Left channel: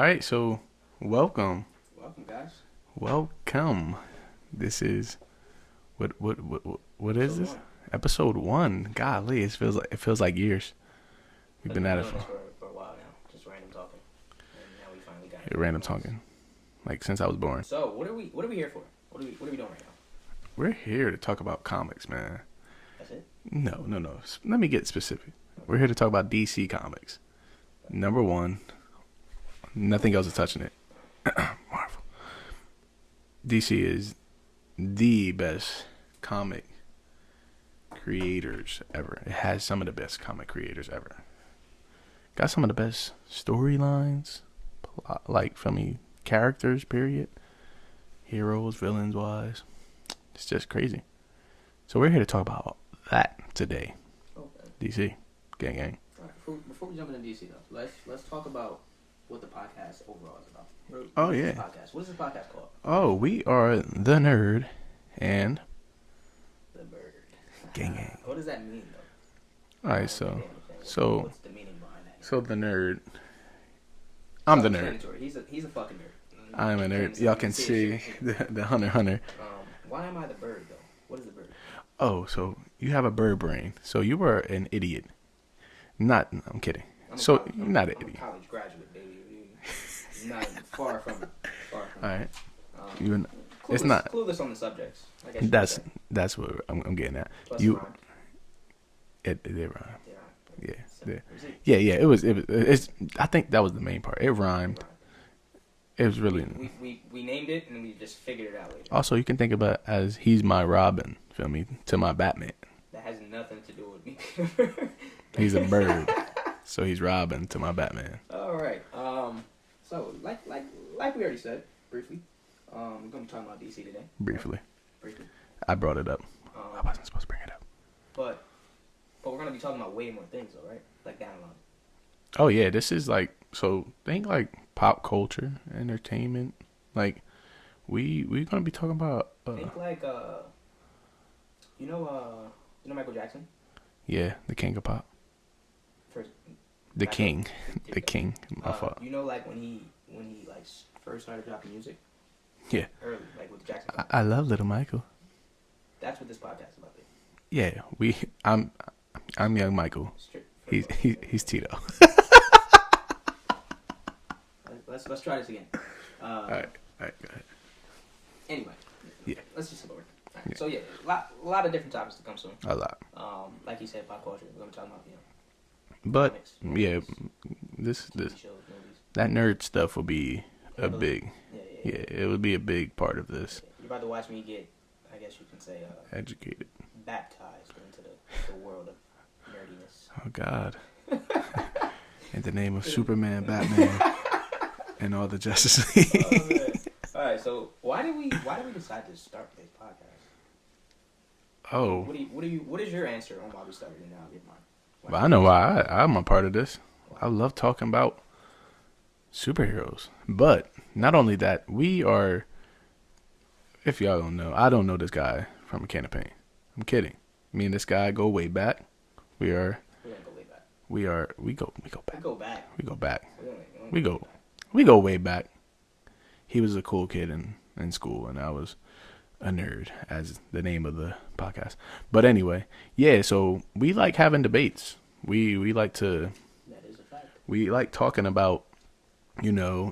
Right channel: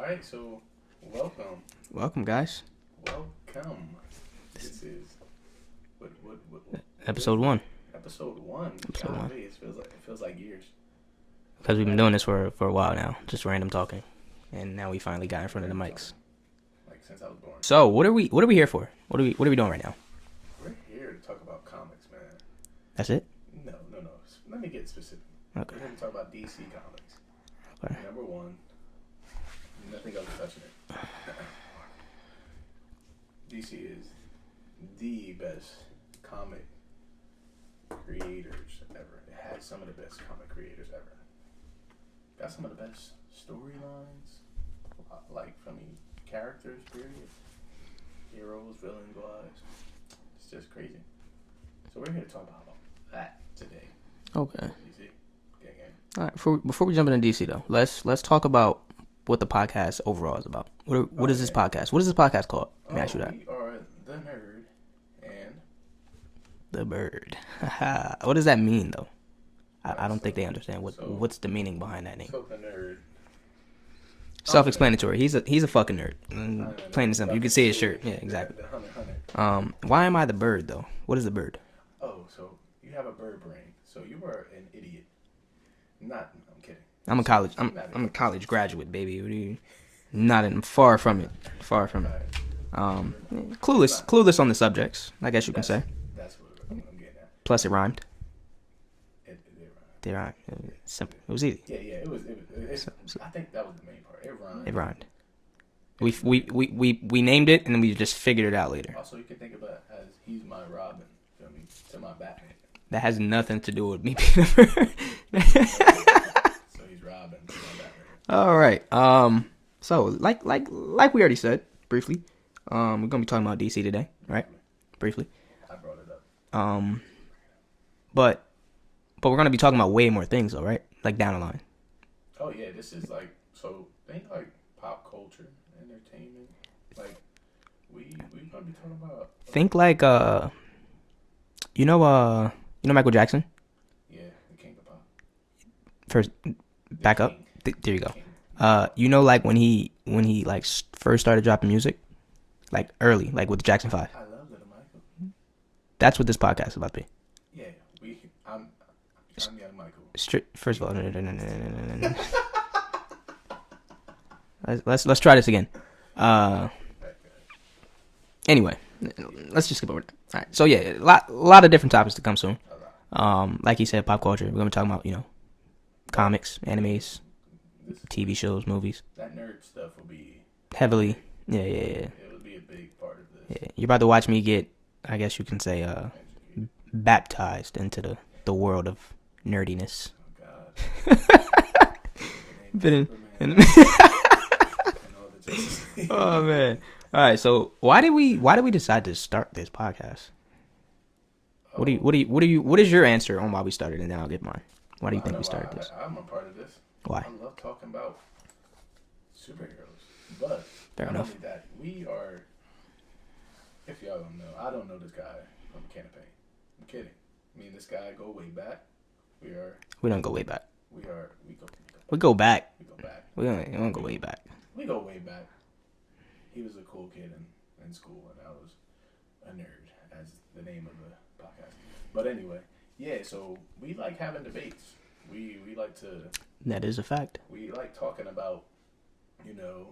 All right, so welcome. Welcome, guys. Welcome. This is what Episode is this? 1. Episode 1. Episode Golly, it feels like years. Because we've been doing this for a while now, just random talking, and now we finally got in front Random of the mics. talking. Like since I was born. So what are we here for? What are we doing right now? We're here to talk about comics, man. That's it. No. Let me get specific. Okay. We're here to talk about DC Comics. Okay. Number 1. Nothing else is touching it. Marvel. DC is the best comic creators ever. It has some of the best comic creators ever. Got some of the best storylines, like from me, characters, period. Heroes, villains wise. It's just crazy. So we're here to talk about that today. Okay. DC. Gang. All right. Before we jump into DC though, let's talk about what the podcast overall is about. What is this podcast? What is this podcast called? Oh, we are The Nerd and The Bird. What does that mean though? I don't think they understand what's the meaning behind that name. So The Nerd. Self-explanatory. He's a fucking nerd. I'm a nerd. Plain and simple. You can see his shirt. Yeah, the, exactly. the hunter. Why am I the bird though? What is the bird? Oh, so you have a bird brain. So you were an idiot. I'm kidding. I'm a college graduate, baby. What are you? Far from it. Far from it. All right. Clueless on the subjects. I guess you could say. That's what I'm getting at. Plus, it rhymed. It rhymed. They rhymed. Yeah. Simple. It was easy. Yeah. It was. I think that was the main part. It rhymed. We named it and then we just figured it out later. Also, you can think about it as he's my Robin. Feel me? To my Batman. That has nothing to do with me being a bird. He's a bird. So he's Robin to my Batman. All right. So like we already said briefly, we're gonna be talking about DC today. Briefly. I brought it up. I wasn't supposed to bring it up. But we're gonna be talking about way more things though, right? Like down the line. Oh yeah, this is like think like pop culture, entertainment. Like we're gonna be talking about. Think like you know Michael Jackson. Yeah, the king of pop. First, the back king. Up. There you the go. King. You know, like when he like first started dropping music, like early, like with the Jackson 5. I love Little Michael. That's what this podcast is about to be. Yeah, I'm young Michael. First of all, he's Tito. Let's try this again. All right, go ahead. Anyway, let's just skip over that. All right. So yeah, a lot of different topics to come soon. A lot. Like you said, pop culture. We're gonna be talking about comics, animes, this TV shows, movies. That nerd stuff will be heavily big. Yeah. It would be a big part of this. Yeah. You're about to watch me get, I guess you can say, educated, baptized into the world of nerdiness. Oh God! In the name of Superman, Batman, and all the Justice League. Oh man! All right, so why did we decide to start this podcast? Oh, what is your answer on why we started, and then I'll get mine. I know why I'm a part of this. Why? I love talking about superheroes, but not only that, we are. If y'all don't know, I don't know this guy from a can of paint. I'm kidding. Me and this guy go way back. We don't go way back. We go back. We go back. We go back. We don't go way back. We go way back. He was a cool kid in school, and I was a nerd, as the name of the podcast. But anyway, yeah, so we like having debates. We like to... That is a fact. We like talking about,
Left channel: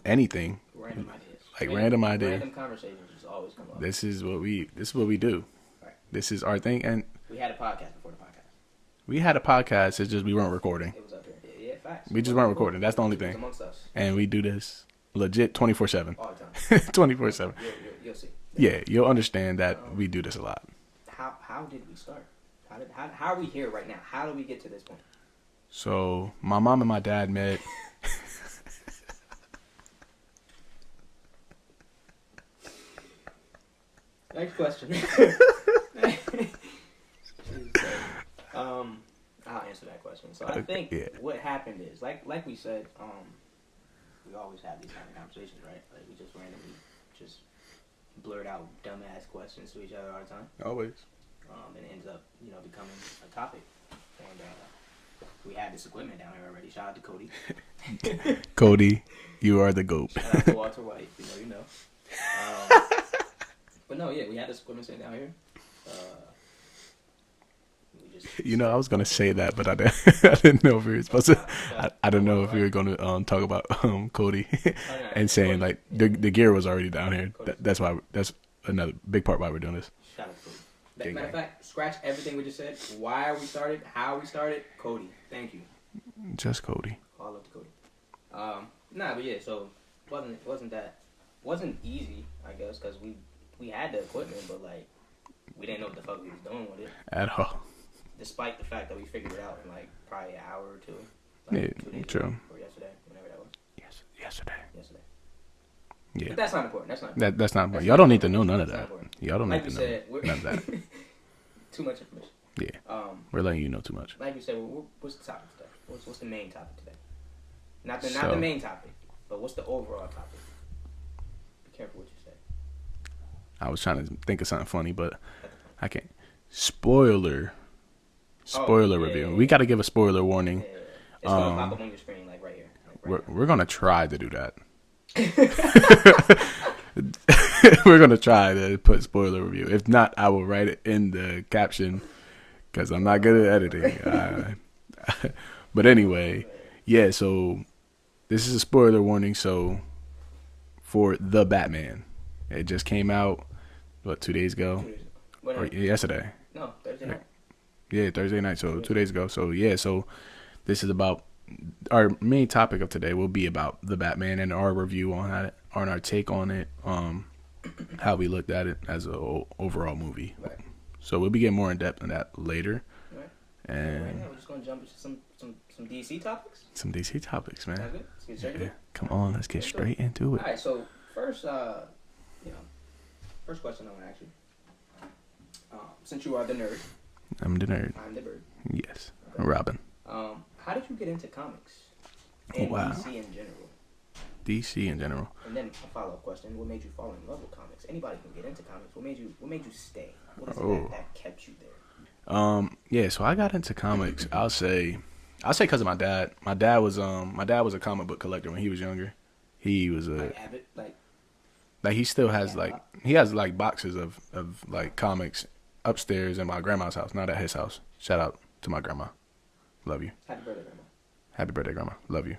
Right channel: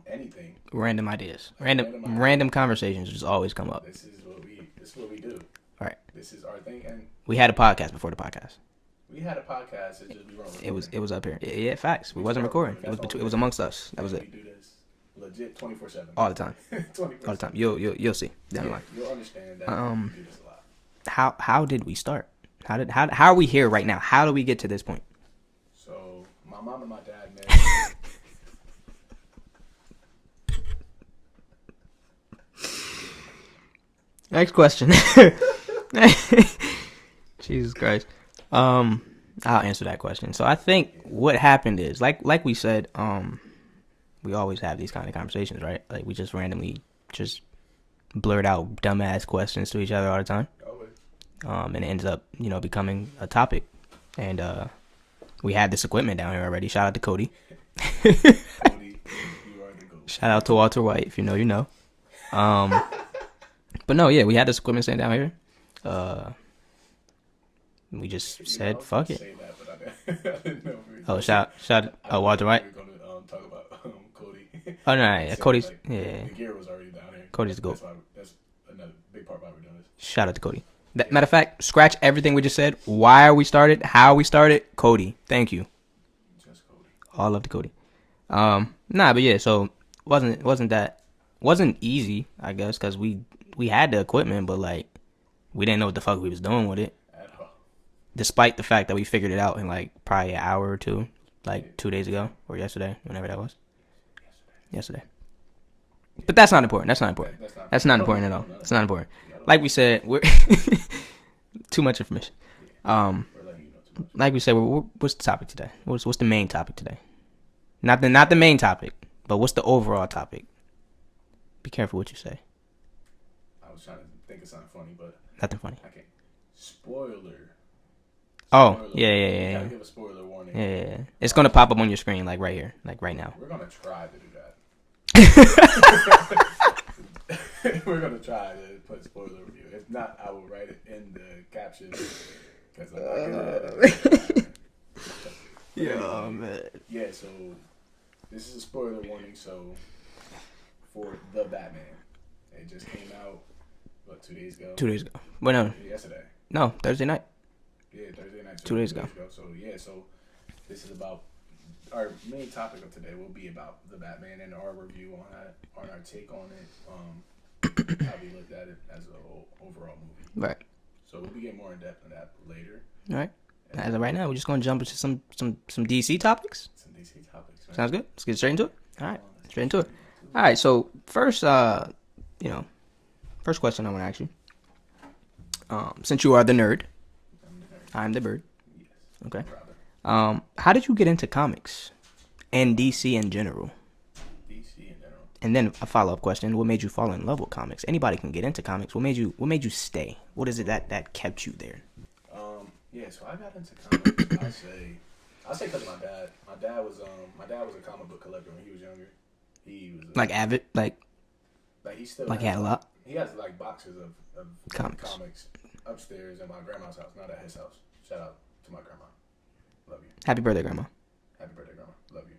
anything. Random ideas. Like random ideas. Random conversations just always come up. This is what we do. Right. This is our thing. And we had a podcast before the podcast. We had a podcast, it's just we weren't recording. It was up here. Yeah, facts. We just weren't recording. That's the only thing. It was amongst us. And we do this legit 24/7. All the time. 24/7. You'll see. You'll understand that we do this a lot. How did we start? How are we here right now? How do we get to this point? So my mom and my dad met. Next question. Jesus Christ. I'll answer that question. So I think what happened is like we said, we always have these kind of conversations, right? Like we just randomly just blurt out dumbass questions to each other all the time. Always. And it ends up, becoming a topic. And We had this equipment down here already. Shout out to Cody. Cody, you are the GOAT. Shout out to Walter White. If you know, you know. But no, yeah, we had this equipment sitting down here. We just I was gonna say that, but I didn't know if we were supposed to. I don't know if we were gonna talk about Cody. Oh no, and saying Cody's, like the gear was already down here. Cody's that's why. That's another big part why we're doing this. Shout out to Cody. Matter of fact, scratch everything we just said. Why we started, how we started, Cody. Thank you. Just Cody. All love to Cody. Nah, but yeah, so wasn't easy, I guess, because we had the equipment, but like we didn't know what the fuck we was doing with it At all. despite the fact that we figured it out in like probably an hour or two, like Yeah, 2 days true. ago or yesterday, whenever that was. Yesterday. Yeah. But that's not important. That's not important. That's not. That's Y'all not don't need important to know at all. none of It's that. not important. Y'all don't Like need we to said, we're too much information. Yeah. We're letting you know too much. Like we said, what's the topic today? What's the main topic today? Not the main topic, but what's the overall topic? Be careful what you say. I was trying to think of something funny, but Nothing funny. I can't. Spoiler. Oh, Spoiler. yeah, review. yeah, We yeah. got to give a spoiler warning. Yeah. It's gonna pop up on your screen like right here, like right now. We're gonna try to do that. We're gonna try to put spoiler review. If not, I will write it in the caption because I'm not good at editing. But anyway, yeah. So this is a spoiler warning. So for The Batman, it just came out. What, 2 days ago? 2 days ago. Well, no, Yesterday. no, Thursday night. Yeah, Thursday night. So 2 days 2 days ago. So yeah. So this is about our main topic of today. Will be about The Batman and our review on it, on our take on it, how we looked at it as a overall movie. Right. So we'll be getting more in depth on that later. All right. And As of right now, we're just gonna jump into some DC topics. some DC topics, man. Sounds good. Let's get straight into it. Come All right. on, let's get Into it. straight into All it. right. So first, first question I want to ask you. Since you are the nerd, I'm the nerd. I'm the bird. Yes. Okay. I'm Robin. How did you get into comics and Wow. DC in general? DC in general. And then a follow-up question: what made you fall in love with comics? Anybody can get into comics. What made you stay? What is it that kept you there? Yeah. So I got into comics. I'll say because of my dad. My dad was a comic book collector when he was younger. He was Like avid, like he still Like, he has had a lot? he has like boxes of like Comics. comics upstairs in my grandma's house, not at his house. Shout out to my grandma. Love you. happy birthday, grandma. Happy birthday, grandma. Love you.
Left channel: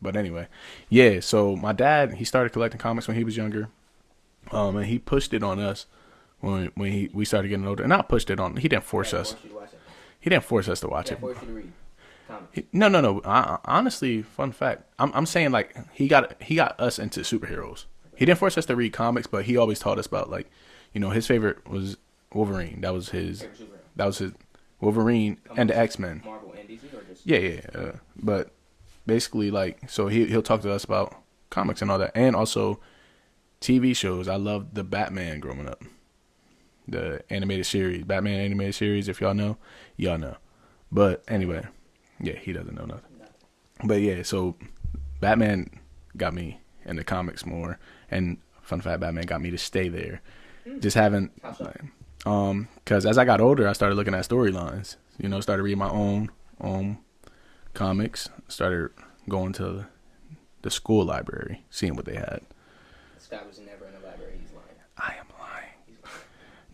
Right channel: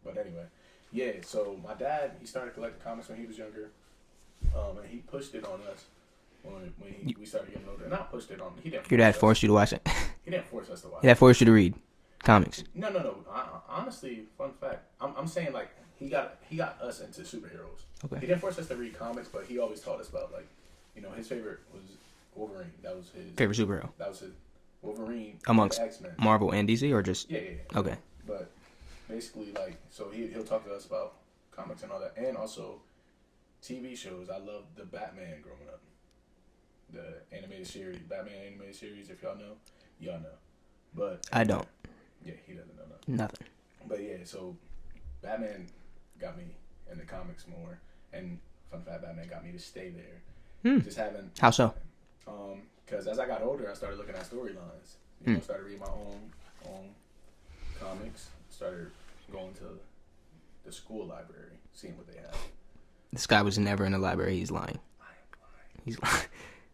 But anyway, yeah. So my dad, he started collecting comics when he was younger, and he pushed it on us when we started getting older. And not pushed it on. He didn't Your force dad us. forced you to watch it. He didn't force us to watch Your it. dad forced you to read comics. No. Honestly, fun fact. I'm saying like he got us into superheroes. Okay. He didn't force us to read comics, but he always taught us about like, his favorite was Wolverine. That was his Favorite superhero? That was his Wolverine Amongst and the X-Men. Marvel and DC, or just Yeah. Okay. But basically, like, so he'll talk to us about comics and all that, and also TV shows. I loved the Batman growing up, the animated series, Batman animated series. If y'all know. But anyway, I don't. Yeah, he doesn't know nothing. Nothing. But yeah, so Batman got me into comics more, and fun fact, Batman got me to stay there. Just having How so? because as I got older, I started looking at storylines. Started reading my own comics. Started going to the school library, seeing what they had. This guy was never in the library. He's lying. I am lying. He's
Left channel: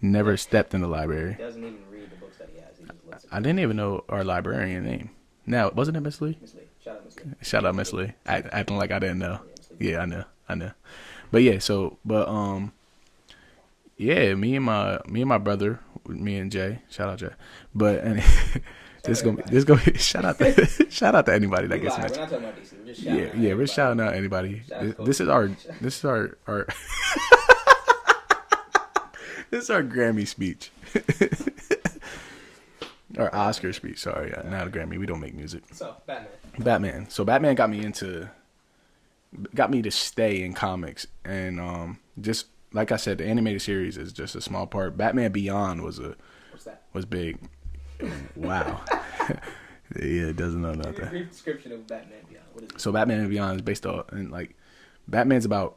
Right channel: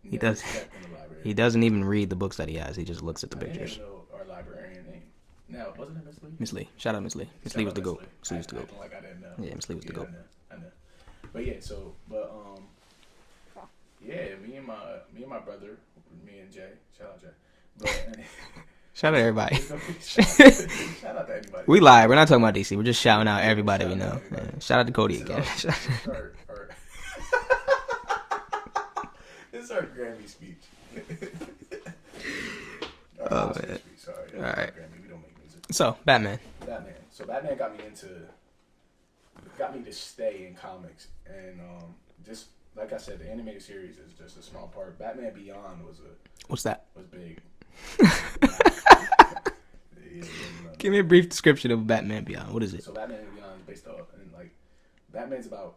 Never does- stepped in the library. he doesn't even read the books that he has. He just looks at the I didn't pictures. even know our librarian name. Now, wasn't it Miss Lee? Miss Lee. Shout out Miss Lee. Shout out was Miss the Lee. goat. She was the goat. Acting like I didn't know. Yeah, Miss Lee was the Yeah, goat. I know. But yeah, yeah, me and my brother, me and Jay. Shout out Jay. But Shout out everybody. It's gonna be shout out to anybody. We live. We're not talking about DC. We're just shouting out We're everybody. shouting we know. out anybody. Shout out to Cody. This is our this is our Grammy speech. Our Oscar speech. Sorry, not Alright. Grammy. We don't make music. So Batman. Batman. So Batman got me to stay in comics, and just like I said, the animated series is just a small part. Batman Beyond was What's that? big. Wow. Yeah, it doesn't know. Give me a brief description of Batman Beyond. What is it? So Batman Beyond is based on, and like, Batman's about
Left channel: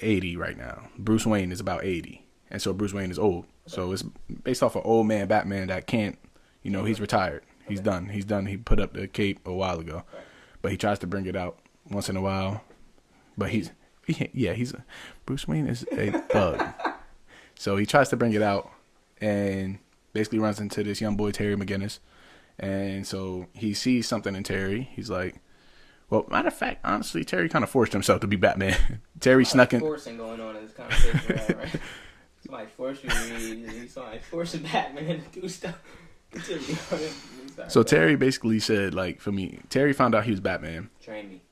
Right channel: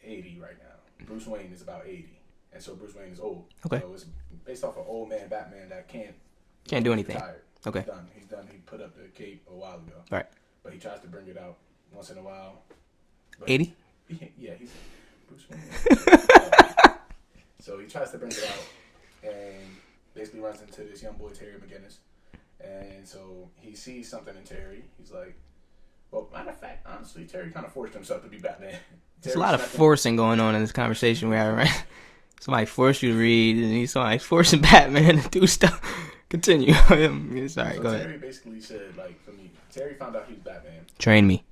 80 right now. Bruce Wayne is about 80, and so Bruce Wayne is old. Okay. So it's based off of old man Batman that can't do anything. he's retired. He's Okay. done. He's done. He put up the cape a while ago. Right. But he tries to bring it out once in a while. But 80? he's Bruce Wayne is a bug. So he tries to bring it out and basically runs into this young boy, Terry McGinnis. And so he sees something in Terry. He's like, well, matter of fact, honestly, Terry kind of forced himself to be Batman. Terry There's a lot snuck of in. forcing going on in this conversation we're having, right? Somebody forced you to read, and somebody forcing Batman to do stuff. Continue. Sorry, So go Terry ahead. basically said, like, for me, Terry found out he was Batman. Train me.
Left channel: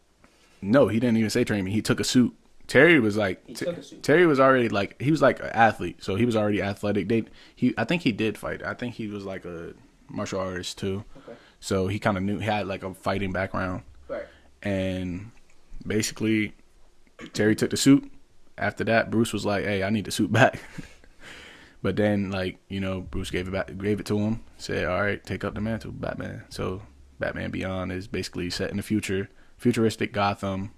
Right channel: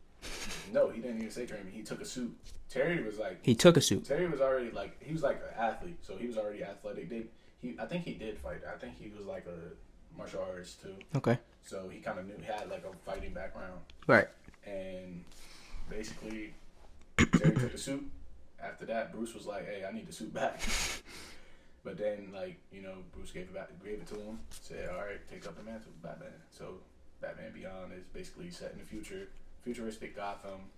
No, he didn't even say train me. He took a suit. Terry was like, He took a suit. Terry was already like, he was like an athlete, so he was already athletic. I think he did fight. I think he was like a martial artist too. Okay. So he kind of knew, he had like a fighting background. Right. And basically, Terry took the suit. After that, Bruce was like, "Hey, I need the suit back." But then, like, Bruce gave it to him. Said, "All right, take up the mantle, Batman." So Batman Beyond is basically set in the future, futuristic Gotham.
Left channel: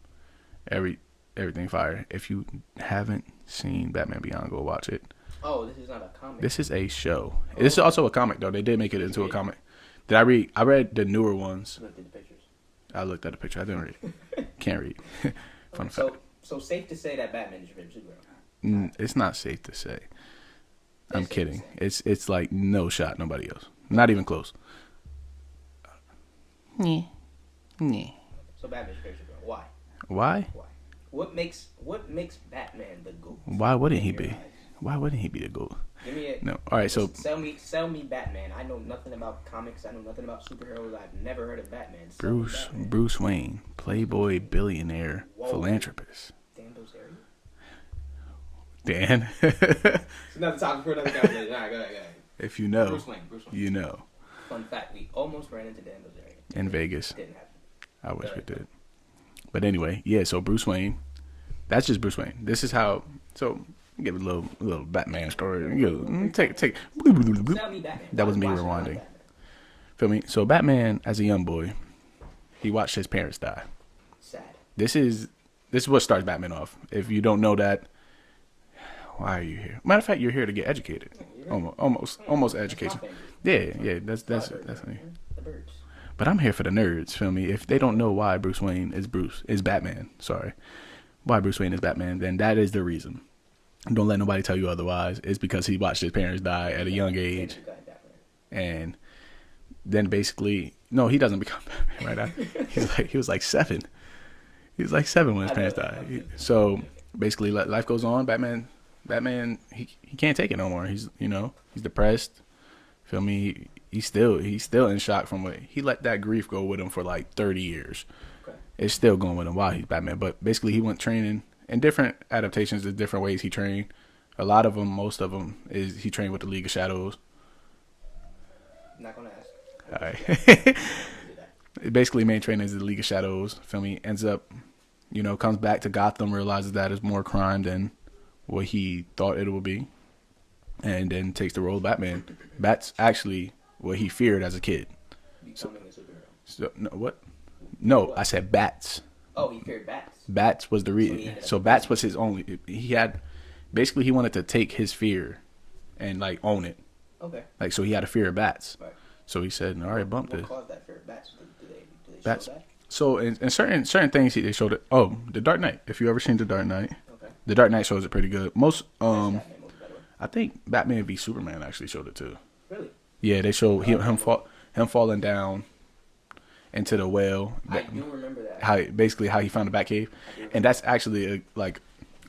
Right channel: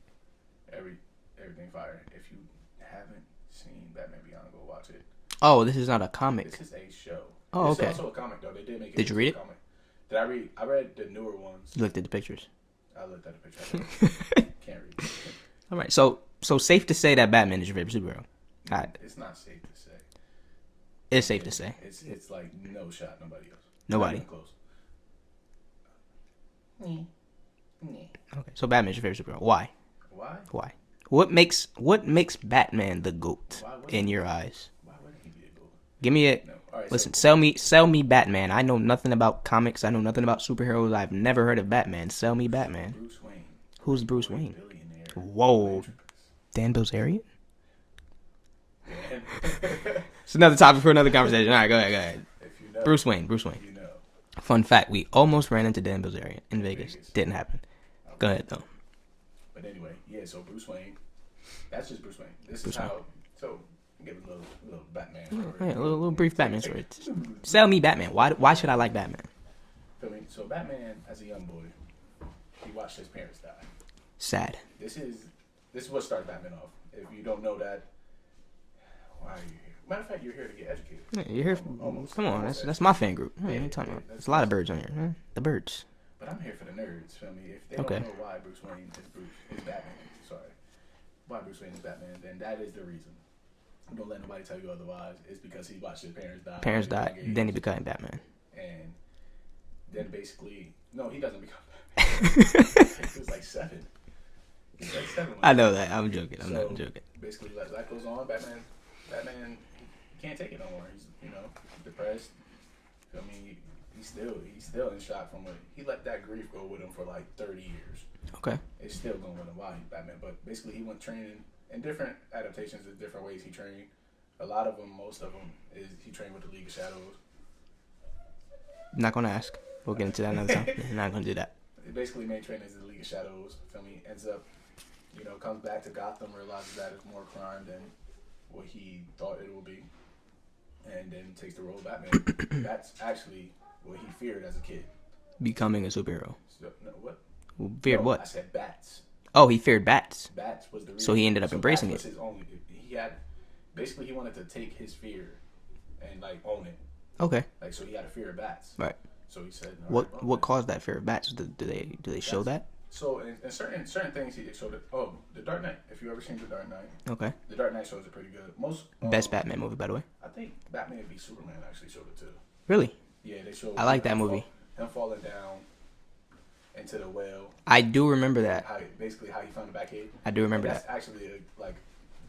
Everything fire. If you haven't seen Batman Beyond, go watch it. Oh, this is not a comic. This is a show. Oh, This is okay. also a comic though. They did make it Did you into read a it? comic. Did I read? I read the newer ones. You looked at the pictures. I looked at the picture. I didn't read. Can't read. All right. So safe to say that Batman is your favorite superhero. It's not safe to say. It's I'm safe to kidding. say. It's like no shot, nobody else. Not Nobody. even close. Okay. So Batman's your favorite superhero. Why? Why? Why? What makes Batman the GOAT? Why wouldn't in he your be? eyes? Why wouldn't he be the GOAT? Give me it. No. All right. Listen, So sell me Batman. I know nothing about comics. I know nothing about superheroes. I've never heard of Batman. Sell me Batman. Bruce Wayne, Who's Bruce playboy, Wayne? billionaire, Whoa. philanthropist. Dan Bilzerian? Dan, It's another topic for another conversation. All right, go ahead. if you know, Bruce Wayne. you know. Fun fact: we almost ran into Dan Bilzerian in In Vegas. Vegas. Didn't happen. I would Go have ahead, did. though. But anyway, yeah. So Bruce Wayne, that's just Bruce Wayne. This is how. So give a little Batman story. Yeah, a little brief Take- Batman take- story. Sell me Batman. That Why was me should I like rewinding. Batman? Feel me? So Batman, as a young boy, he watched his parents die. Sad. This is what starts Batman off. If you don't know that, why are you here? Matter of fact, you're here to get educated. Yeah, you're here. Almost Come on, almost that's educated. my fan group. Yeah, What are you yeah, talking about? that's a lot of that's- birds on that's here, me. man. The birds. But I'm here for the nerds. Feel me? If they don't Okay. know why Bruce Wayne is Batman. Sorry, why Bruce Wayne is Batman, then that is the reason. Don't let nobody tell you otherwise. It's because he watched his parents die Parents at a died, young age, Then he became Batman. and then basically, no, he doesn't become Batman. Right? He was like 7. He was like 7 when I his know parents that. died. I'm joking. So I'm joking. basically, life goes on. Batman, he can't take it no more. He's he's depressed. Feel me? He's still in shock from what he let that grief go with him for like 30 years. Okay. It's still going with him while he's Batman. But basically, he went training in different adaptations. There's different ways he trained. A lot of them, most of them, is he trained with the League of Shadows. I'm not gonna ask. We'll get into Alright. that another time. We're not gonna do that. Basically, main trainer is the League of Shadows. Feel me? Ends up, comes back to Gotham, realizes that it's more crime than what he thought it would be, and then takes the role of Batman. That's actually what he feared as a kid. Becoming a superhero. So, no, what? Feared No, what? I said bats. Oh, he feared bats. Bats was the reason. So he ended up So bats embracing was his only. He had, basically, he wanted to take his fear, and like own it. Okay. Like so, he had a fear of bats. Right. So he said, "All right, bump What this." caused that fear of bats? Do they show Bats. that? So in certain things, they showed it. Oh, The Dark Knight. If you ever seen The Dark Knight, Okay. The Dark Knight shows it pretty good. Most Best Batman movie, by the way. I think Batman v Superman actually showed it too. Really? Yeah, they showed I like that movie. him falling down into the well. I do remember that. How he found the Batcave. I do remember. And that's actually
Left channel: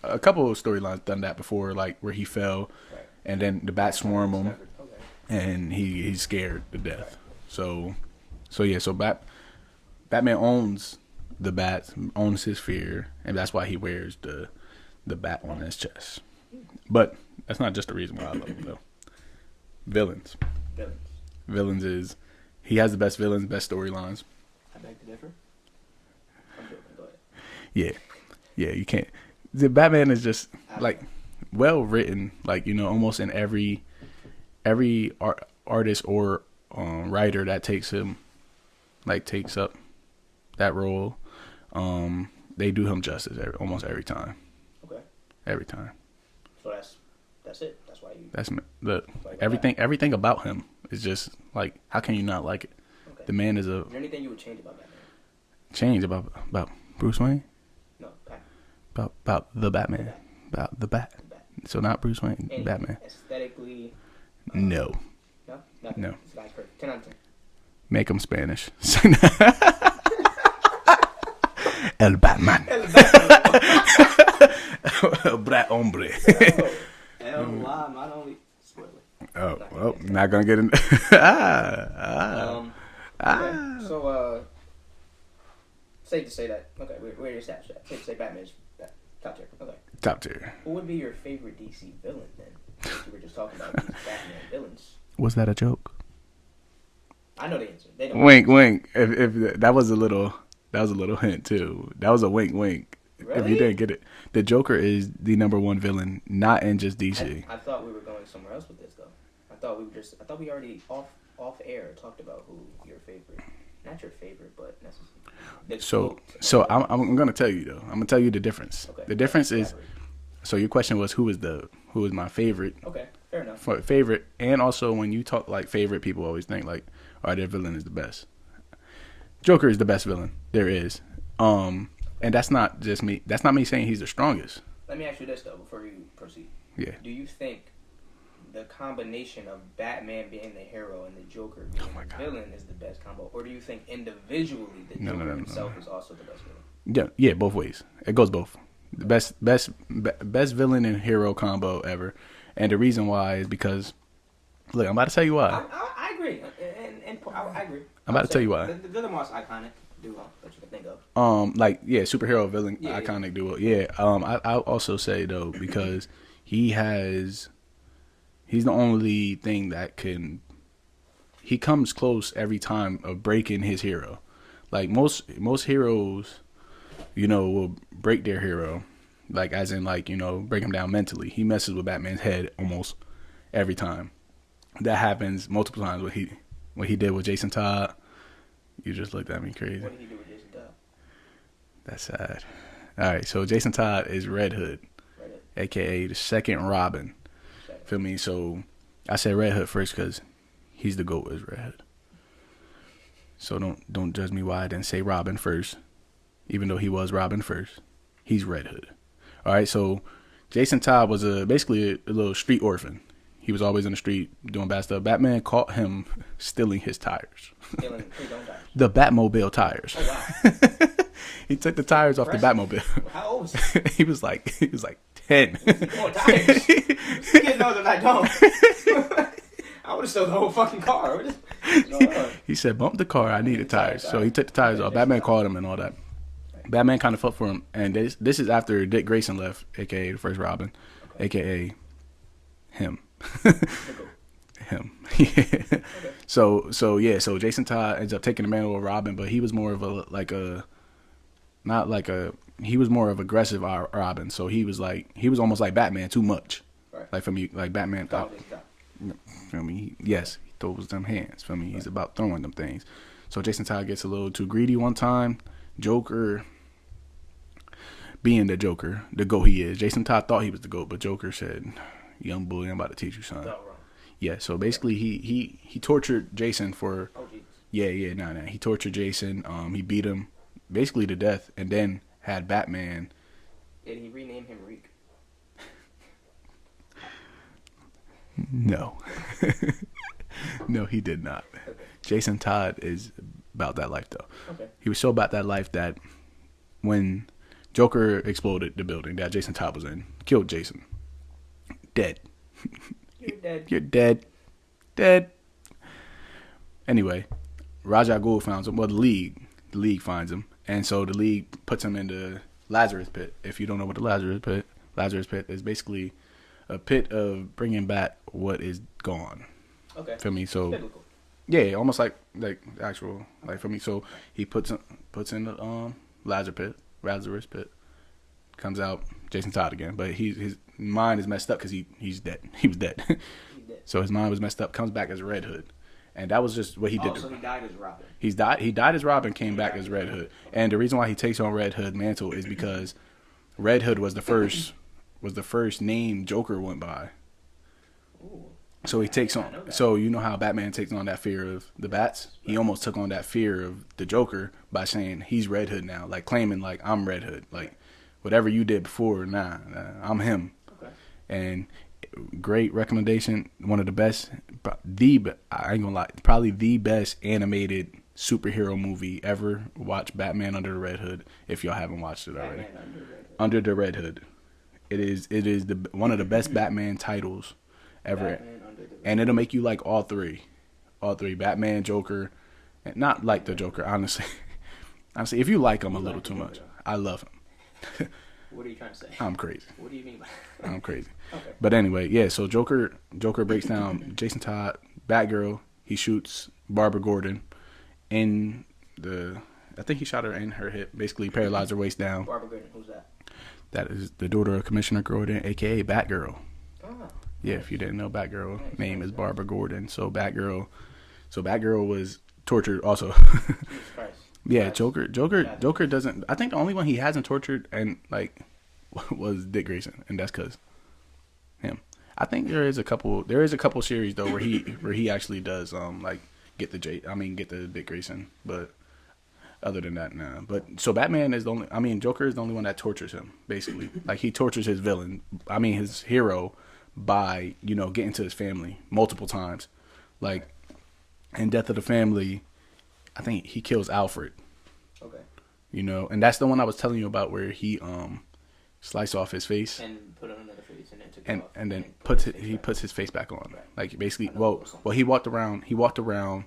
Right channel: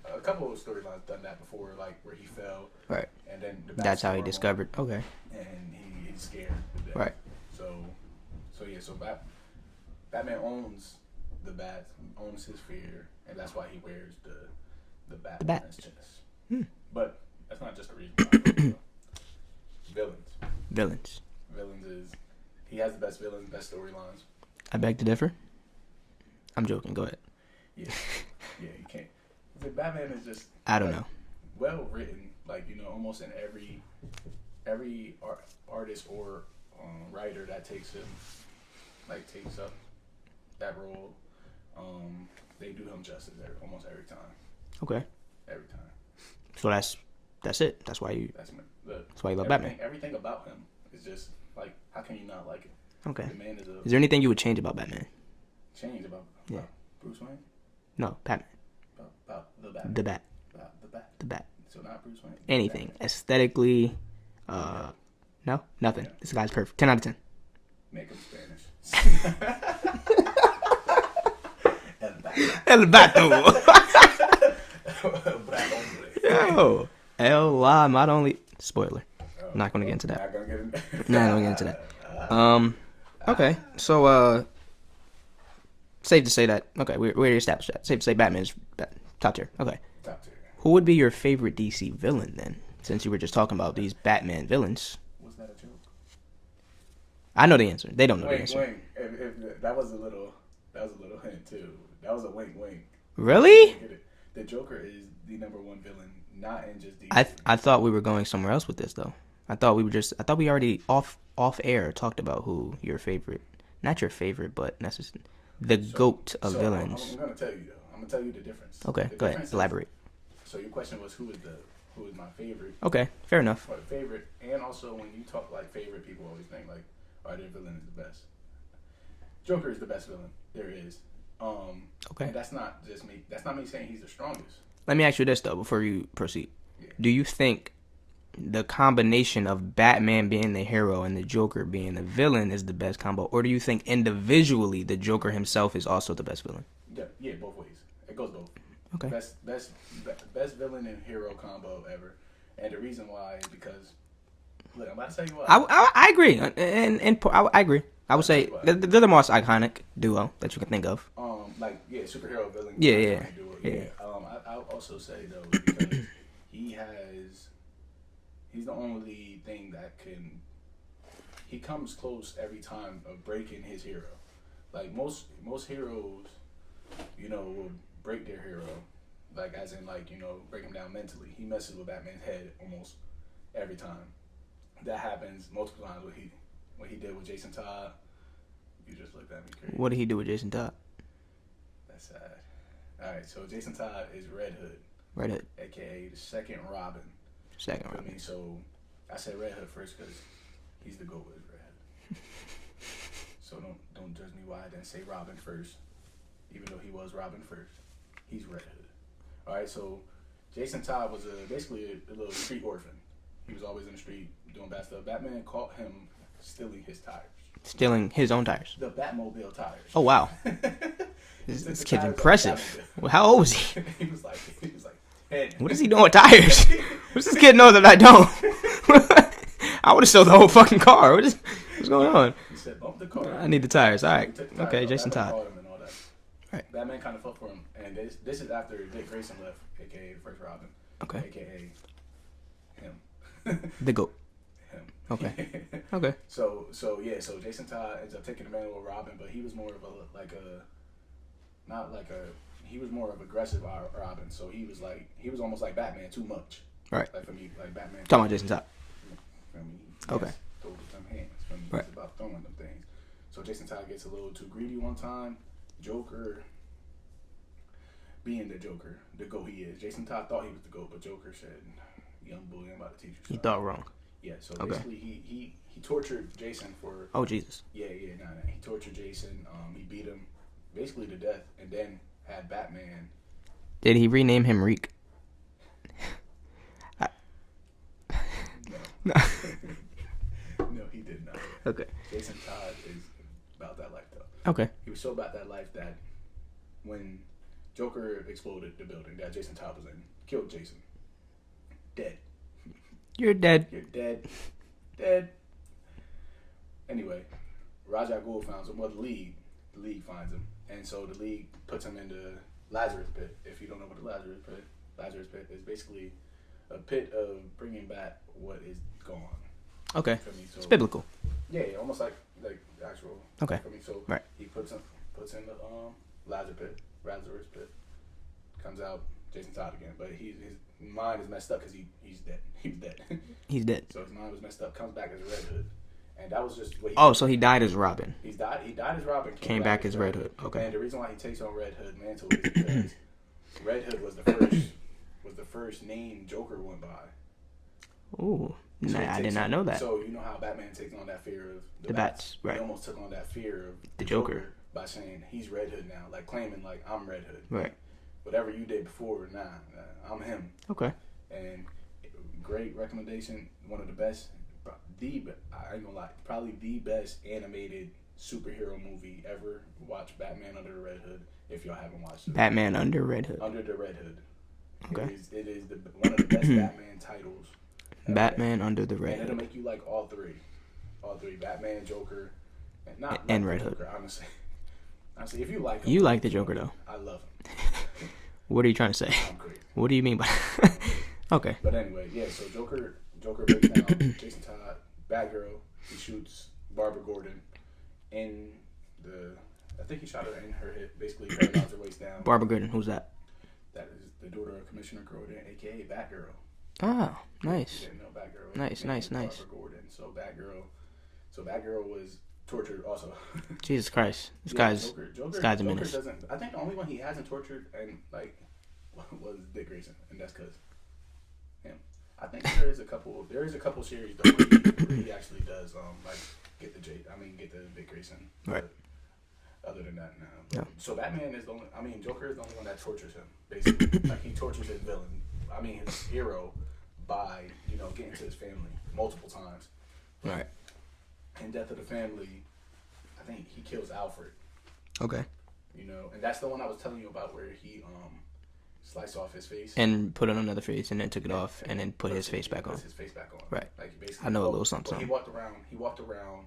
a couple of storylines done that before, like where he fell, right. and then the That's bats how swarm he him, discovered. Okay. and he's scared to death. Right. So Batman owns the bats, owns his fear, and that's why he wears the bat The bat. on his chest. But that's not just the reason why I love it though. Villains. Villains is he has the best villains, best storylines. I beg to differ. I'm joking. Go ahead. Yeah. Yeah, you can't. The Batman is just I don't like know. well written, like almost in every artist or writer that takes up that role, they do him justice almost every time. Okay. Every time. So that's it. That's why you. That's why you love everything about him is just like, how can you not like it? Okay. The man is Is there anything you would change about Batman? change about Bruce Wayne, No, Batman. about the Batman, The Bat. about the Bat. The Bat. So not Bruce Wayne, Anything. Batman. Aesthetically. No, No? Nothing. No. This guy's perfect. 10 out of 10. make him Spanish. El Batman. El Batman. Black hombre. Oh. L.Y. not only... Spoiler. Oh, Not gonna get into that. Not gonna get into. Okay. So, safe to say that... Okay, we already established that. Safe to say Batman is top tier. Okay. Top tier. Who would be your favorite DC villain, then? Since you were just talking about these Batman villains. Was that a joke? I know the answer. They don't know Wink, the answer. wink. If that was a little hint too. That was a wink, wink. Really? If you didn't get it. The Joker is the #1 villain, not in just DC. I thought we were going somewhere else with this, though. I thought we already off air talked about who your favorite, not your favorite, but necessarily the GOAT of So villains. I'm gonna tell you though. I'm gonna tell you the difference. Okay. The difference is. elaborate. So your question was who is my favorite? Okay, fair enough. Favorite, and also when you talk like favorite, people always think like, "Oh, their villain is the best." Joker is the best villain there is. Okay. And that's not just me. That's not me saying he's the strongest. Let me ask you this though before you proceed. Yeah. Do you think the combination of Batman being the hero and the Joker being the villain is the best combo, or do you think individually the Joker himself is also the best villain? Yeah, both ways. It goes both. Okay. Best villain and hero combo ever. And the reason why is because, look, I'm about to tell you why. I agree, and I agree. I would about to tell say you why. they're the most iconic duo that you can think of. Superhero villain, Yeah, iconic duo. Yeah. I'll also say though because he's the only thing that he comes close every time of breaking his hero. Like most heroes, will break their hero, like as in like break him down mentally. He messes with Batman's head almost every time. That happens multiple times. What he did with Jason Todd. You just looked at me crazy. What did he do with Jason Todd? That's sad. All right, so Jason Todd is Red Hood, Red aka the second Robin. Second. Feel me? So I said Red Hood first because he's the GOAT as Red Hood. So don't judge me why I didn't say Robin first, even though he was Robin first. He's Red Hood. All right, so Jason Todd was basically a little street orphan. He was always in the street doing bad stuff. Batman caught him stealing his tires. Stealing his own tires. The Batmobile tires. Oh wow. He took the tires off the Batmobile. Well, how old was he? he was like 10. What is he doing with tires? This kid knows that I don't. I would have sold the whole fucking car. What's going on? He said, bump the car. I need the tires. tires. So he took the tires off. Jason Batman Todd. called him and all that. Right. Batman kind of fought for him. And this is after Dick Grayson left, a.k.a. the first Robin, Okay. a.k.a. him. The GOAT. Him. Okay. Okay. So Jason Todd ends up taking the mantle of Robin, but he was more of he was more of aggressive Robin. So he was almost like Batman too much. Right. Like for me, like Batman. Talking about Jason Todd. Feel me? Yes, he throws them hands. Feel me? He's about throwing them things. So Jason Todd gets a little too greedy one time. Joker, being the Joker, the GOAT he is. Jason Todd thought he was the GOAT, but Joker said, "Young bully, I'm about to teach you something." Thought wrong. Yeah. So basically, he tortured Jason for. Oh Jesus. Yeah. Nah. He tortured Jason. He beat him basically to death, and then had Batman. Did he rename him Reek? No. No, he did not. Okay. Jason Todd is about that life, though. Okay. He was so about that life that when Joker exploded the building that Jason Todd was in, killed Jason. Dead. You're dead. You're dead. Dead. Anyway, Ra's al Ghul finds him. Well, the League finds him. And so the League puts him in the Lazarus Pit. If you don't know what the Lazarus Pit is basically a pit of bringing back what is gone. Okay. Feel me? So It's biblical. yeah, almost like actual. Okay. Like for me, so Right. he puts in the Lazarus Pit, comes out Jason Todd again, but his mind is messed up because he's dead. He was dead. He's dead. So his mind was messed up. Comes back as Red Hood, and that was just what he. Oh, did. So he died as Robin. He died as Robin, came back as Red Hood. Okay. And the reason why he takes on Red Hood mantle is because Red Hood was the first name Joker went by. Ooh. So Nah, he takes I did on. not know that. So you know how Batman takes on that fear of the bats. right. He almost took on that fear of the Joker by saying he's Red Hood now, like claiming like I'm Red Hood, Right. like whatever you did before, nah, I'm him. Okay. And great recommendation. One of the best, I ain't gonna lie, probably the best animated superhero movie ever. Watch Batman Under the Red Hood if y'all haven't watched it. Batman Under Red Hood. Under the Red Hood. Okay. It is the one of the best Batman titles ever. Batman Under the Red Hood. And it'll make you like all three, Batman, Joker, and not like the Joker, honestly. Honestly, if you like him, you like the Joker though. I love him. What are you trying to say? I'm crazy. What do you mean by? I'm crazy. Okay. But anyway, yeah. So Joker breaks down Jason Todd, Batgirl. He shoots Barbara Gordon in the. I think he shot her in her hip, basically paralyzed her waist down. Barbara Gordon, who's that? That is the daughter of Commissioner Gordon, aka Batgirl. Oh, nice. Yeah, if you didn't know, Batgirl name is nice. Barbara Gordon. So Batgirl was tortured also. Jesus Christ. Yeah, Joker doesn't. I think the only one he hasn't tortured and like was Dick Grayson, and that's because him. I think there is a couple series though where he actually does like get the Dick Grayson, but. Right. Other than that, nah. But so Batman is the only. I mean, Joker is the only one that tortures him. Basically, like he tortures his villain. I mean, his hero by getting to his family multiple times. Like in Death of the Family, I think he kills Alfred. Okay. And that's the one I was telling you about where he sliced off his face and put on another face and then took it off and then puts his face back on. Right. Like basically, I know well, he walked around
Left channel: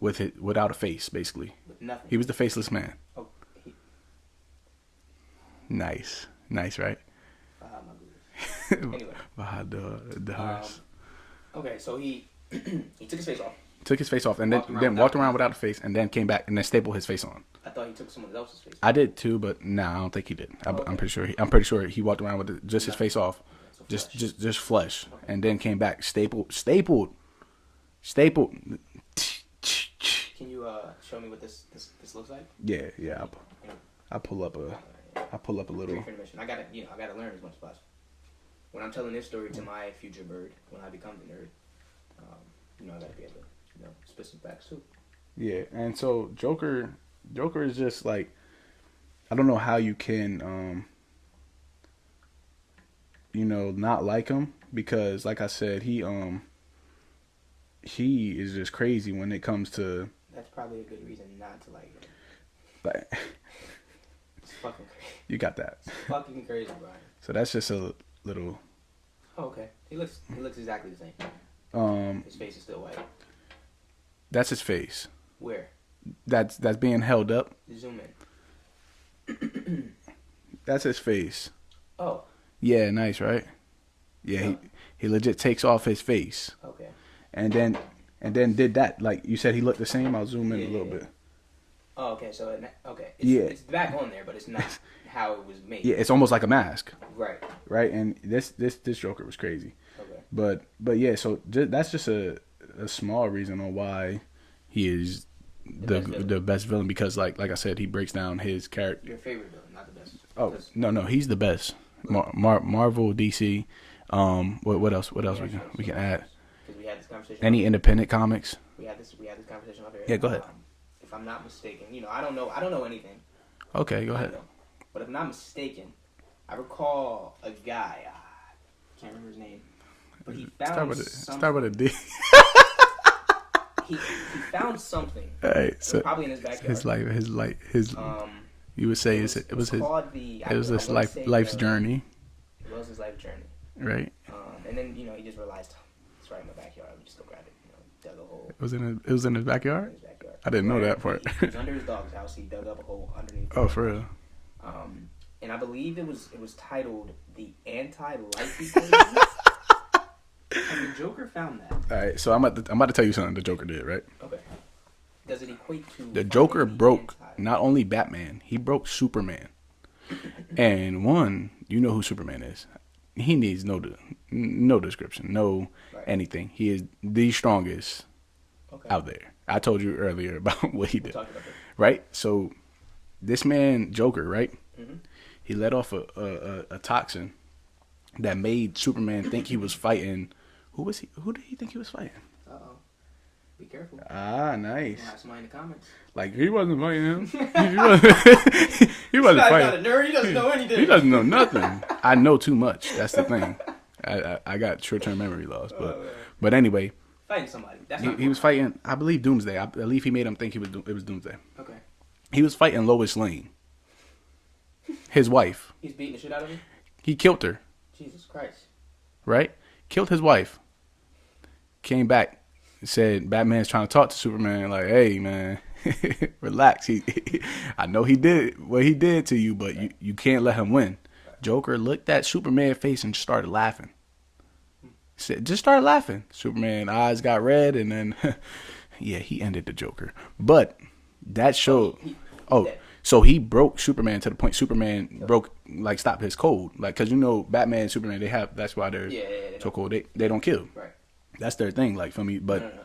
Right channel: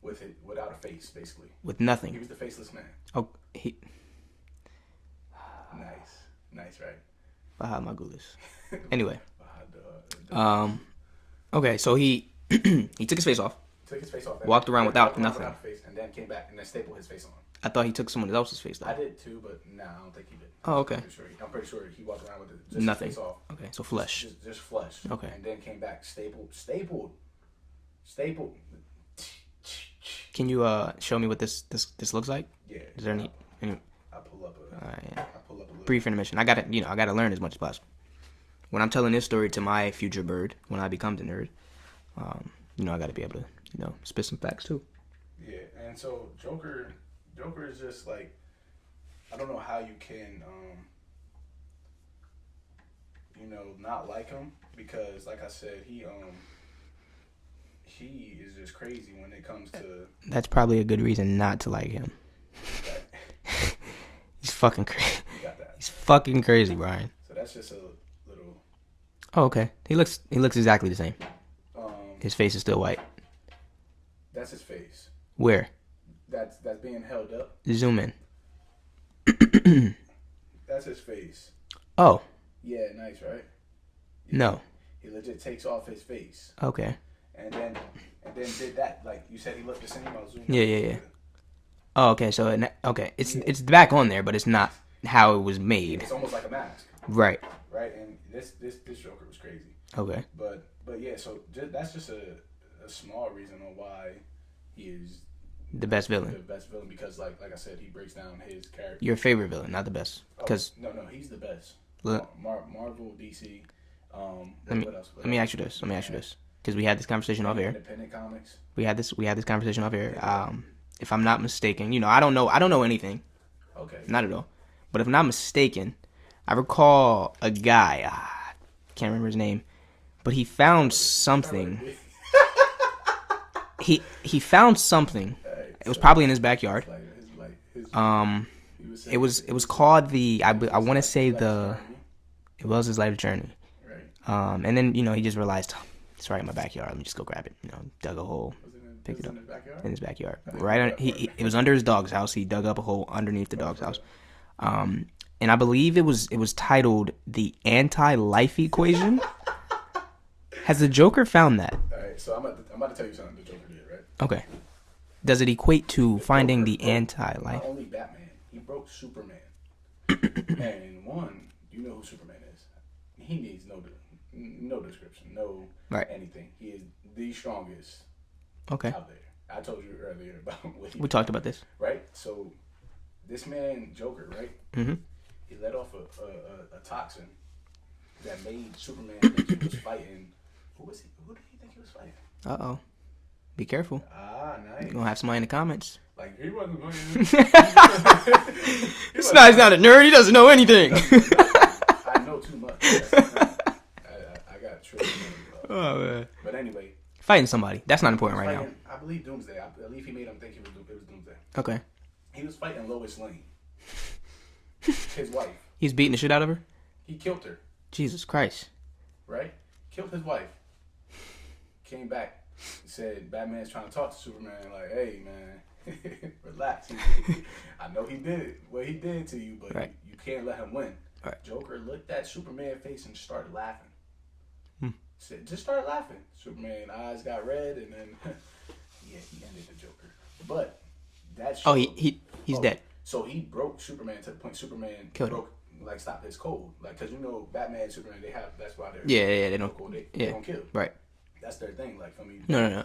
with it without a face, basically. With nothing. He was the faceless man. Oh, Nice, right? Anyway. Okay, so he he took his face off. Took his face off and walked around without the face, and then came back and then stapled his face on. I thought he took someone else's face. I did too, but nah, I don't think he did. Okay. I'm pretty sure he walked around with just his face off. Okay, so flesh. Just flesh. Okay. And then came back stapled. Can you show me what this looks like? Yeah. Is there any I pull up a little brief intermission. I gotta learn as much as possible. When I'm telling this story to my future bird, when I become the nerd, I gotta be able to spit some facts too. Yeah, and so Joker is just like, I don't know how you can not like him, because like I said, he is just crazy when it comes to. That's probably a good reason not to like him. But he's fucking crazy. You got that. He's fucking crazy, Brian. So that's just a little. Oh, okay. He looks exactly the same. His face is still white. That's his face. Where? That's being held up. Zoom in. That's his face. Oh. Yeah, nice, right? Yeah. No. He legit takes off his face. Okay. And then did that. Like you said, he looked the same. I'll zoom in a little bit. Oh, okay. So it's back on there, but it's not how it was made. Yeah, it's almost like a mask. Right. Right, and this Joker was crazy. Okay. But yeah, so that's just a small reason on why he is the best villain. The best villain, because like I said, he breaks down his character. Your favorite villain, not the best. Oh, no, he's the best. Marvel, DC. What else? What else? Let me ask you this. Because we had this conversation. Any independent comics? We had this conversation off air. Yeah, go ahead. If I'm not mistaken, I don't know anything. Okay, not at all. But if I'm not mistaken, I recall a guy. Can't remember his name, but he found something. He found something. Right, it was probably in his backyard. His you would say it was called the. I want to say life's journey. It was his life journey. Right. And then he just realized, it's right in my backyard. Let me just go grab it. Dug a hole. It was in his backyard. In his backyard. I didn't know that part. It was under his dog's house. He dug up a hole underneath the dog's house. Real? And I believe it was titled The Anti-Life Equation. Has the Joker found that? All right, so I'm about to tell you something the Joker did, right? Okay. Does it equate to finding Joker the broke anti-life? Not only Batman, he broke Superman. And you know who Superman is. He needs no description, no anything. He is the strongest out there. I told you earlier about what he did. We talked about this. Right? So this man, Joker, right? Mm-hmm. He let off a toxin that made Superman think he was fighting Who was he? Who did he think he was fighting? Uh-oh. Be careful. Ah, nice. You're gonna have somebody in the comments. Like, he wasn't fighting him. He's not a nerd. He doesn't know anything. He doesn't know nothing. I know too much. That's the thing. I got short-term memory loss. But anyway. Fighting somebody. That's not important. He was fighting, I believe, Doomsday. I believe he made him think it was Doomsday. Okay. He was fighting Lois Lane. His wife. He's beating the shit out of her? He killed her. Jesus Christ. Right? Killed his wife. Came back. Said Batman's trying to talk to Superman. Like, hey, man, relax. I know he did what he did to you, but right. you can't let him win. Right. Joker looked at Superman's face and started laughing. Just started laughing. Superman's eyes got red, and then, yeah, he ended the Joker. But that showed... he's dead. So he broke Superman to the point Superman stopped his code. Like, because, Batman and Superman, that's why they're they so cold. They don't kill. Right. That's their thing, like, for me. But no.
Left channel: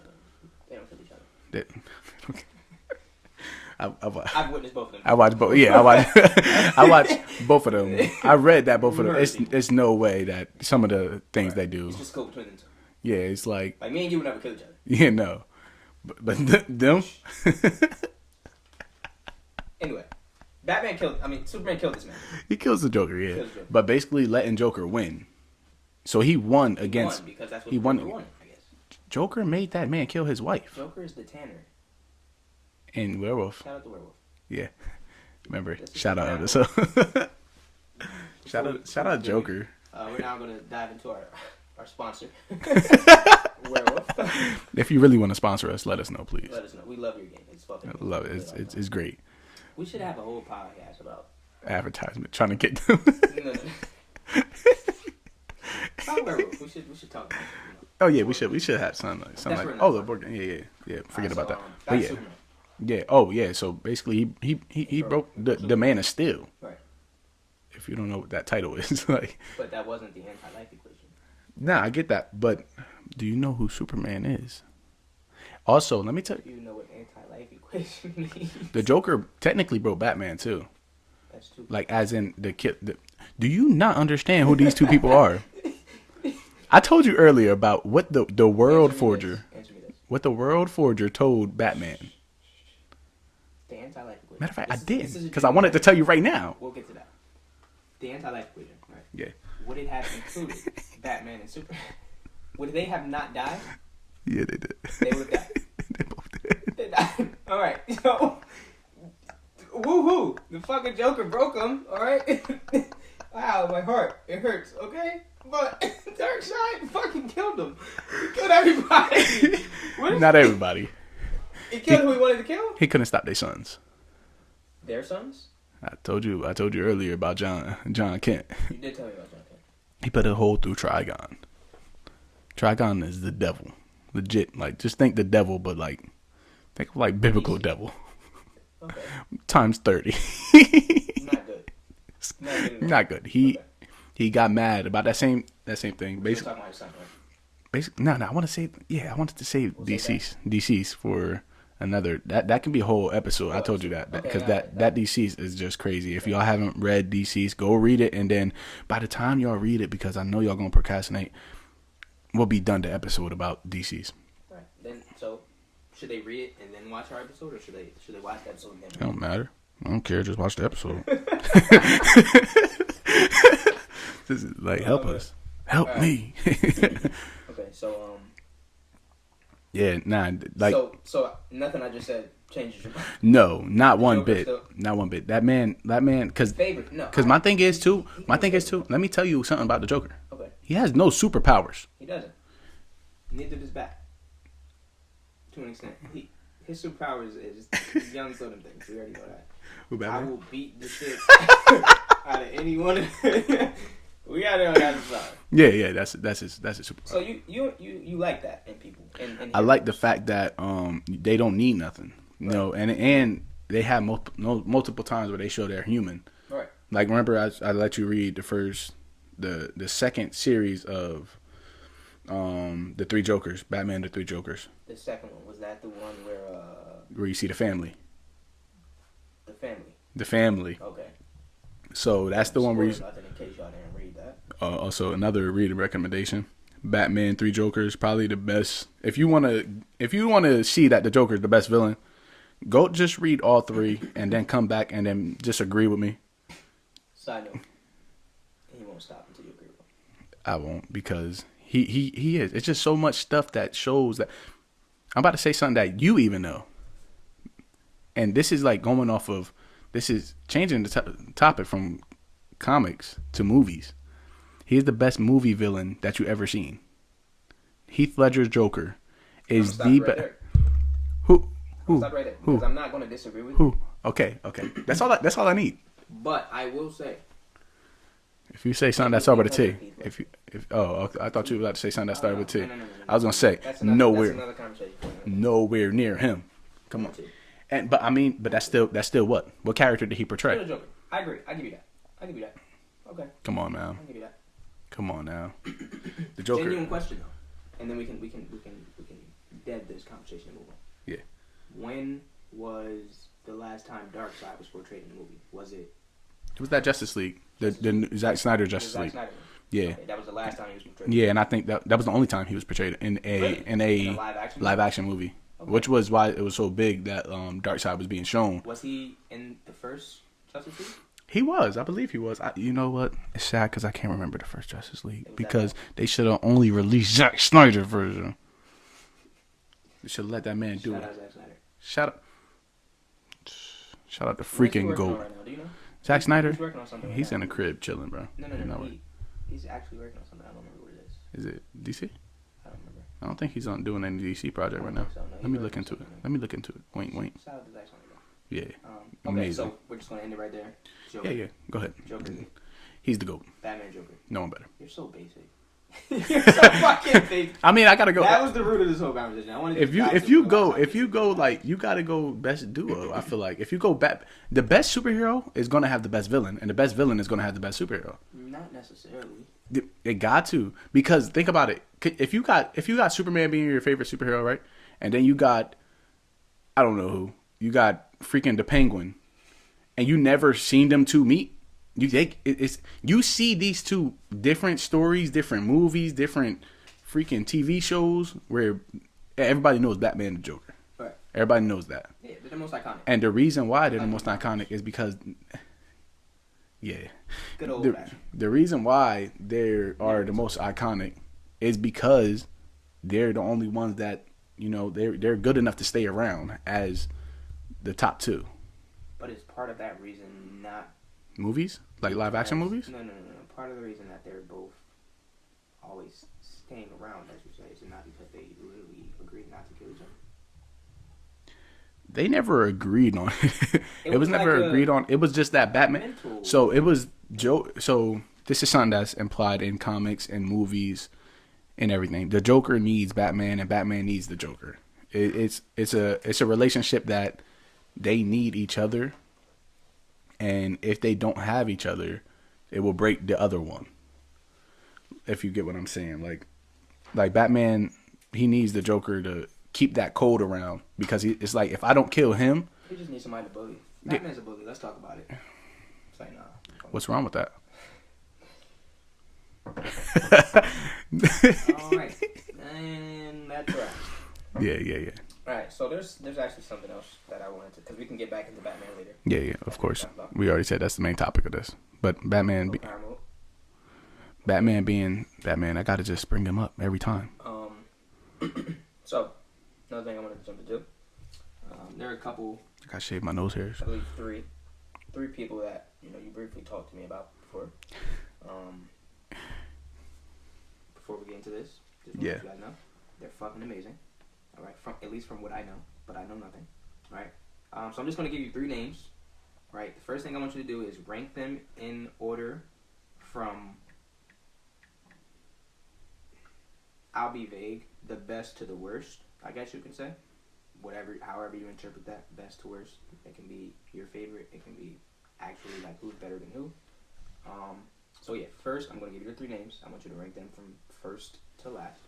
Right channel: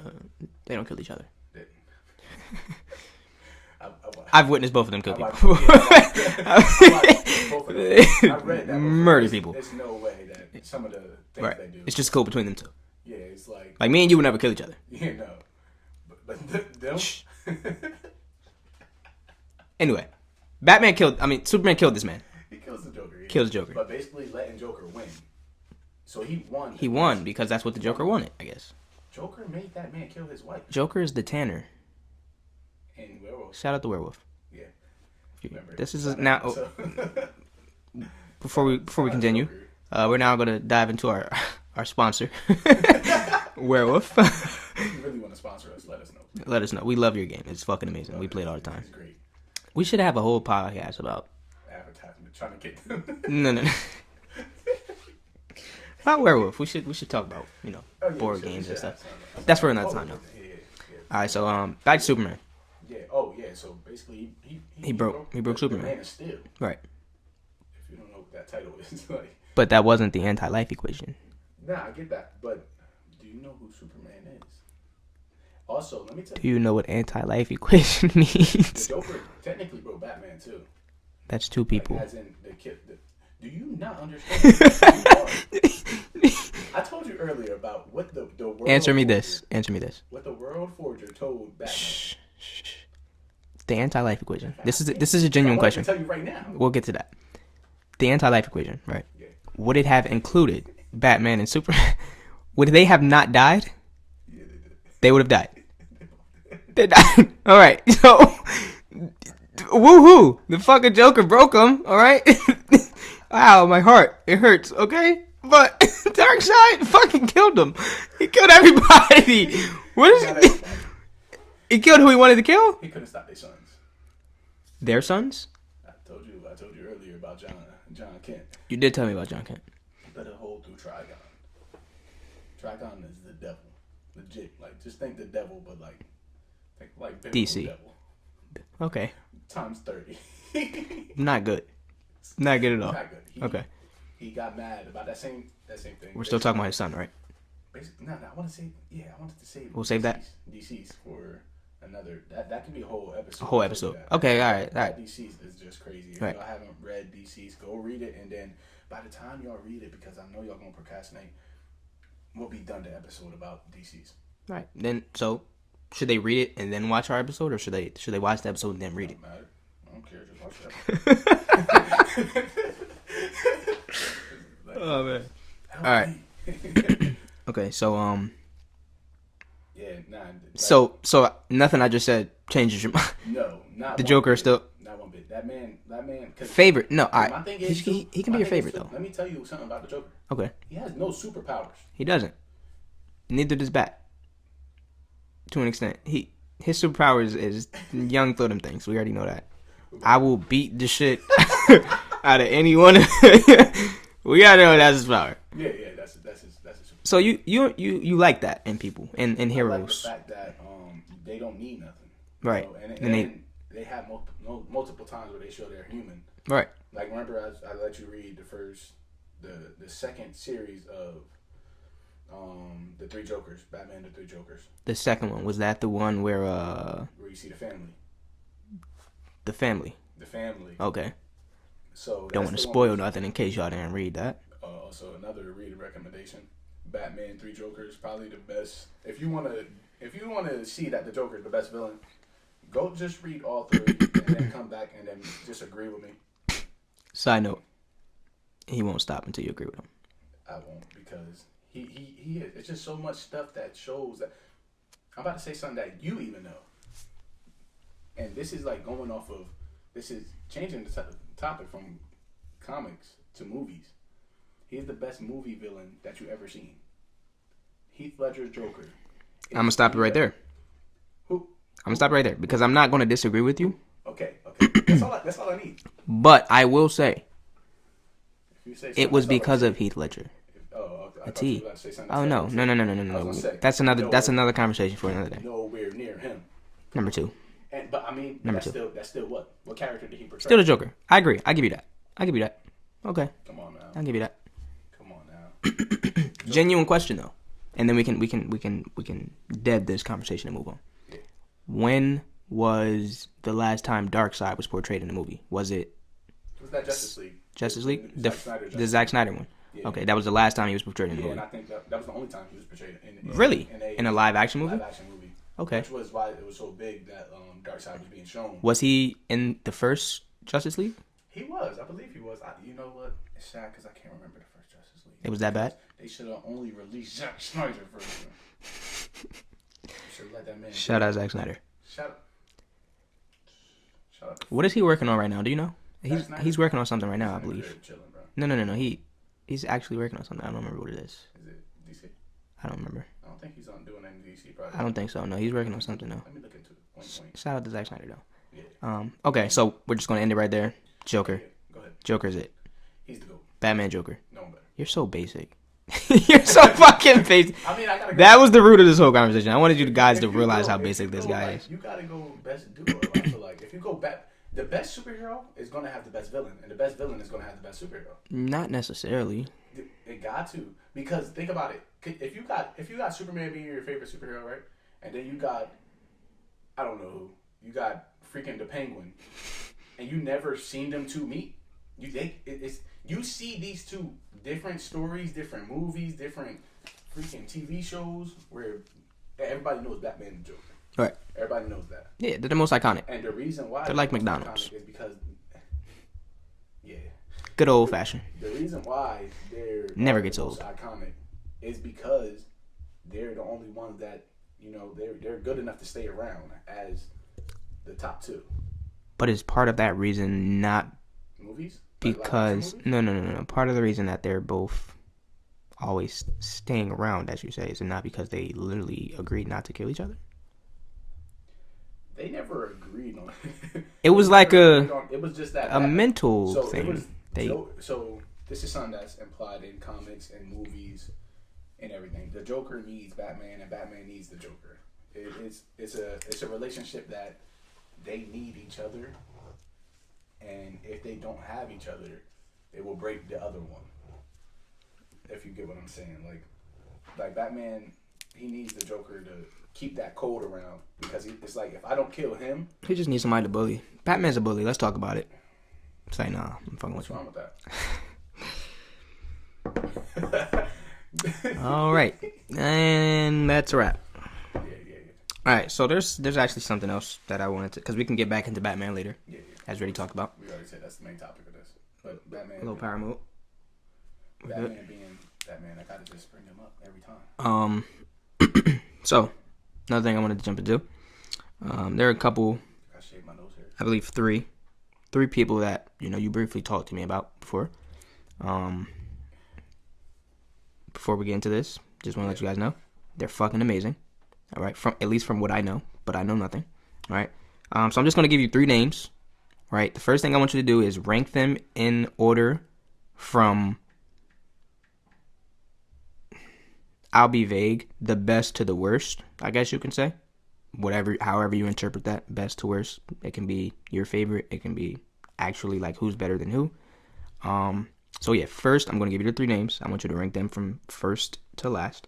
They don't kill each other. I've witnessed both of them. I watched both. Yeah, I watched both of them. I read that both of them. It's no way that some of the things they do. It's just cool between them two. Yeah, it's like me and you would never kill each other. Yeah, no. But them. Anyway, Superman killed this man. He kills the Joker. Yeah, kills Joker. But basically letting Joker win. So he won. He won because that's what the Joker wanted, I guess. Joker made that man kill his wife. Joker is the Tanner. In Werewolf. Shout out to Werewolf. Yeah. Remember. This is shout now. out. Before we continue, we're now going to dive into our sponsor, Werewolf. If you really want to sponsor us, let us know, please. Let us know. We love your game. It's fucking amazing. We play it all the time. It's great. We should have a whole podcast about advertisement, trying to get them. No. About Werewolf. We should talk about, Oh yeah, we should have some. That's for another time. Yeah. All right, so back to Superman. Yeah. Oh yeah. So basically, he broke the Man of Steel. Right. If you don't know what that title is, like. But that wasn't the anti-life equation. Nah, I get that, but do you know who Superman is? Also, let me tell you. Do you know what anti-life equation means? The Joker technically broke Batman too. That's two people. Like, as in the kid. Do you not understand who these two people are? I told you earlier about what the World Forger... Answer me this. What the World Forger told Batman. Shh. The anti-life equation. Fact, this is a genuine question. I wanted to tell you right now. We'll get to that. The anti-life equation, right? Yeah. Would it have included Batman and Superman? Would they have not died? Yeah, they did. They would have died. They both did. They died. All right. So, woohoo! The fucking Joker broke them. All right. Wow, my heart. It hurts. Okay. But Darkseid fucking killed him. He killed everybody. Not everybody. He killed who he wanted to kill? He couldn't stop their sons. Their sons? I told you earlier about John Kent. You did tell me about John Kent. He put a hole through Trigon. Trigon is the devil. Legit. Like, just think the devil, but think of like biblical DC. Devil. Okay. Times 30. Not good. Not good at all. Not good. He got mad about that same thing. We're still talking about his son, right? Basically, no. I wanted to say DC's for another. That can be a whole episode. I told you that. Okay, all right. That DC's is just crazy. If y'all haven't read DC's, go read it, and then by the time y'all read it, because I know y'all gonna procrastinate, we'll be done the episode about DC's. Right. Then, so should they read it and then watch our episode, or should they watch the episode and then read it? Don't matter. I don't care. Just watch the episode. This is help us. Help me. Okay, so yeah, nah. So nothing I just said changes your mind. No, not the one Joker bit. Still not one bit. That man, because favorite. No, because my thing is too. My thing is too. Though. Let me tell you something about the Joker. Okay, he has no superpowers. He doesn't. Neither does Bat. To an extent, his superpowers is young throw them things. We already know that. I will beat the shit out of anyone. We gotta know that's his power. Yeah, that's his superpower. So you like that in people and heroes. I like the fact that they don't need nothing, you know, and they have multiple times where they show they're human. Right. Like, remember I let you read the second series of the Three Jokers, Batman the Three Jokers. The second one, was that the one where you see the family? The family. Okay. So that's the one. Spoil nothing in case y'all didn't read that. Also, another reading recommendation: Batman 3 Jokers probably the best. If you wanna see that the Joker is the best villain, go just read all 3 and then come back and then just agree with me. Side note, he won't stop until you agree with him. I won't, because he is. It's just so much stuff that shows that. I'm about to say something that you even know. And this is like going off of, this is changing the topic from comics to movies. He is the best movie villain that you ever seen. Heath Ledger's Joker. I'm gonna stop you right there. Who? I'm gonna stop right there because I'm not gonna disagree with you. Okay. That's all I need. But I will say, if you say something it was that's over because the of Heath Ledger. I thought you were about to say something that's Oh no, over the no. I was gonna say that's another conversation for another day. Nowhere near him. Number 2. But that's still what? What character did he portray? Still the Joker. I agree. I give you that. Okay. Come on now. I'll give you that. Come on now. Genuine question though, and then we can dead this conversation and move on. Yeah. When was the last time Darkseid was portrayed in a movie? Was it? It was that Justice League. League? Zack Snyder Justice League. The Zack Snyder one. Yeah. Okay, that was the last time he was portrayed. Yeah, and I think that was the only time he was portrayed in a live action movie. Okay. Which was why it was so big that Darkseid was being shown. Was he in the first Justice League? He was. I believe he was. You know what? It's sad because I can't remember the first Justice League. It was that because bad? They should have only released Zack Snyder version. You should have let that man do Shout out Zack Snyder. Shout out to freaking What is he working GOAT. on right now? Do you know? Zack Snyder? He's working on something right now. He's in I the believe. crib chilling, bro. No. He's actually working on something. I don't remember what it is. Is it DC? I don't remember. I don't think he's on doing any DC project. I don't think so. No, he's working on something now. Let me look into it. Wink. Shout out to Zack Snyder though. Yeah. Okay, Amazing. so we're just gonna end it right there. Joker. Yeah. Go ahead. Joker's it. He's the GOAT. Batman Joker. No one better. You're so basic. You're so fucking basic. I mean, I gotta go. That was the root of this whole conversation. I wanted you guys to realize how if basic you go this guy like is. you gotta go best duo. I feel like if you go the best superhero is gonna have the best villain, and the best villain is gonna have the best superhero. Not necessarily. It got to, because think about it. If you got Superman being your favorite superhero, right, and then you got, I don't know who, you got freaking the Penguin, and you never seen them two meet. You see these two different stories, different movies, different freaking TV shows where everybody knows Batman and Joker. Right. Everybody knows that. Yeah, they're the most iconic. And the reason why they're like the most McDonald's. iconic is because, yeah. Good old fashioned. The reason why they're Never the gets most old. iconic is because they're the only ones that, they're good enough to stay around as the top two. But is part of that reason not Movies? Like live action movies? No. Part of the reason that they're both always staying around, as you say, is it not because they literally agreed not to kill each other? They never agreed on it. It was like it was just that Batman. mental So thing. it was so this is something that's implied in comics and movies and everything. The Joker needs Batman and Batman needs the Joker. It's a relationship that they need each other, and if they don't have each other, it will break the other one. If you get what I'm saying, like Batman, he needs the Joker to keep that code around, because it's like, if I don't kill him, he just needs somebody to bully. Batman's a bully. Let's talk about it. Say nah. What's wrong with that? All right, and that's a wrap. Yeah. All right, so there's actually something else that I wanted to, because we can get back into Batman later. Yeah, of course. Talk about. We already said that's the main topic of this. But Batman, Power mode. Batman being Batman, I gotta just bring him up every time. So another thing I wanted to jump into. There are a couple. I gotta shave my nose hairs. I believe three people that you briefly talked to me about before. Before we get into this, just want to let you guys know they're fucking amazing. All right, at least from what I know, but I know nothing. All right, so I'm just gonna give you 3 names. All right, the first thing I want you to do is rank them in order from, I'll be vague, the best to the worst, I guess you can say. However you interpret that, best to worst. It can be your favorite. It can be actually like who's better than who. So yeah, first I'm gonna give you the 3 names. I want you to rank them from first to last.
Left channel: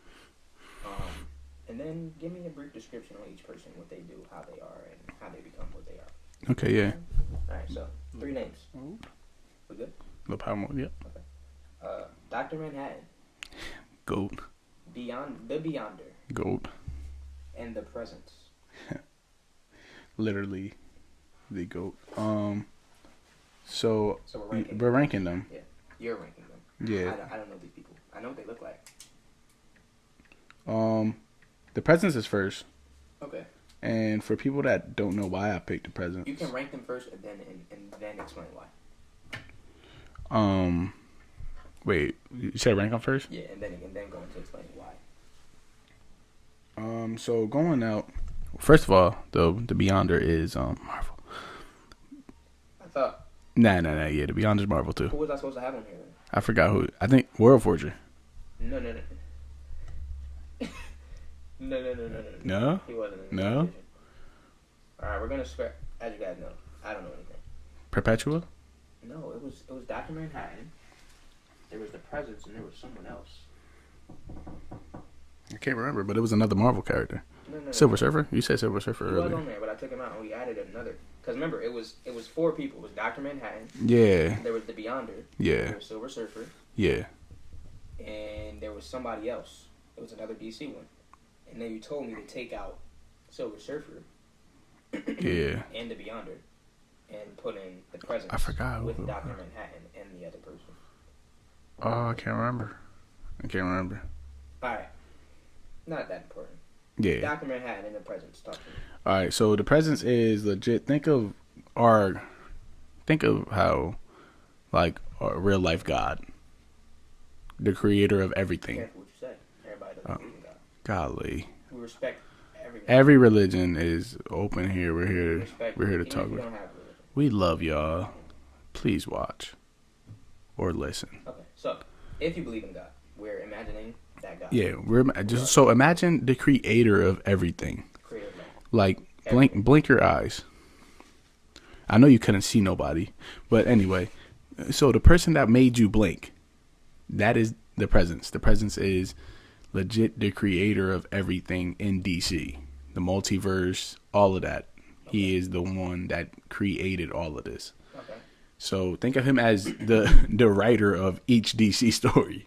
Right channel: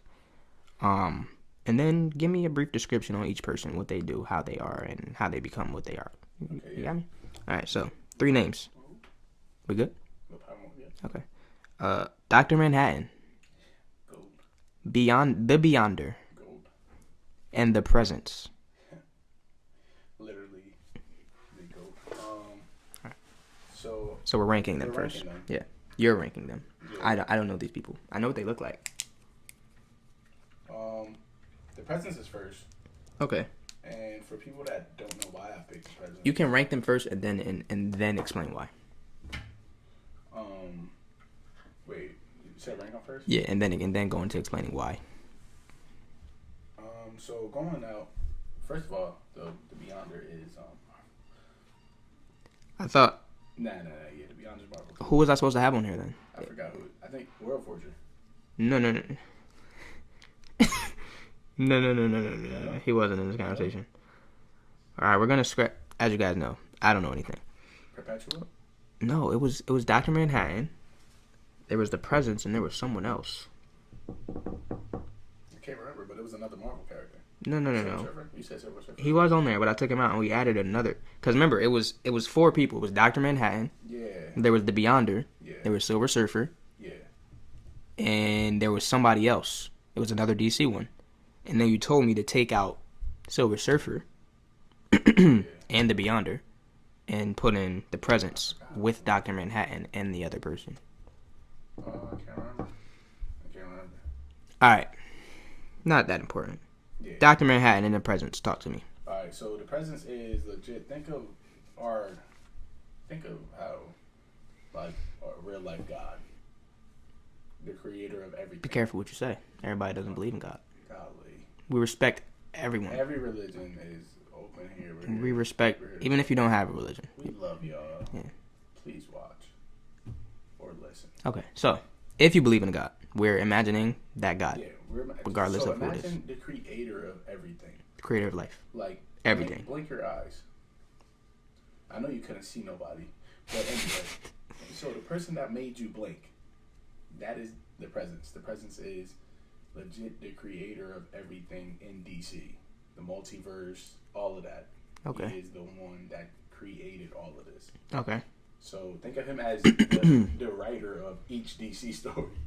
And then give me a brief description on each person, what they do, how they are, and how they become what they are. Okay, yeah. All right, so 3 names. We good? No power mode, yeah. Okay. Dr. Manhattan. Goat. Beyond the Beyonder GOAT. and the Presence. Literally, the GOAT. So we're ranking them. We're ranking them. Yeah, you're ranking them. Yeah. I don't know these people. I know what they look like. The Presence is first. Okay. And for people that don't know why I picked the Presence, You can rank them first and then explain why. Wait, you said rank them first? Yeah, and then go into explaining why. So going out, first of all, the Beyonder is Marvel. I thought. Nah. Yeah, the Beyonder's Marvel too. Who was I supposed to have on here then? I forgot who. I think World Forger. No. No. He wasn't in the conversation. All right, we're gonna scrap. As you guys know, I don't know anything. Perpetua. No, it was Dr. Manhattan. There was the Presence, and there was someone else. I can't remember, but it was another Marvel character. No. Silver Surfer. You said Silver Surfer. He was on there, but I took him out and we added another. Because remember, it was 4 people. It was Dr. Manhattan. Yeah. There was the Beyonder. Yeah. There was Silver Surfer. Yeah. And there was somebody else. It was another DC one. And then you told me to take out Silver Surfer. Yeah. And the Beyonder. And put in the Presence with who- Dr. Manhattan and the other person. Oh, I can't remember. All right. Not that important. Yeah. Dr. Manhattan and the Presence. Talk to me. All right. So the Presence is legit. Think of how, like, a real life God, the creator of Be everything. careful what you say. Everybody doesn't believe in God. Golly. We respect everyone. Every religion is open here. We're here. We respect, We're here to even talk if you don't have a religion. We love y'all. Yeah. Please watch or listen. Okay, so if you believe in God, we're imagining that God. Yeah, Regardless so of imagine the creator of everything. the creator of life. Like Everything. blink your eyes. I know you couldn't see nobody, but anyway. So the person that made you blink, that is the Presence. The Presence is legit the creator of everything in DC, the multiverse, all of that. Okay. He is the one that created all of this. Okay. So think of him as the writer of each DC story.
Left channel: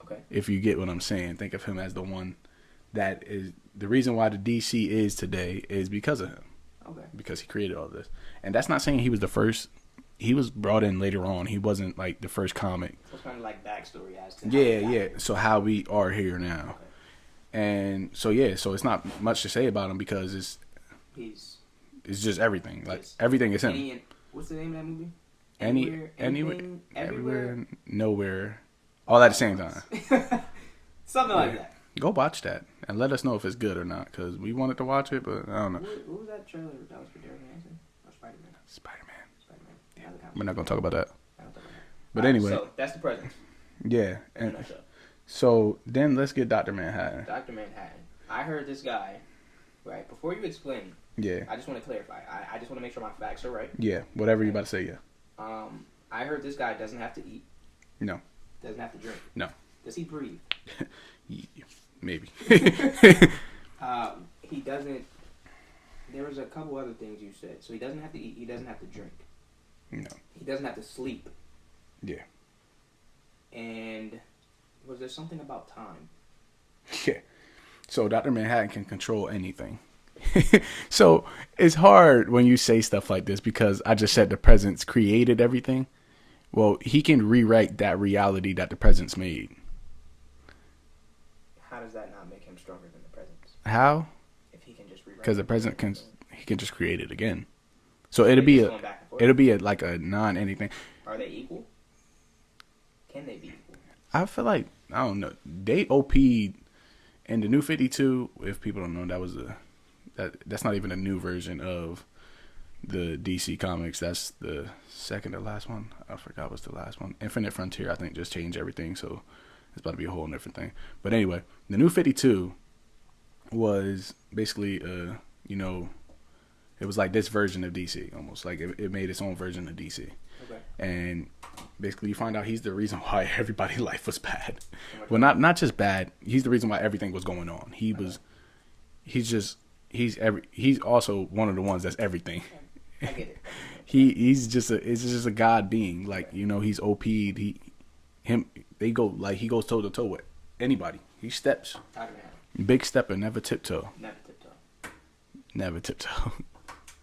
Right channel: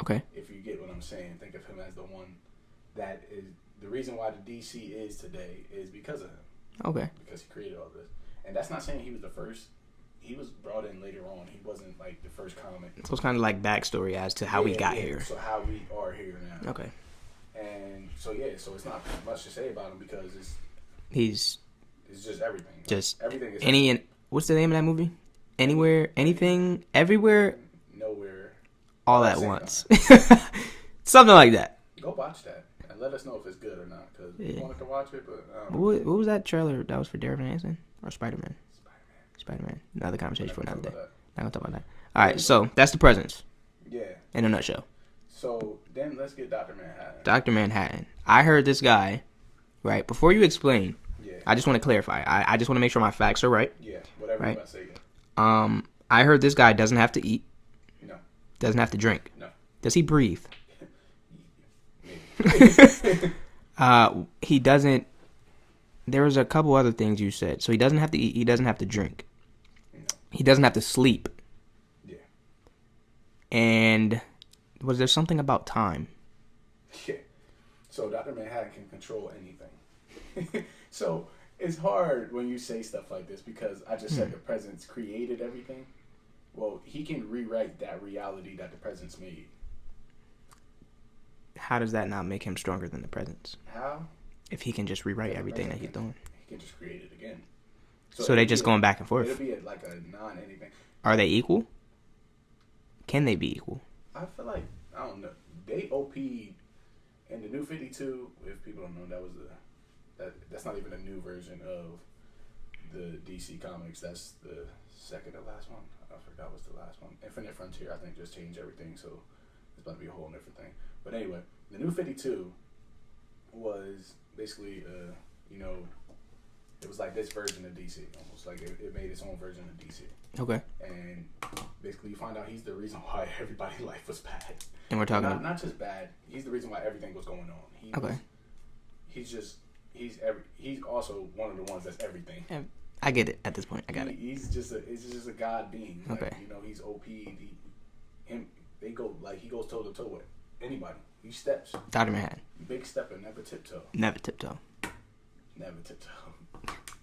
Okay. If you get what I'm saying, think of him as the one that is the reason why the DC is today is because of him. Okay. Because he created all this. And that's not saying he was the first. He was brought in later on. He wasn't like the first comic. So it's kind of like backstory as to how we got here. So how we are here now. Okay. And so so it's not much to say about him because He's it's just everything. Like, just everything is him. what's the name of that movie? Anywhere, anything, everywhere, nowhere, all at at the same once. time. Something like that. Go watch that and let us know if it's good or not because we wanted to watch it, but I don't know. What was that trailer that was for Darren Hanson or Spider-Man? Spider-Man. Spider-Man. Another We're conversation. not gonna talk about that. Not gonna talk about that. But All right. anyway. So that's the Presence Yeah. in a nutshell. So then let's get Dr. Manhattan. Dr. Manhattan. I heard this guy, right? Before you explain, Yeah. I just want to clarify. I just want to make sure my facts are right. Yeah. Whatever Right. you're about to say. Yeah. I heard this guy doesn't have to eat, No. doesn't have to drink. No. Does he breathe? Maybe. He doesn't. There was a couple other things you said. So he doesn't have to eat. He doesn't have to drink. No. He doesn't have to sleep. Yeah. And was there something about time? Yeah. So Dr. Manhattan can control anything. So it's hard when you say stuff like this because I just said the Presence created everything. Well, he can rewrite that reality that the Presence made. How does that not make him stronger than the Presence? How? If he can just rewrite Because the everything Presence that he's doing. he can just create it again. So it'll they're be just going back and forth. It'll be like a non-anything. Are they equal? Can they be equal? I feel like I don't know. They OP'd in the New 52. If people don't know, that's not even a new version of the DC Comics. That's the second to last one. I forgot what's the last one. Infinite Frontier, I think, just changed everything. So it's about to be a whole different thing. But anyway, the New 52 was basically, it was like this version of DC almost. Like it made its own version of DC. Okay. And basically, you find out he's the reason why everybody's life was bad. And we're Well, talking not just bad. He's the reason why everything was going on. He's also one of the ones that's everything. I get it at this point. He's just a god being. Like Okay. he's OP'd. He goes toe to toe with anybody. He steps. Dr. Manhattan. Big stepper, never tiptoe. Never tiptoe. Never tiptoe.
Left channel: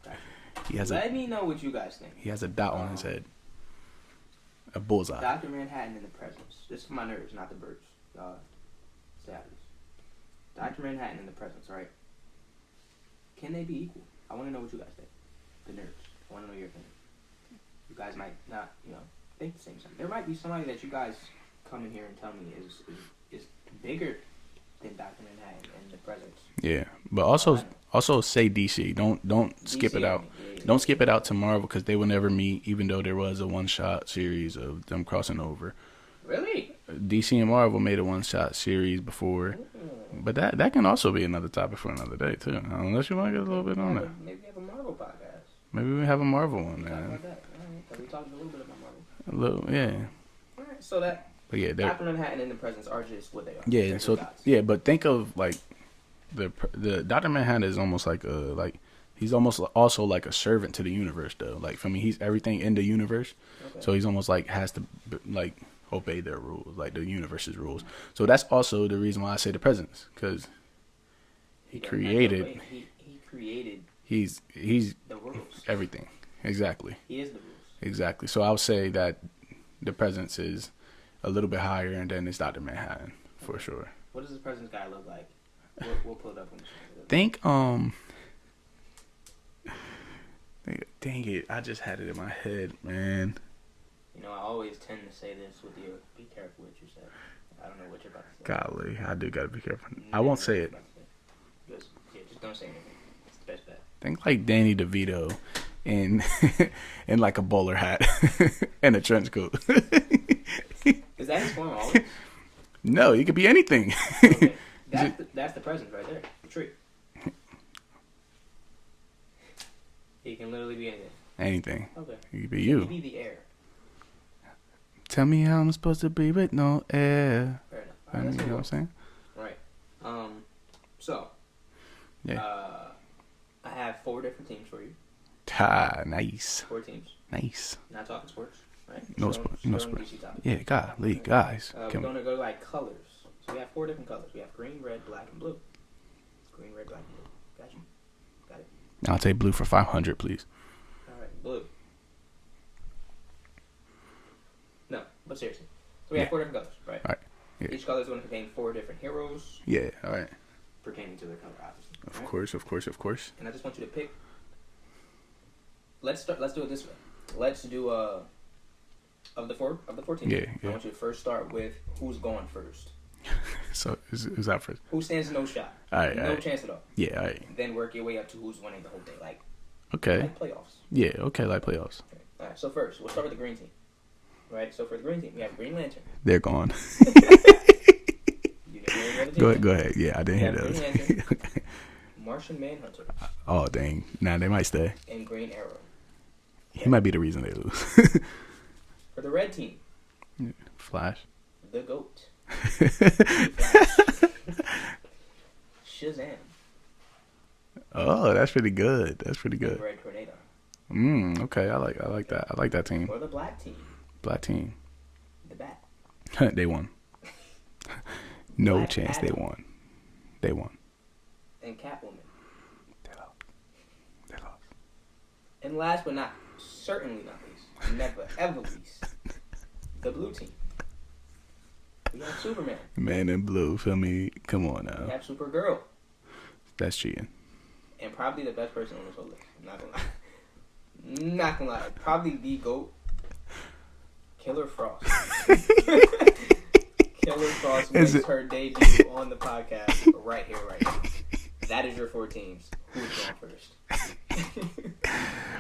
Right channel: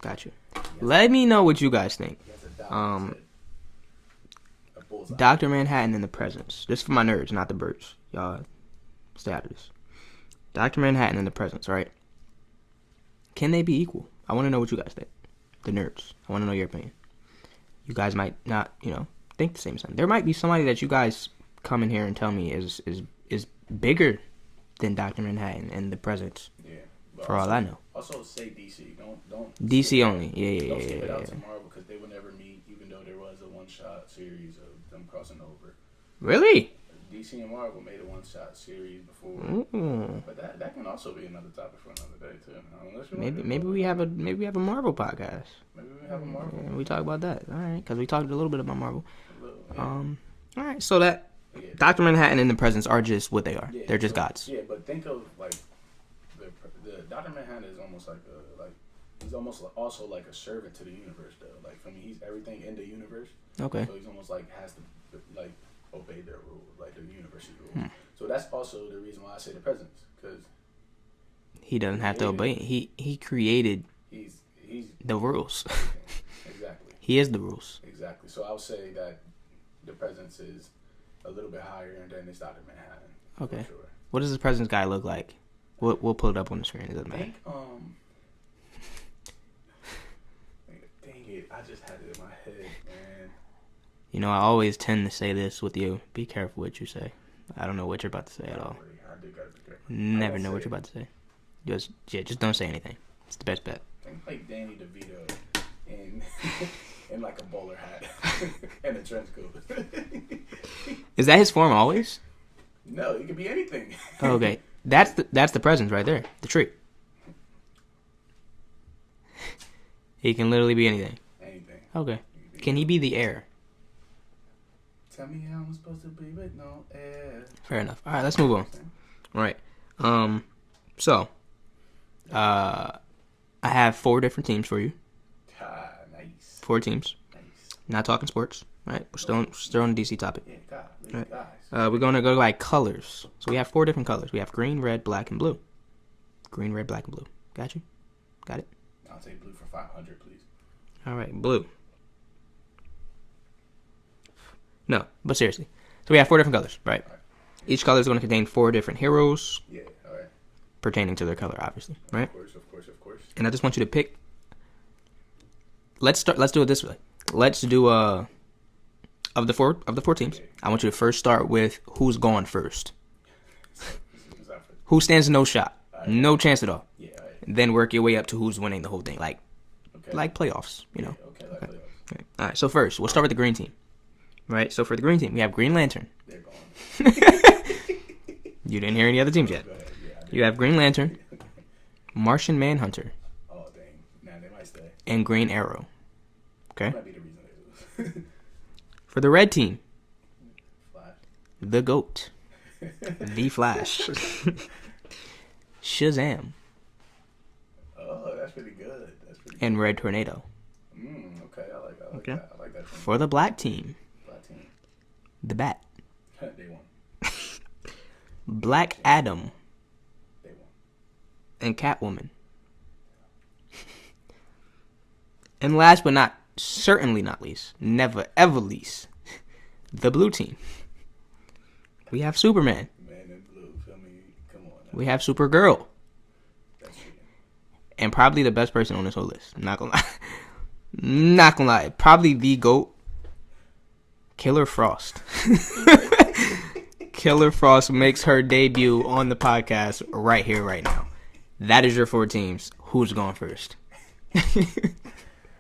Got you. He has Let me know what you guys think. He has a dot on his head. A bullseye. Dr. Manhattan in the presence. This is for my nerds, not the birds. Y'all stay out of this. Dr. Manhattan in the presence, right? Can they be equal? I want to know what you guys think. The nerds. I want to know your opinion. You guys might not, think the same as them. There might be somebody that you guys come in here and tell me is bigger than Dr. Manhattan in the presence. Yeah, but For also say DC. Don't DC skip it only. out. Yeah. Don't skip it out to Marvel because they will never meet, even though there was a one-shot series of them crossing over. Really? DC and Marvel made a one-shot series before, but that can also be another topic for another day too. Unless you want to maybe we have a Marvel podcast. Maybe we have a Marvel one. We talk about that. All right, because we talked a little bit about Marvel. A little, yeah. All right, so that. But yeah, Dr. Manhattan and the Presence are just what they are. Yeah, they're just gods. Yeah, but think of like the Dr. Manhattan is almost like he's almost also like a servant to the universe though. Like for me, he's everything in the universe. Okay. So he's almost like has to like obey their rules, like the universe's rules. So that's also the reason why I say the Presence, because he doesn't have to obey. He created. He's the rules. Everything. Exactly. He is the rules. Exactly. So I would say that the Presence is a little bit higher, and then it's Dr. Manhattan for sure. What does the Presence guy look like? We'll pull it up on the screen. Think dang it, I just had it in my head, man. I always tend to say this with you. Be careful what you say. I don't know what you're about to say. Golly, I do gotta be careful. Never I won't know say what it. you're about to say. Just don't say anything. It's the best bet. Think like Danny DeVito in in like a bowler hat and a trench coat. Is that his form always? No, he could be anything. Okay, that's the Presence right there. The tree. He can literally be anything. Anything. Okay. Can he be the air? Tell me how I'm supposed to be with no air. Fair enough. All right, let's move on. Right. So, I have 4 different teams for you. Nice. 4 teams. Nice. Not talking sports, right? Still on the DC topic. Yeah, golly, right. Guys. We're going to go by colors. So we have 4 different colors. We have green, red, black, and blue. Green, red, black, and blue. Got you? Got it? I'll take blue for 500, please. All right, blue. No, but seriously. So we have 4 different colors, right? All right. Yeah. Each color is going to contain 4 different heroes. Yeah, all right. Pertaining to their color, obviously. Right? Of course. And I just want you to pick. Let's do it this way. Let's do of the four teams. Yeah. I want you to first start with who's going first. So is that first? Who stands no shot? Right, no chance at all. Yeah, all right. Then work your way up to who's winning the whole thing, like playoffs. Yeah, okay, like playoffs. Okay. All right. So first, we'll start with the green team. Right. So for the green team, we have Green Lantern. They're gone. You didn't hear any other teams yet. Go ahead. Yeah, I didn't. You have Green Lantern, Martian Manhunter. Oh dang! Nah, they might stay. And Green Arrow. Okay. That might be the reason they lose. For the red team, Flash. The GOAT. The Flash. Shazam. Oh, that's pretty good. And Red Tornado. Okay. I like that. I like that team. For the black team, The Bat. They won. Black Adam. They won. And Catwoman. They lost. And last but certainly not least, never ever least, the blue team. We have Superman. Man in blue, feel me? Come on now. We have Supergirl. That's cheating. And probably the best person on this whole list. I'm not gonna lie. Probably the GOAT. Killer Frost. Killer Frost makes her debut on the podcast right here, right now. That is your 4 teams. Who's going first?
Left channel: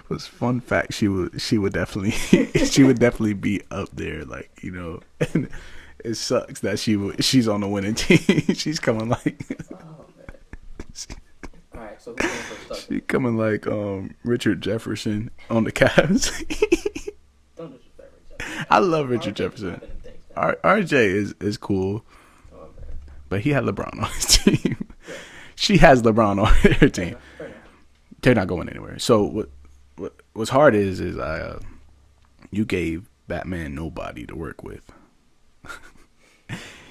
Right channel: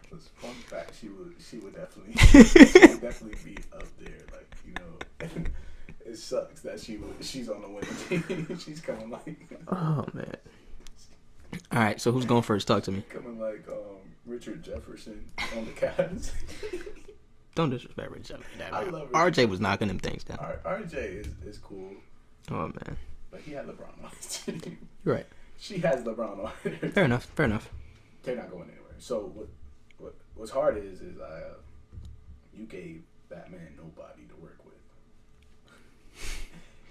Was fun fact, she would definitely be up there, like, and it sucks that she's on the winning team. She's coming like oh man. All right, so who's going first? Talk to me. Coming like Richard Jefferson on the Cavs. Don't disrespect Richard Jefferson. I love Richard RJ Jefferson. was knocking them things down. RJ is cool. Oh man. But he had LeBron on his team. Right. She has LeBron on her team. Fair enough. They're not going anywhere. So what's hard is you gave Batman nobody to work with.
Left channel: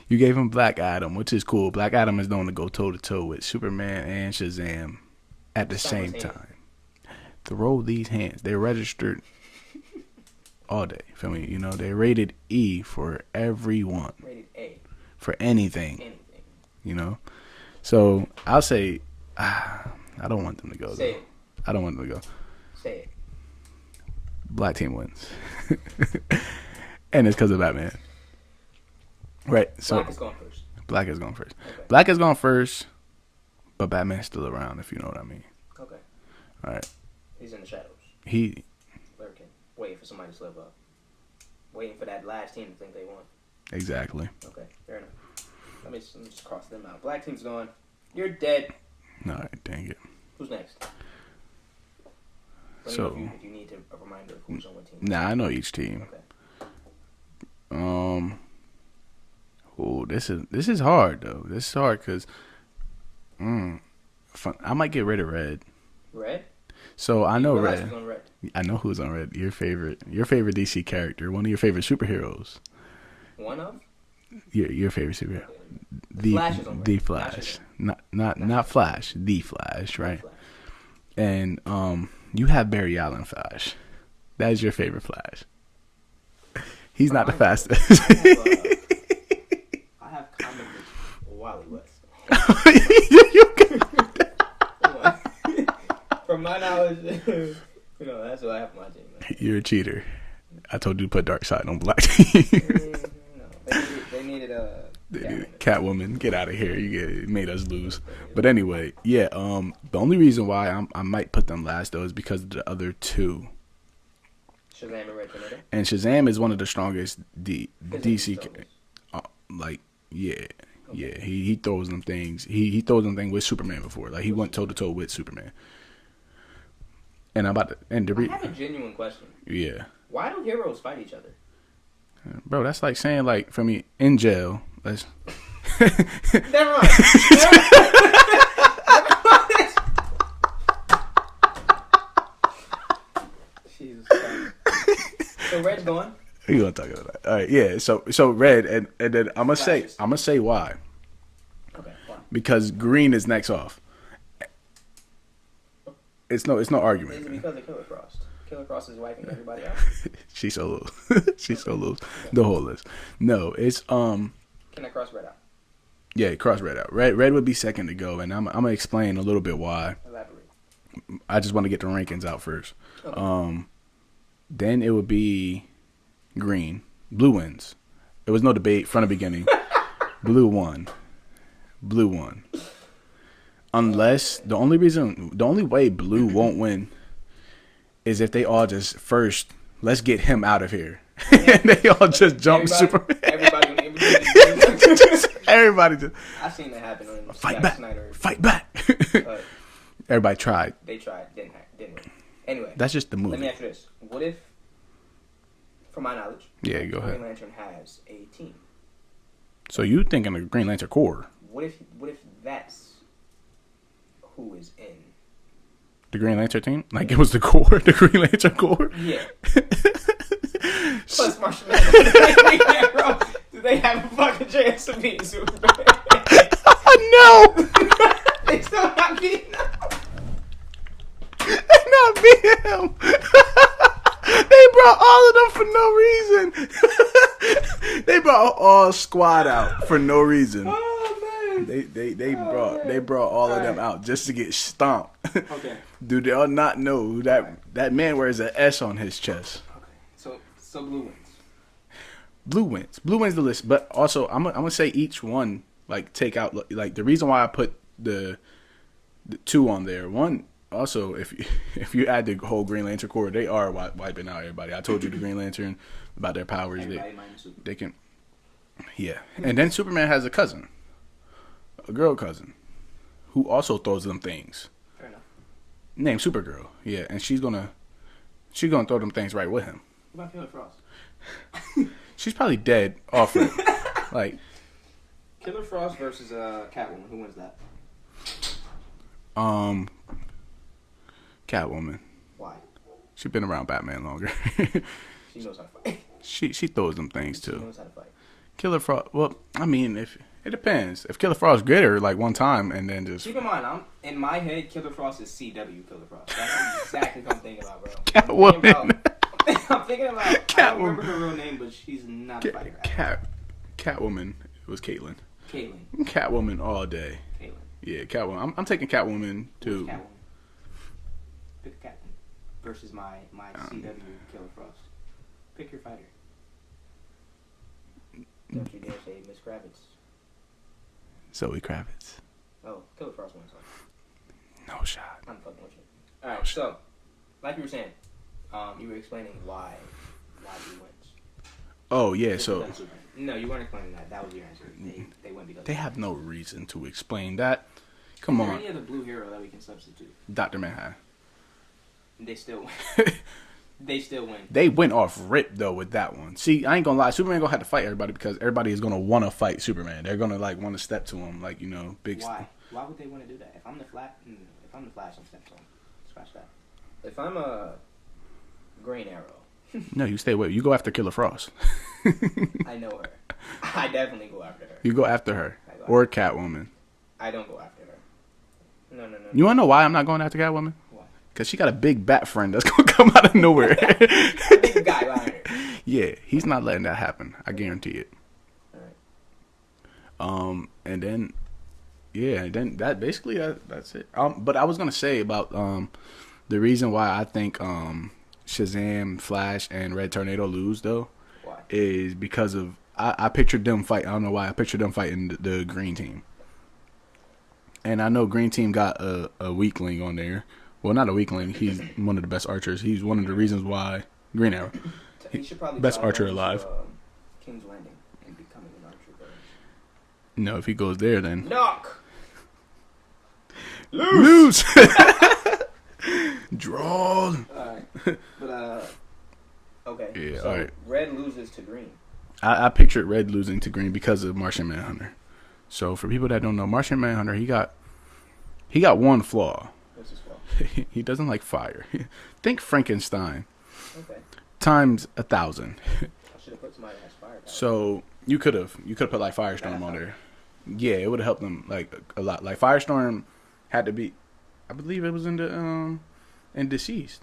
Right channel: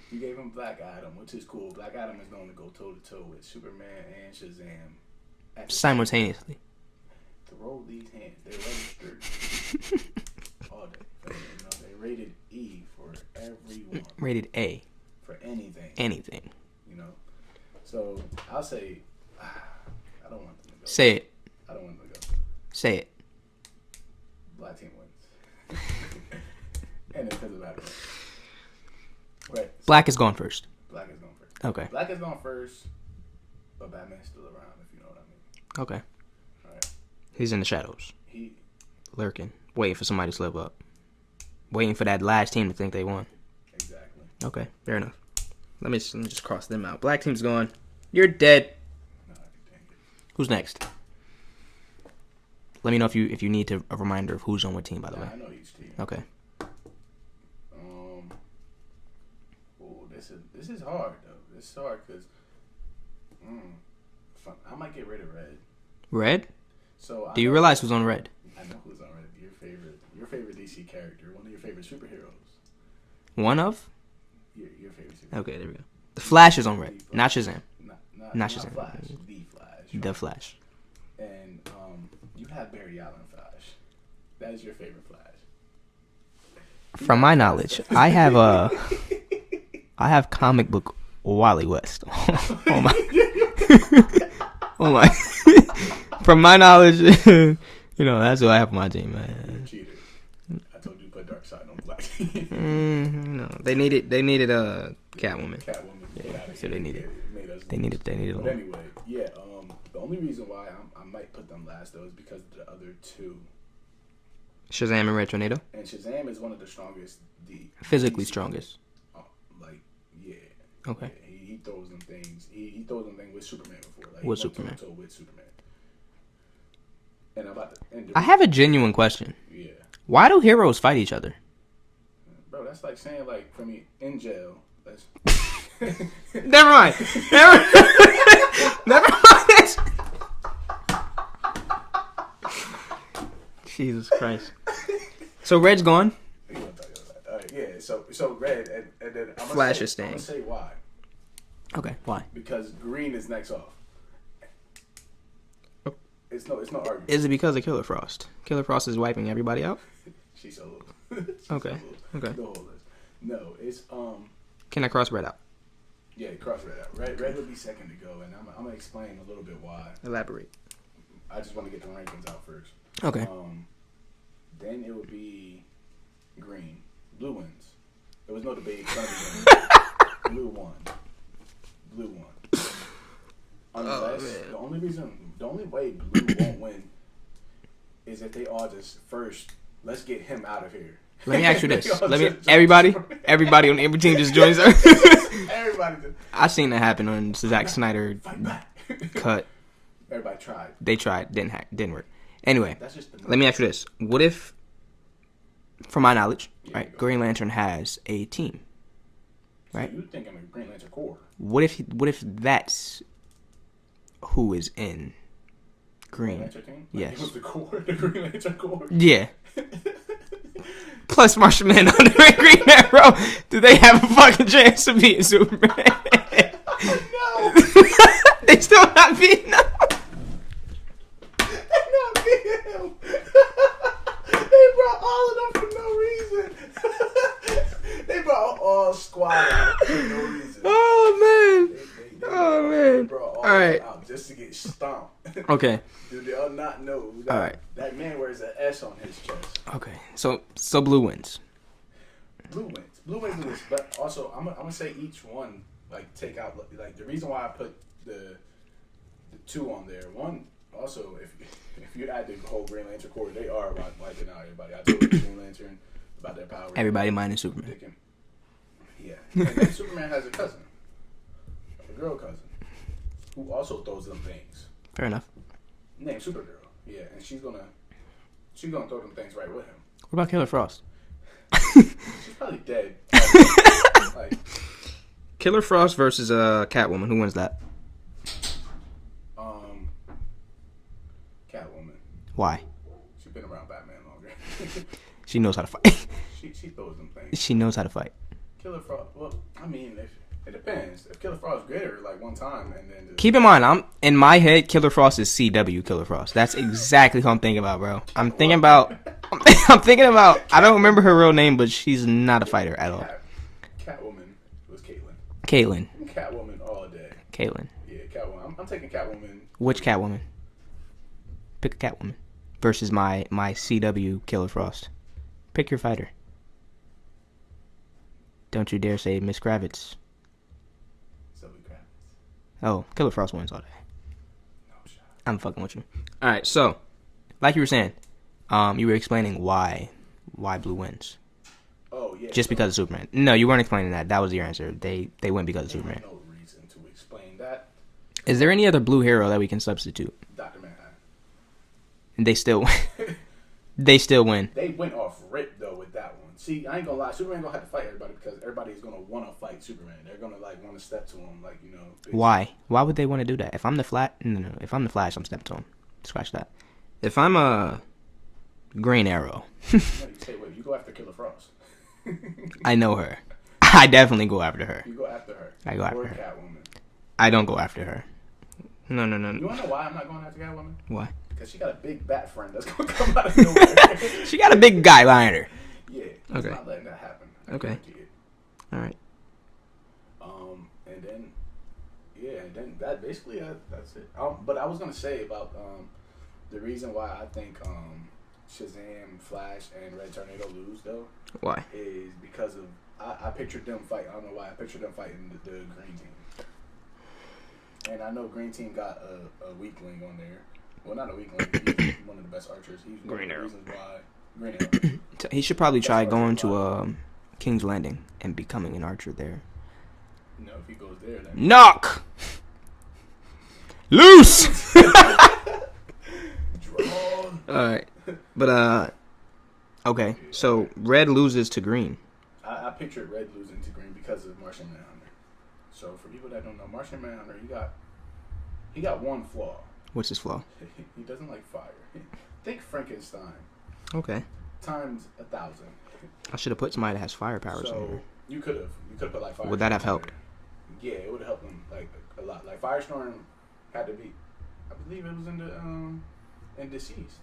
You gave him Black Adam, which is cool. Black Adam is known to go toe to toe with Superman and Shazam at the same time. Throw these hands. They're registered all day. Feel me? You know, they're rated E for everyone. Rated A. For anything. Anything. You know? So I'll say, I don't want them to go. Say it. I don't want them to go. Say it. Black team wins. And it's because of Batman. Right. So Black is gone first. Black is gone first. Okay. Black is gone first, but Batman's still around, if you know what I mean. Okay. All right. He's in the shadows. He lurking, waiting for somebody to slip up. Waiting for that last team to think they won. Exactly. Okay, fair enough. Let me just cross them out. Black team's gone. You're dead. All right, dang it. Who's next? Let me know if you need a reminder of who's on what team. I know each team. Okay. Oh, this is hard though. This is hard because, I might get rid of Red. Red? So I know. Do you realize Red. who's on Red? I know who's on Red. Your favorite DC character, one of your favorite superheroes. One of? Your favorite superhero. Okay, there we go. The Flash is on Red. The Flash. Not Shazam. Not Shazam. Flash. The Flash, right? The Flash. And you have Barry Allen Flash. That is your favorite Flash. He's From not my fast. knowledge, I have comic book Wally West. Oh my. From my knowledge, that's what I have on my team, man. You're a cheater. I told you to put Darkseid on Black team. No, they needed a Catwoman. Catwoman, get out of here! You made us lose. They needed But anyway, yeah. The only reason why I might put them last though is because of the other two. Shazam and Red Tornado. And Shazam is one of the strongest. Physically DC strongest. Yeah. Okay. Yeah, he throws them things. He throws them things with Superman before. Like he With went toe to toe with Superman. And I'm about to end. I have a genuine question. Yeah. Why do heroes fight each other? Bro, that's like saying like for me in jail. Let's. Never mind. Never mind. Jesus Christ. So Red's gone. You gonna talk about that? All right, yeah. So Red, and then I'm gonna say why. Okay, why? Because Green is next off. It's no argument. Is it because of Killer Frost? Killer Frost is wiping everybody out. She's so loose. She's so loose. Okay. The whole list. No, it's Can I cross Red out? Yeah, cross Red out. Red would be second to go, and I'm gonna explain a little bit why. Elaborate. I just want to get the rankings out first. Okay. Then it would be Green. Blue wins. There was no debate from the beginning. Blue won. Unless the only way Blue won't win is if they all just first let's get him out of here. Let me ask you this. Everybody on every team just joins us. Everybody just. I seen that happen on Zack Snyder. Fight back. Cut. Everybody tried. They tried. Didn't work. Anyway, that's just the movie. Let me ask you this: what if, from my knowledge, Green Lantern has a team? So you thinking of Green Lantern Corps? What if that's who is in the Green Lantern team? Like it was the Corps, the Green Lantern Corps? Yeah. Plus Martian Man on the Green Arrow. Do they have a fucking chance to beat Superman? No. They still not beating him. They not beating him. They brought all of them for no reason. They brought all squad out for no reason. Oh man. They brought all of them out just to get stomped. Okay. Do they all not know that man wears an S on his chest? Okay. So Blue wins. Blue wins. Blue wins the list. But also I'm gonna say each one like take out like the reason why I put the two on there. One also if you add the whole Green Lantern Corps, they are wiping out everybody. I told you the Green Lantern about their powers. Everybody minus Superman. They can. Yeah. And then Superman has a cousin. A girl cousin. Who also throws them things. Fair enough. Named Supergirl. Yeah, and she's gonna throw them things right with him. What about Killer Frost? She's probably dead. Like Killer Frost versus Catwoman. Who wins that? Catwoman. Why? She's been around Batman longer. She knows how to fight. She throws them things. She knows how to fight. Killer Frost. Well, I mean, if it depends. If Killer Frost get her like one time and then just Keep in mind, I'm in my head. Killer Frost is CW Killer Frost. That's exactly what I'm thinking about, bro. I'm thinking about. I'm thinking about. I don't remember her real name, but she's not a fighter at all. Catwoman. It was Caitlyn. Catwoman all day. Caitlyn. Yeah, Catwoman. I'm taking Catwoman. Which Catwoman? Pick a Catwoman versus my CW Killer Frost. Pick your fighter. Don't you dare say Miss Kravitz. Zoe Kravitz. Oh, Killer Frost wins on. No shot. I'm fucking with you. All right, so like you were saying, you were explaining why Blue wins. Oh yeah, just because of Superman. No, you weren't explaining that. That was your answer. They win because of Superman. They have no reason to explain that. Is there any other blue hero that we can substitute? Dr. Manhattan. And they still win. They still win. They went off rip though with that one. See, I ain't gonna lie. Superman gonna have to fight everybody because everybody is gonna want to fight Superman. They're gonna like want to step to him, like Why? Why would they want to do that? If I'm the If I'm the Flash, I'm stepping to him. Scratch that. If I'm a Green Arrow, no, you stay away. You go after Killer Frost. I know her. I definitely go after her. You go after her. I go after or her. Catwoman. I don't go after her. No. You wanna know why I'm not going after Catwoman? Why? Because she got a big bat friend that's gonna come out of nowhere. She got a big guy behind her. Yeah, he's not letting that happen. I guarantee it. All right. And then, that basically that's it. But I was gonna say about the reason why I think Shazam, Flash, and Red Tornado lose though. Why? Is because of I pictured them fight. I don't know why I pictured them fighting the Green Team. And I know Green Team got a weakling on there. Well, not a weakling. He's one of the best archers. He's one of the reasons why Green Arrow. He should probably Best try archer going alive. to King's Landing and becoming an archer there. No, if he goes there, then Knock. loose. Draw. All right, but okay. Yeah, so all right. Red loses to Green. I pictured Red losing to Green because of Martian Manhunter. So for people that don't know, Martian Manhunter, he got one flaw. What's his flaw? He doesn't like fire. Think Frankenstein Okay. times 1,000. I should have put somebody that has firepower. So you could have put like Firestorm. Would that have on helped? there. Yeah, it would have helped them like a lot. Like Firestorm had to be, I believe it was in Deceased.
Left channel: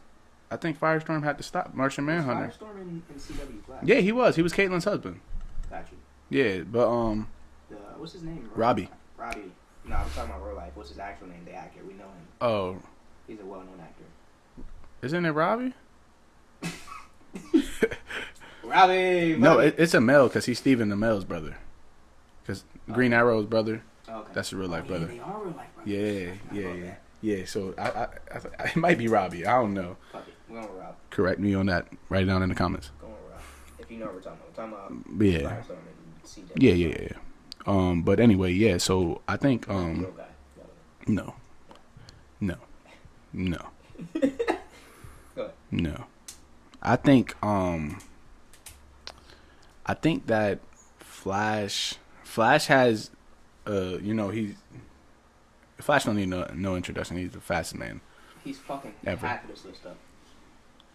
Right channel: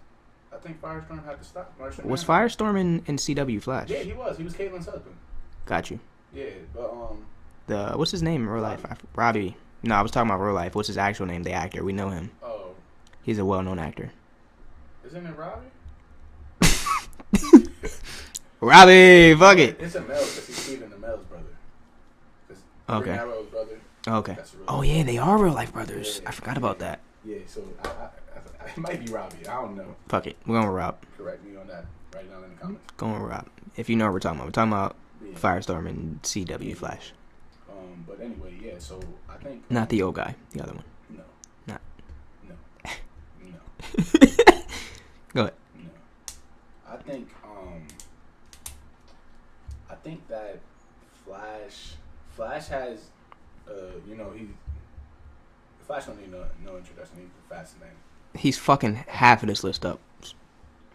I think Firestorm had to stop Martian was Manhunter. Firestorm in CW Flash? Yeah, he was. He was Caitlyn's husband. Got you. Yeah, but The what's his name? In real Robbie. Life? Robbie. No, I was talking about real life. What's his actual name? The actor. We know him. oh, He's a well-known actor. isn't it Robbie? Robbie, fuck No, it. it's a male because he's Stephen Amell's brother. Because Green Okay. Arrow's brother. Okay. That's a real Oh life yeah, brother. they are real life brothers. Yeah, I forgot yeah, about yeah. that. Yeah, so I it might be Robbie. I don't know. Fuck it. We're going with Rob. Correct me on that. Write it down in the comments. Going with Rob. If you know what we're talking about. We're talking about Yeah. Firestorm and CW Yeah, Flash. yeah. But anyway, yeah. So I think Not the old guy. The other one. No. Not. No. No. Go ahead. No. I think that Flash has Flash don't need no introduction. He's the fastest man. He's fucking Ever. half of this list up.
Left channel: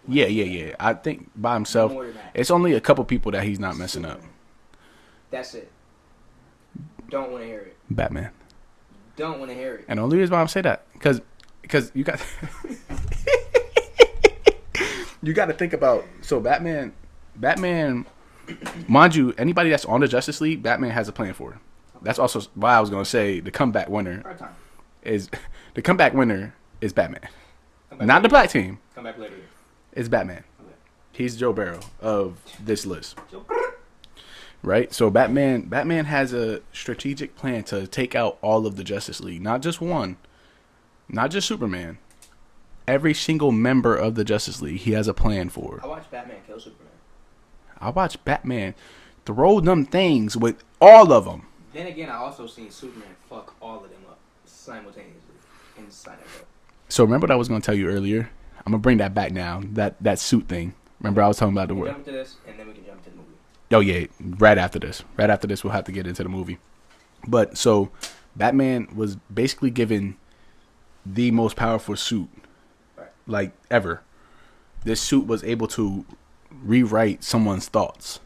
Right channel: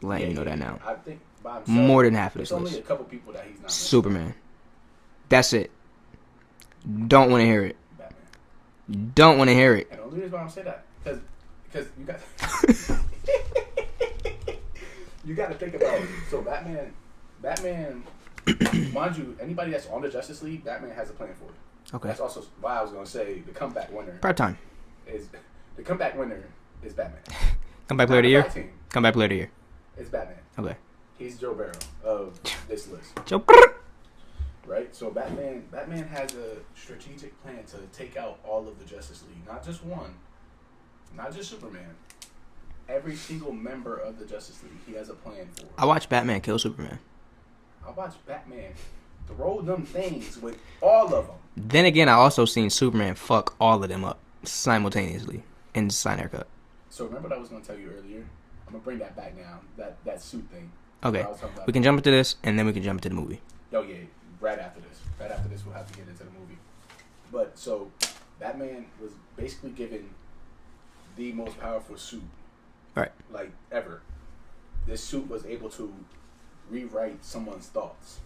Yeah. Let me know that now. I think by himself More than half. of It's this only list. a couple people that he's not messing Superman. That's it. Don't want to hear it. up. Batman. Don't want to hear it. And the only reason why I'm saying that because you got you got to think about Batman, mind you, anybody that's on the Justice League, Batman has a plan for. Okay. That's also why I was gonna say the comeback winner Part time. is Batman. Come back player Not of the the year. Black Team. Come back player of the year. It's Batman. Okay. He's Joe Barrow of this list, Joe. right? So Batman has a strategic plan to take out all of the Justice League, not just one, not just Superman. Every single member of the Justice League, he has a plan for. I watched Batman kill Superman. I watched Batman throw them things with all of them. Then again, I also seen Superman fuck all of them up simultaneously in Sign Haircut. So remember what I was going to tell you earlier? I'm going to bring that back now, that suit thing. Remember Okay. I was talking about We can jump into this, and then we can jump into the movie. Oh, yeah, right after this. Right after this, we'll have to get into the movie. But, so, Batman was basically given the most powerful suit, Right. like, ever. This suit was able to rewrite someone's thoughts.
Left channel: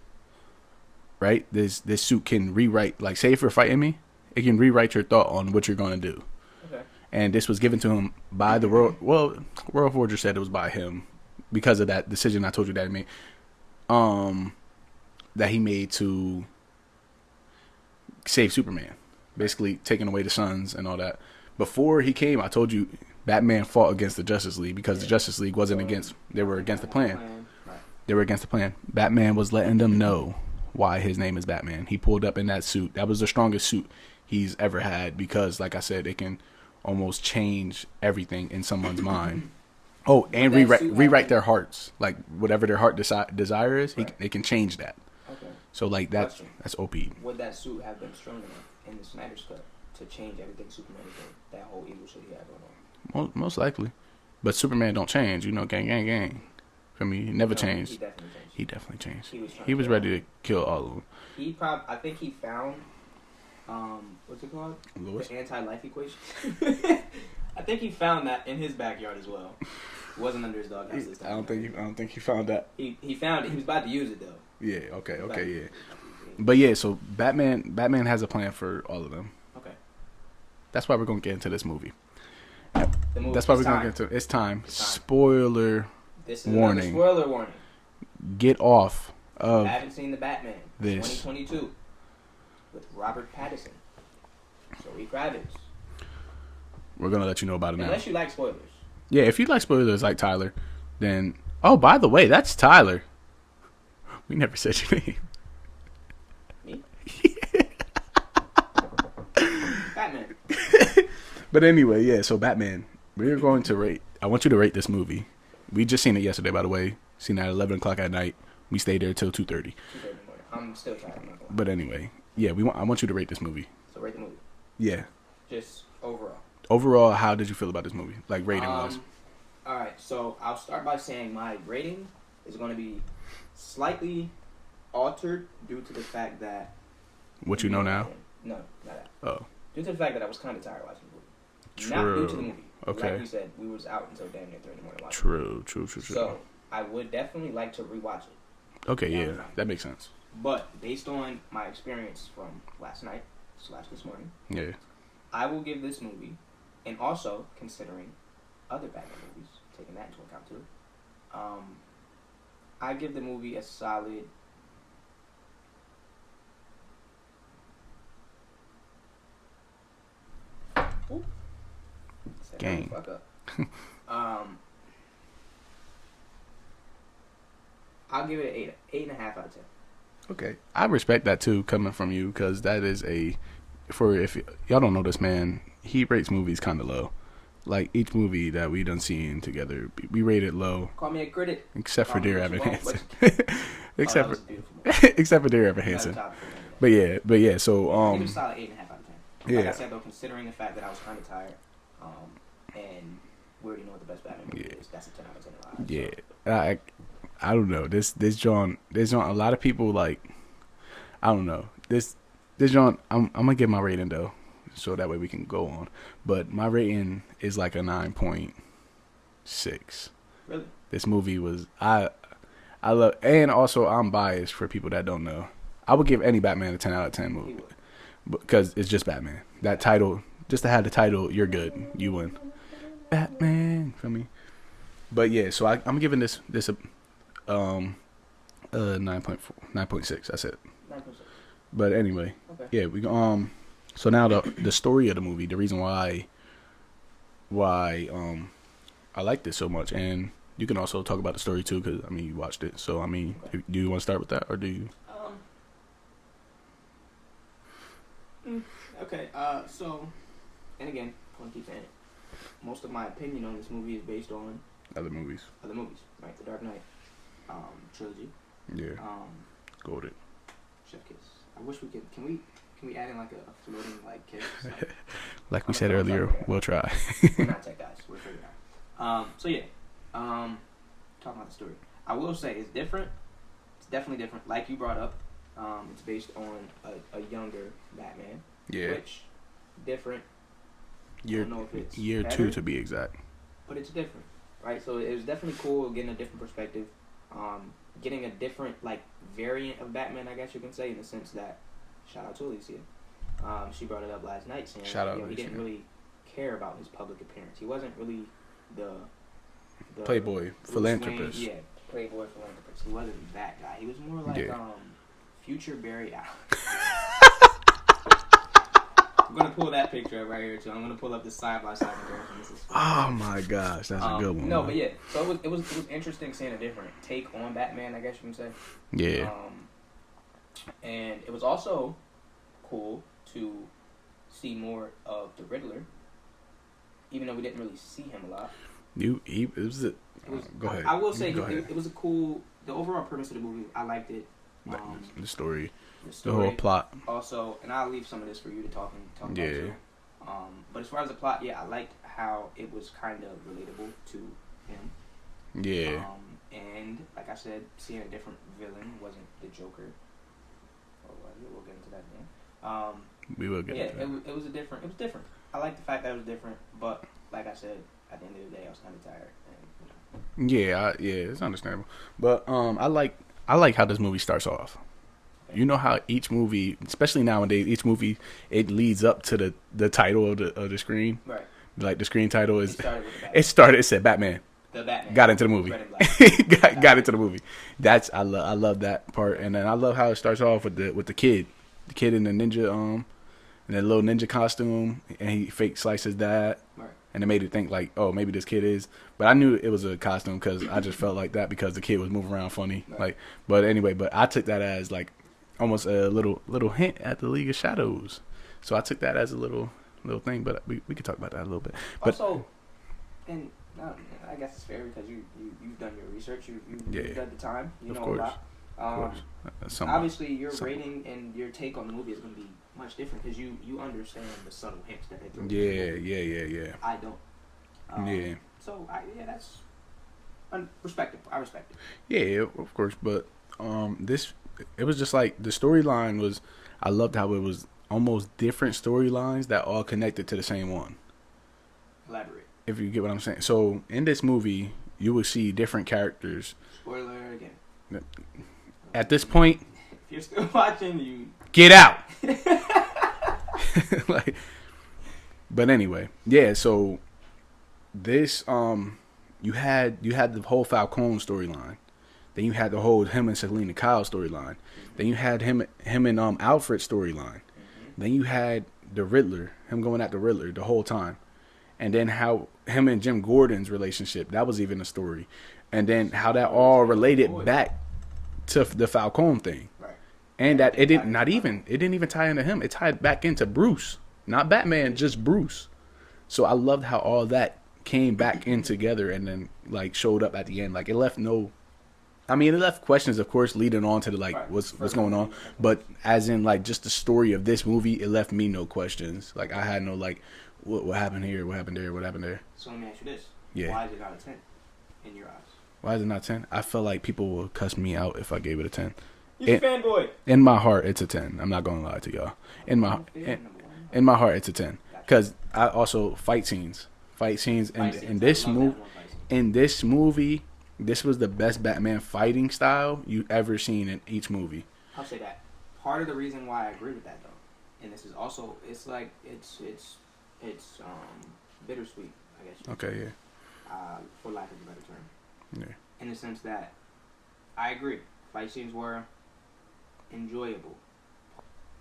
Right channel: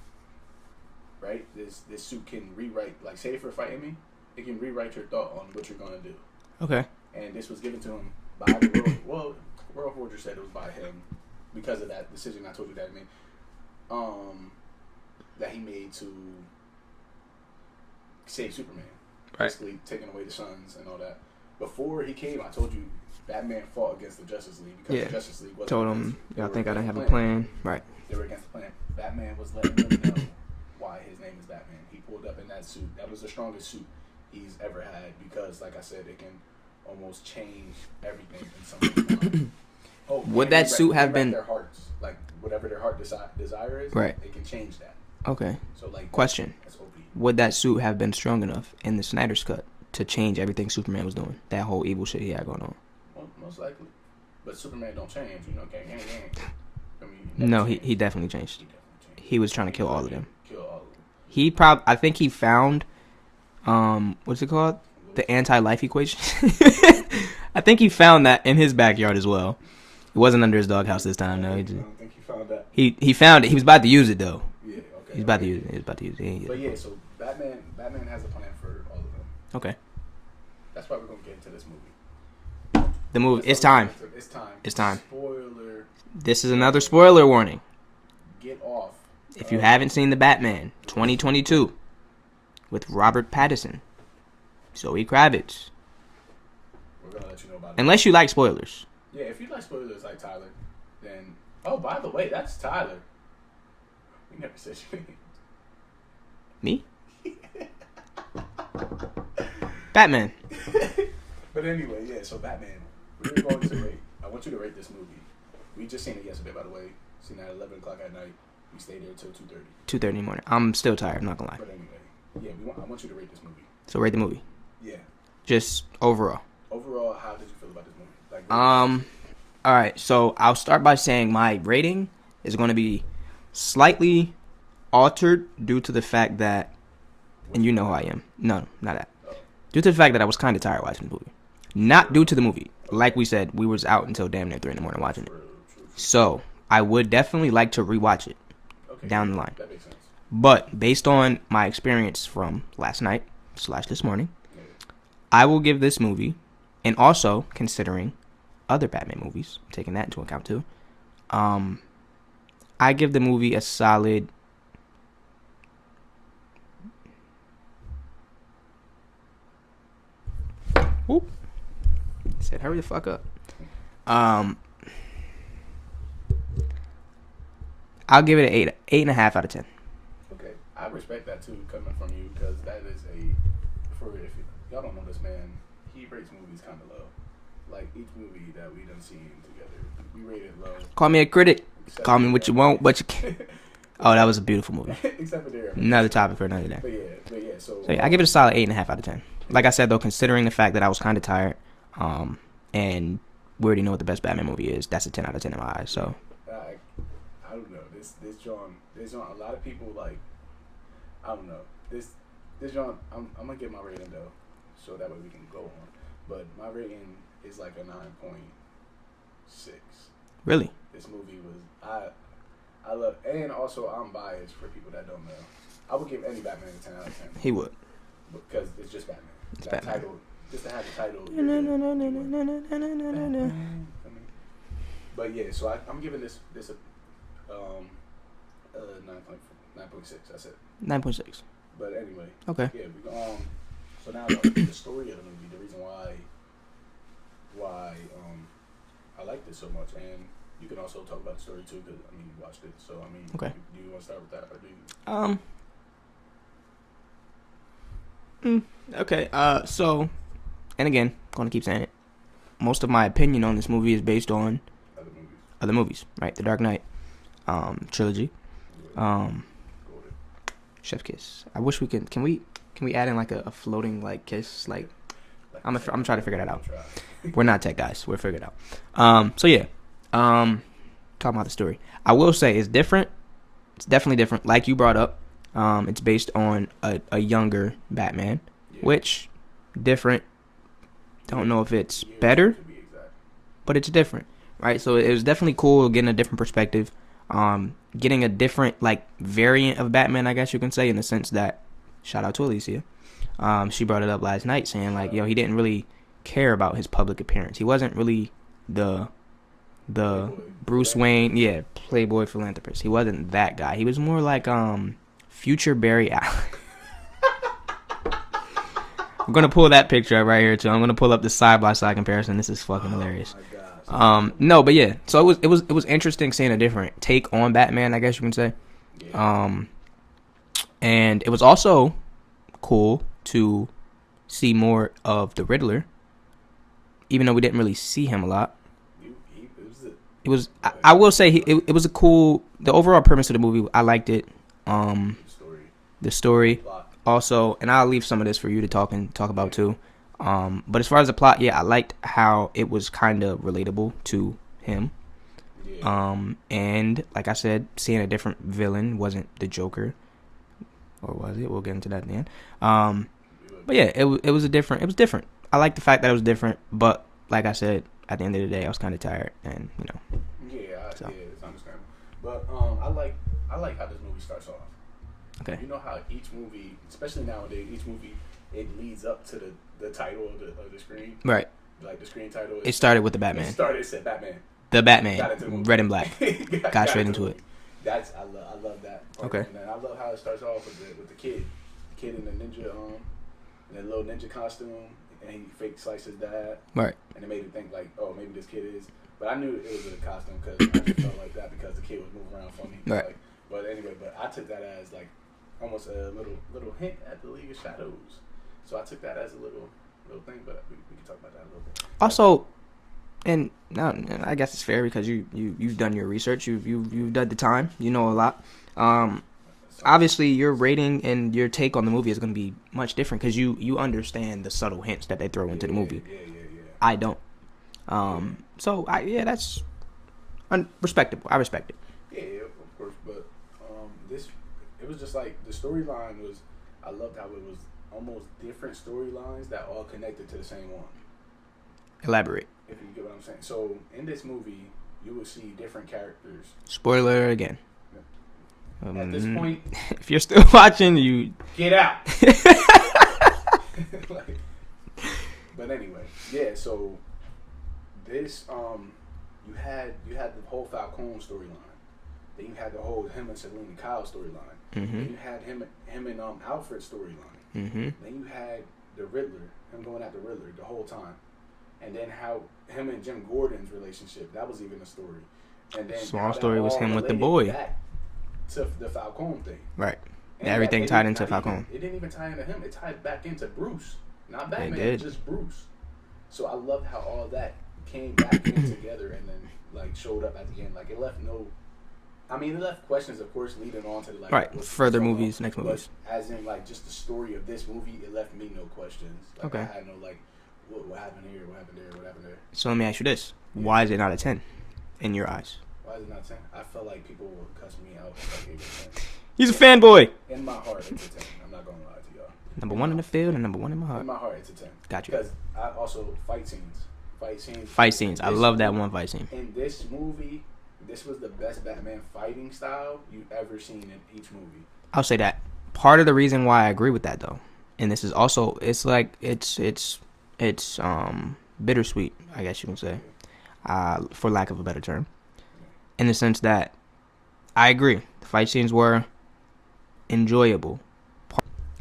right? This suit can rewrite, like, say if you're fighting me, it can rewrite your thought on what you're gonna do. Okay. And this was given to him by the world. Well, World Forger said it was by him because of that decision I told you that he made. That he made to save Superman, basically taking away the suns and all that. Before he came, I told you Batman fought against the Justice League because the Justice League wasn't against. They were against the plan. Right. They were against the plan. Batman was letting them know why his name is Batman. He pulled up in that suit. That was the strongest suit he's ever had because, like I said, it can almost change everything in someone's mind. Oh, Would and that suit have rewrite been- their hearts. Like, whatever their heart desire is, Right. they can change that. Okay. So, like, Question. that's OP. Would that suit have been strong enough in the Snyder's Cut to change everything Superman was doing? That whole evil shit he had going on. Most likely. But Superman don't change. You know, gang, gang, gang. For me, he never changed. He definitely changed. He definitely changed. He was trying to He kill was all ready of to them. kill all of them. I think he found, what's it called? Lois? The anti-life equation. I think he found that in his backyard as well. It wasn't under his doghouse this time. I don't think he found that. He found it. He was about to use it though. Yeah, okay. He's about to yeah. use it. He was about to use it. But yeah, so Batman has a plan for all of them. Okay. That's why we're gonna get into this movie. The movie. That's why It's we're gonna time. get into- It's time. It's time. Spoiler. This is Warning. another spoiler warning. Get off. If you haven't seen The Batman, this. 2022, with Robert Pattinson, Zoe Kravitz. We're gonna let you know about it. Unless you like spoilers. Yeah, if you like spoilers like Tyler, then by the way, that's Tyler. We never said your name. Me? Batman. But anyway, yeah. So Batman, we're going to rate. I want you to rate this movie. We just seen it yesterday, by the way. Seen it at 11 o'clock at night. We stayed there till 2:30. 2:30 in the morning. I'm still tired. I'm not gonna lie. But anyway, yeah. I want you to rate this movie. So rate the movie. Yeah. Just overall. Overall, how did you feel about this movie? Like rating. All right. So I'll start by saying my rating is going to be slightly altered due to the fact that what you know now? I am. No, not that. Oh. Due to the fact that I was kind of tired watching the movie. Not due to the movie. Okay. Like we said, we was out until damn near 3 in the morning watching it. True. So I would definitely like to rewatch it. Okay. down yeah, the line. That makes sense. But based on my experience from last night / this morning, Yeah. I will give this movie, and also considering other Batman movies, taking that into account too, I give the movie a solid. Whoop. Said hurry the fuck up. I'll give it an 8.5 out of 10. Okay. I respect that too, coming from you, because that is if y'all don't know this man, he rates movies kind of low. Like each movie that we done seen together, we rate it low. Call me a critic. Except Call for me Dear what you Evan want, but you Hansen. Oh, that was a beautiful movie. Except for Dear Evan Another Hansen. topic for another day. But yeah. So I give it a solid 8.5 out of 10. Like Yeah. I said though, considering the fact that I was kind of tired, and we already know what the best Batman movie is, that's a 10 out of 10 in my eyes. So I don't know. This John. A lot of people like. I don't know. This John. I'm gonna give my rating though, so that way we can go on. But my rating is like a 9.6. really, This movie was I love, and also I'm biased for people that don't know. I would give any Batman a 10 out of 10 movie. he would. Because it's just Batman. That title, just to have the title, you're good. You win. Batman, feel me? But yeah, so I'm giving this a 9.6. That's it. 9.6. But anyway, Okay. yeah, we so now the story of the movie, the reason why I like this so much, and you can also talk about the story too, because I mean you watched it. So I mean, Okay. do you want to start with that, or do you? Okay. So, and again, gonna keep saying it. Most of my opinion on this movie is based on Other movies, right? The Dark Knight, trilogy. yeah, goated. Chef kiss. I wish we could. Can we add in like a floating like kiss? Like Like I'm we said trying to earlier, figure that we'll out. try. we're not tech guys. We'll figure it out. So yeah. Talking about the story. I will say it's different. It's definitely different. Like you brought up, it's based on a younger Batman, Yeah. which different. Don't Year- know if it's year better, 2 to be exact. but it's different, right? So it was definitely cool getting a different perspective. getting a different like variant of Batman, I guess you can say, in the sense that, shout out to Alicia, she brought it up last night saying Shout like, out. yo, he didn't really care about his public appearance. He wasn't really the Playboy, Bruce Wayne, philanthropist. playboy philanthropist. He wasn't that guy. He was more like Yeah. future Barry Allen. I'm gonna pull that picture up right here too. I'm gonna pull up the side by side comparison. This is fucking Oh hilarious. my gosh. That's a good one. No, but yeah. So it was interesting seeing a different take on Batman, I guess you can say. Yeah. And it was also cool to see more of the Riddler, even though we didn't really see him a lot. It was. It was. Go ahead. I will say Go ahead. it was a cool. The overall premise of the movie, I liked it. The story. The story whole plot. also, and I'll leave some of this for you to talk about Yeah. too. But as far as the plot, yeah, I liked how it was kind of relatable to him. Yeah. And like I said, seeing a different villain wasn't the Joker, or was it? We'll get into that at the end. We would. But yeah, it was different. I like the fact that it was different, but like I said, at the end of the day, I was kind of tired, and you know. Yeah. So. Yeah. It's understandable. But I like how this movie starts off. Okay. You know how each movie, especially nowadays, each movie it leads up to the title of the screen. Right. Like the screen title is. It started with the Batman. It said Batman. The Batman Got into the movie. Red and black. got into the into movie. I love that part, Okay. and then I love how it starts off with the kid in the ninja in the little ninja costume, and he fake slices that, Right. and it made it think like, oh, maybe this kid is. But I knew it was a costume because I just felt like that because the kid was moving around funny. Right. Like, but anyway, I took that as like almost a little hint at the League of Shadows. So I took that as a little thing, but we could talk about that a little bit. Also, and now I guess it's fair because you've done your research. You've done the time. You know a lot. Obviously, your rating and your take on the movie is going to be much different because you understand the subtle hints that they throw into the movie. Yeah. I don't. Yeah. So that's respectable. I respect it. Yeah, of course, but it was just like the storyline was. I loved how it was almost different storylines that all connected to the same one. Elaborate. If you get what I'm saying. So in this movie, you will see different characters. Spoiler again. At this point, if you're still watching, you get out. Like, but anyway, yeah. So this you had the whole Falcone storyline. Then you had the whole him and Selena Kyle storyline. Mm-hmm. Then you had him and Alfred storyline. Mm-hmm. Then you had the Riddler, him going at the Riddler the whole time. And then how him and Jim Gordon's relationship, that was even a story. And then So how the that story was all him with the related boy. back to the Falcone thing. Right. And that Everything it tied didn't into not even Falcone. it didn't even tie into him. It tied back into Bruce. Not Batman, did. just Bruce. So I loved how all that came back in together and then like showed up at the end. Like it left questions, of course, leading on to the like Right. what's Further going movies, on. next But movies. as in like just the story of this movie, it left me no questions. Like Okay. I had no like what happened here, what happened there, what happened there. So let me ask you this: Yeah. Why is it not a 10 in your eyes? Why is it not 10? I feel like people will cuss me out if I gave it a 10. He's a It- fanboy. In my heart, it's a 10. I'm not going to lie to y'all. Number one in the field and number one in my heart. In my heart, it's a 10. Gotcha. Because I also fight scenes. Fight in scenes. I this love that mov- one fight scene. In this movie, this was the best Batman fighting style you ever seen in each movie. I'll say that. Part of the reason why I agree with that though, and this is also it's bittersweet, I guess you can say, for lack of a better term, Yeah. in the sense that I agree. The fight scenes were enjoyable.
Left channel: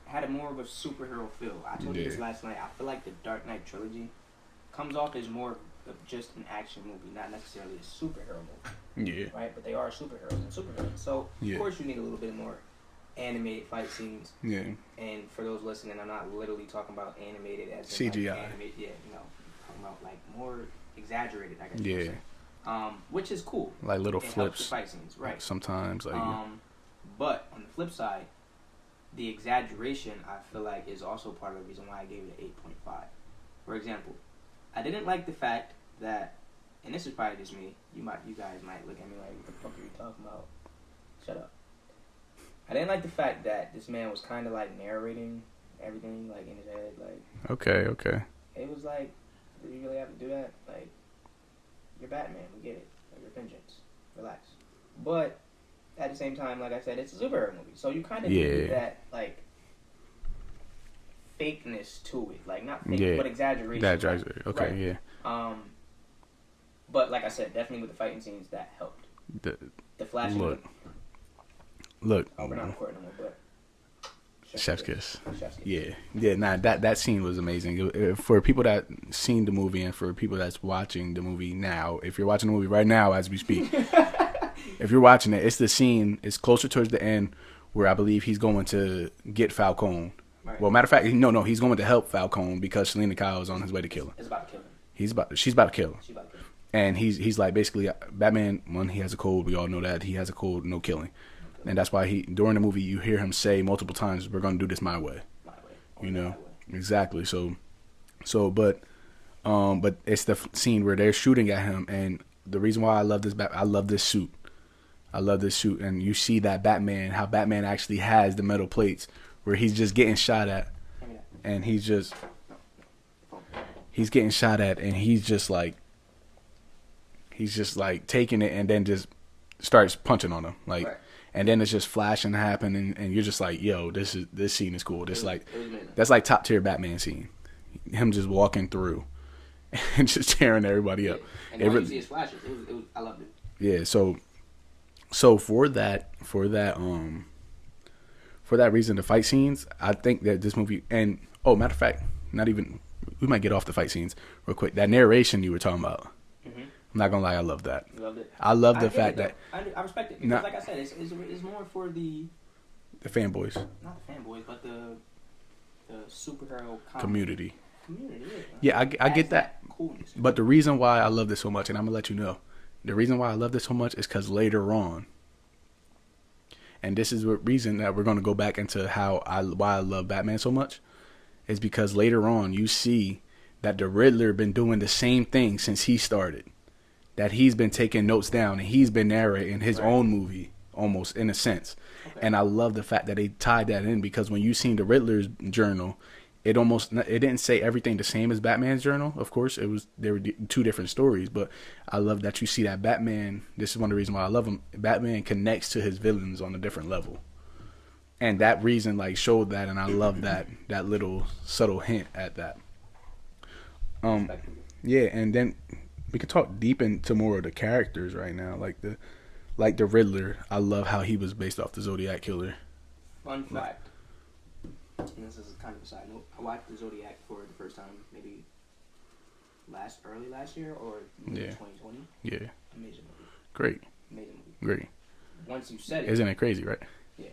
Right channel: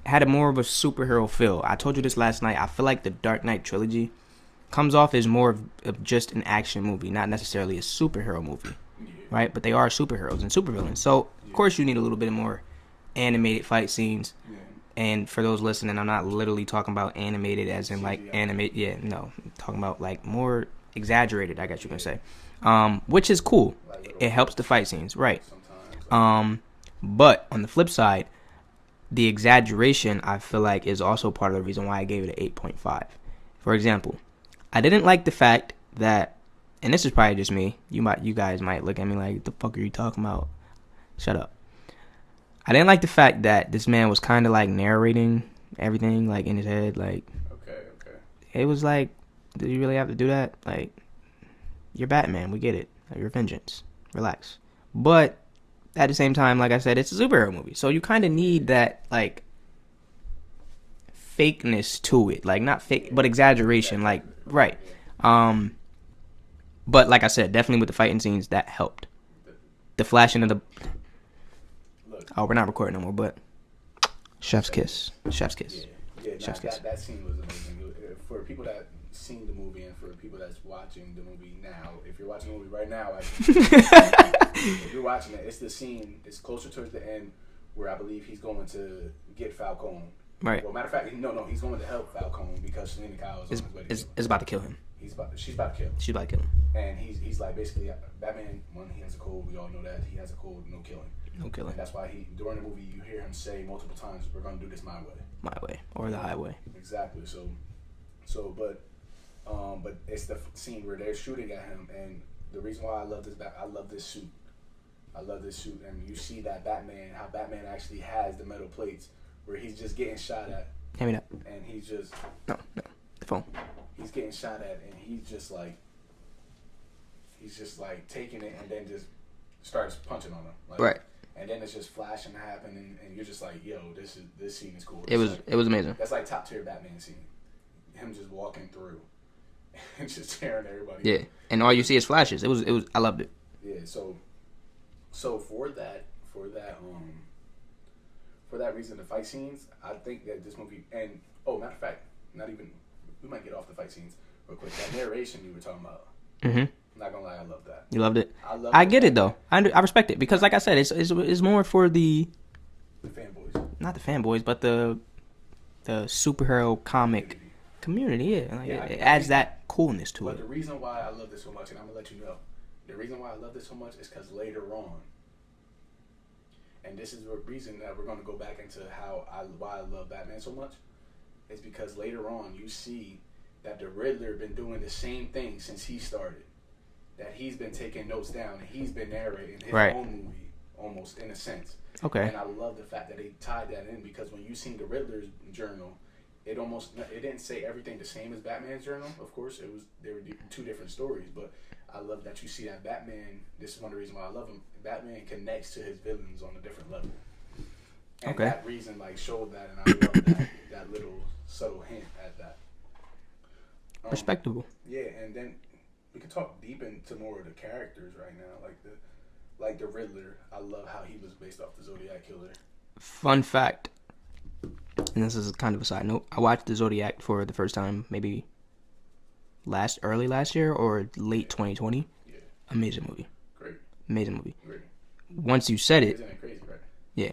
Had a more of a superhero feel. I told you this Yeah. last night. I feel like the Dark Knight trilogy comes off as more of just an action movie, not necessarily a superhero movie, Yeah. right? But they are superheroes and supervillains. So, Yeah. of course, you need a little bit more animated fight scenes. Yeah. And for those listening, I'm not literally talking about animated as in like CGI. animate. Yeah, no, I'm talking about like more exaggerated, I guess you can Yeah. say. Which is cool. Like little It helps the flips fight scenes, right? sometimes. Like, But on the flip side, the exaggeration I feel like is also part of the reason why I gave it an 8.5. For example, I didn't like the fact that, and this is probably just me. You guys might look at me like, "What the fuck are you talking about?" Shut up. I didn't like the fact that this man was kind of like narrating everything like in his head. Like okay. it was like, did you really have to do that? Like, you're Batman. We get it. Like, you're vengeance. Relax. But at the same time, like I said, it's a superhero movie, so you kind of need that like fakeness to it, like not fake, but exaggeration, like okay, right. Yeah. But like I said, definitely with the fighting scenes that helped. The flashing of the look. Oh, we're not recording no more, but Chef's kiss. Chef's kiss. Yeah. Nah, that scene was amazing. For people that seen the movie and for people that's watching the movie now, if you're watching the movie right now as we speak, if you're watching it, it's the scene. It's closer towards the end where I believe he's going to get Falcone. Right. Well, matter of fact, no, he's going to help Falcone because Selena Kyle is on his way to kill him. It's about to kill him. She's about to kill him. She's about to kill him. And he's like basically Batman. One, he has a code. We all know that he has a code. No killing. No killing. And that's why during the movie you hear him say multiple times, "We're going to do this my way." My way or the highway. Exactly. But it's the scene where they're shooting at him, and the reason why I love this suit. I love this suit, and you see that how Batman actually has the metal plates, where he's just getting shot at. Hand me that. And he's just no, the phone. He's getting shot at, and he's just like taking it, and then just starts punching on him, like, right. And then it's just flashing happening, and you're just like, yo, this scene is cool. It was amazing. That's like top tier Batman scene. Him just walking through and just tearing everybody up. And all you see is flashes. It was. I loved it. Yeah. So for that reason, the fight scenes, I think that this movie, and matter of fact, we might get off the fight scenes real quick. That narration you were talking about. Mm-hmm. I'm not gonna lie, I love that. You loved it. I get it though. I respect it because, like I said, it's more for the fanboys, not the fanboys, but the superhero comic community. Yeah, yeah. I get that coolness to it. But the reason why I love this so much, and I'm gonna let you know, the reason why I love this so much is because later on, and this is the reason that we're gonna go back into why I love Batman so much, is because later on you see that the Riddler been doing the same thing since he started. That he's been taking notes down and he's been narrating his own movie, almost in a sense. Okay. And I love the fact that they tied that in, because when you seen the Riddler's journal, it didn't say everything the same as Batman's journal. Of course, there were two different stories, but I love that you see that Batman. This is one of the reasons why I love him. Batman connects to his villains on a different level. And that reason showed that, and I love that little subtle hint at that. Respectable. Yeah, and then we could talk deep into more of the characters right now, like the Riddler. I love how he was based off the Zodiac killer. Fun fact, and this is kind of a side note, I watched the Zodiac for the first time maybe early last year or late 2020. Yeah. Amazing movie. Great. Amazing movie. Great. Once you said it, isn't it crazy, right? Yeah.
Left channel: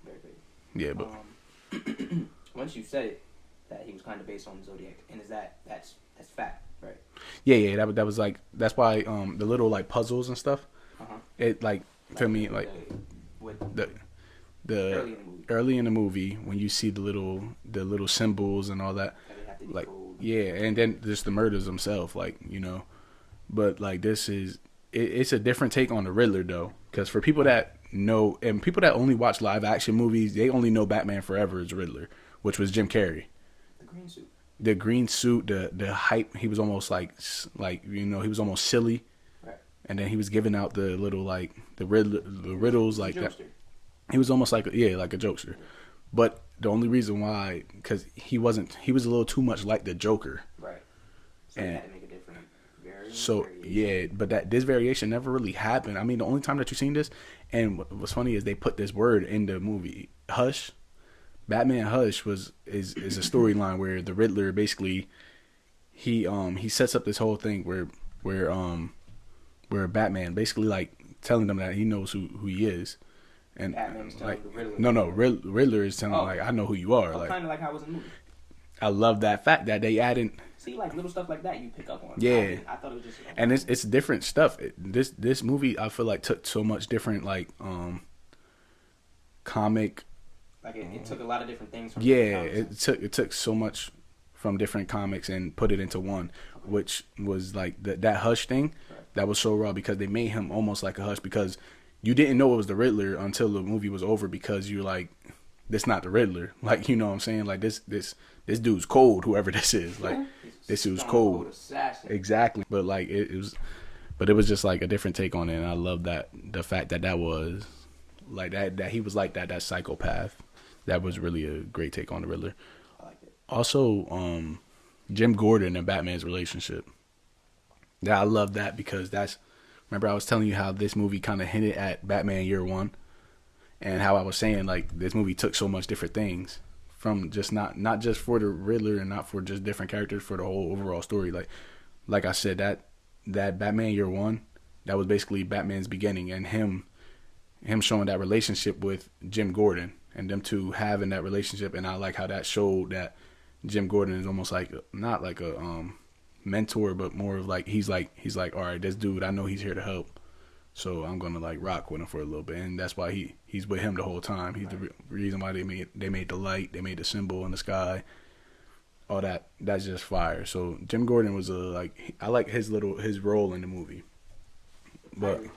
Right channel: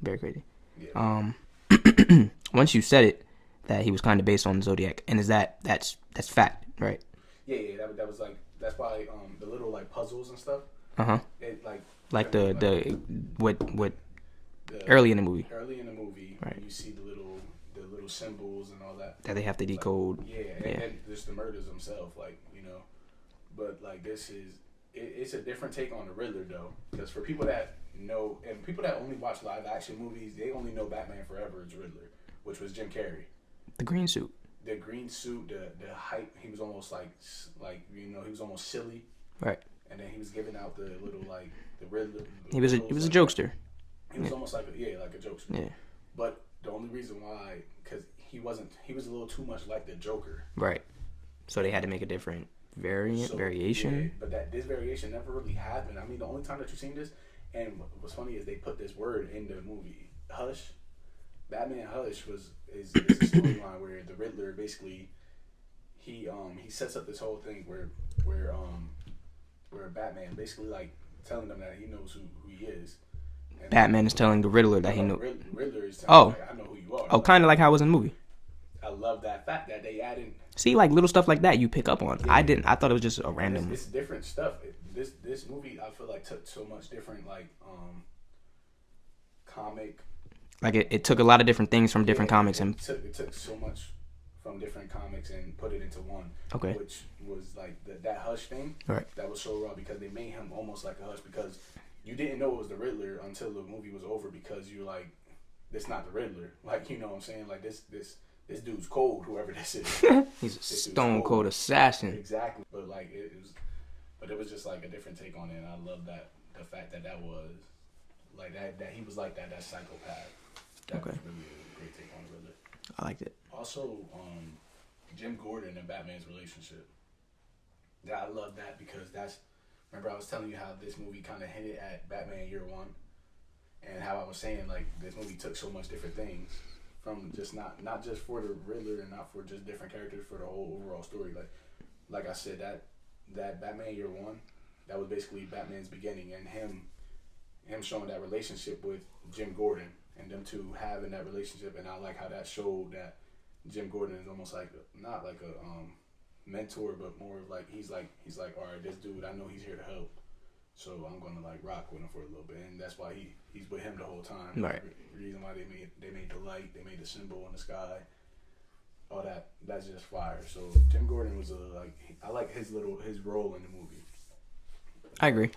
Very crazy. Yeah. But... once you said it, that he was kind of based on Zodiac, and that's fact, right? Yeah. That was that's why the little puzzles and stuff. It early in the movie. Early in the movie, when you see the little symbols and all that they have to decode. Then just the murders themselves, but this is it's a different take on the Riddler though, because for people that know and people that only watch live action movies, they only know Batman Forever as Riddler, which was Jim Carrey. The green suit. The hype. He was almost he was almost silly, right? And then he was giving out the little the Riddler. He was a jokester. He was almost like a jokester. Yeah. But the only reason why, because he was a little too much like the Joker. Right. So they had to make a different variation. Yeah, but this variation never really happened. I mean, the only time that you've seen this, and what's funny is they put this word in the movie, Hush. Batman Hush is a storyline where the Riddler basically he sets up this whole thing where Batman basically telling them that he knows who he is. And Batman is telling the Riddler. Riddler is telling I know who you are. Oh, kind of like how it was in the movie. I love that fact that they added. See, little stuff like that you pick up on. Yeah. I didn't. I thought it was just. And it's different stuff. This movie I feel took so much different comic. It took a lot of different things from different comics. It took so much from different comics and put it into one. Okay. Which was that Hush thing. Right. That was so raw because they made him almost like a Hush because you didn't know it was the Riddler until the movie was over because you're this not the Riddler. You know what I'm saying? This dude's cold, whoever this is. He's a stone cold assassin. Exactly. But it was But it was just like a different take on it, and I love that the fact that that was like that he was like that psychopath. That was really a great take on the Riddler. I liked it. Also, Jim Gordon and Batman's relationship. That I love that because remember I was telling you how this movie kind of hinted at Batman Year One, and how I was saying like this movie took so much different things from just not just for the Riddler and not for just different characters, for the whole overall story. Like I said, that Batman Year One, that was basically Batman's beginning, and him showing that relationship with Jim Gordon and them two having that relationship. And I like how that showed that Jim Gordon is almost like not like a mentor, but more of like he's like all right, this dude, I know he's here to help, so I'm gonna like rock with him for a little bit. And that's why he's with him the whole time. He's the reason why they made the light, they made the symbol in the sky, all that's just fire. So Jim Gordon was I like his role in the movie. But, I agree.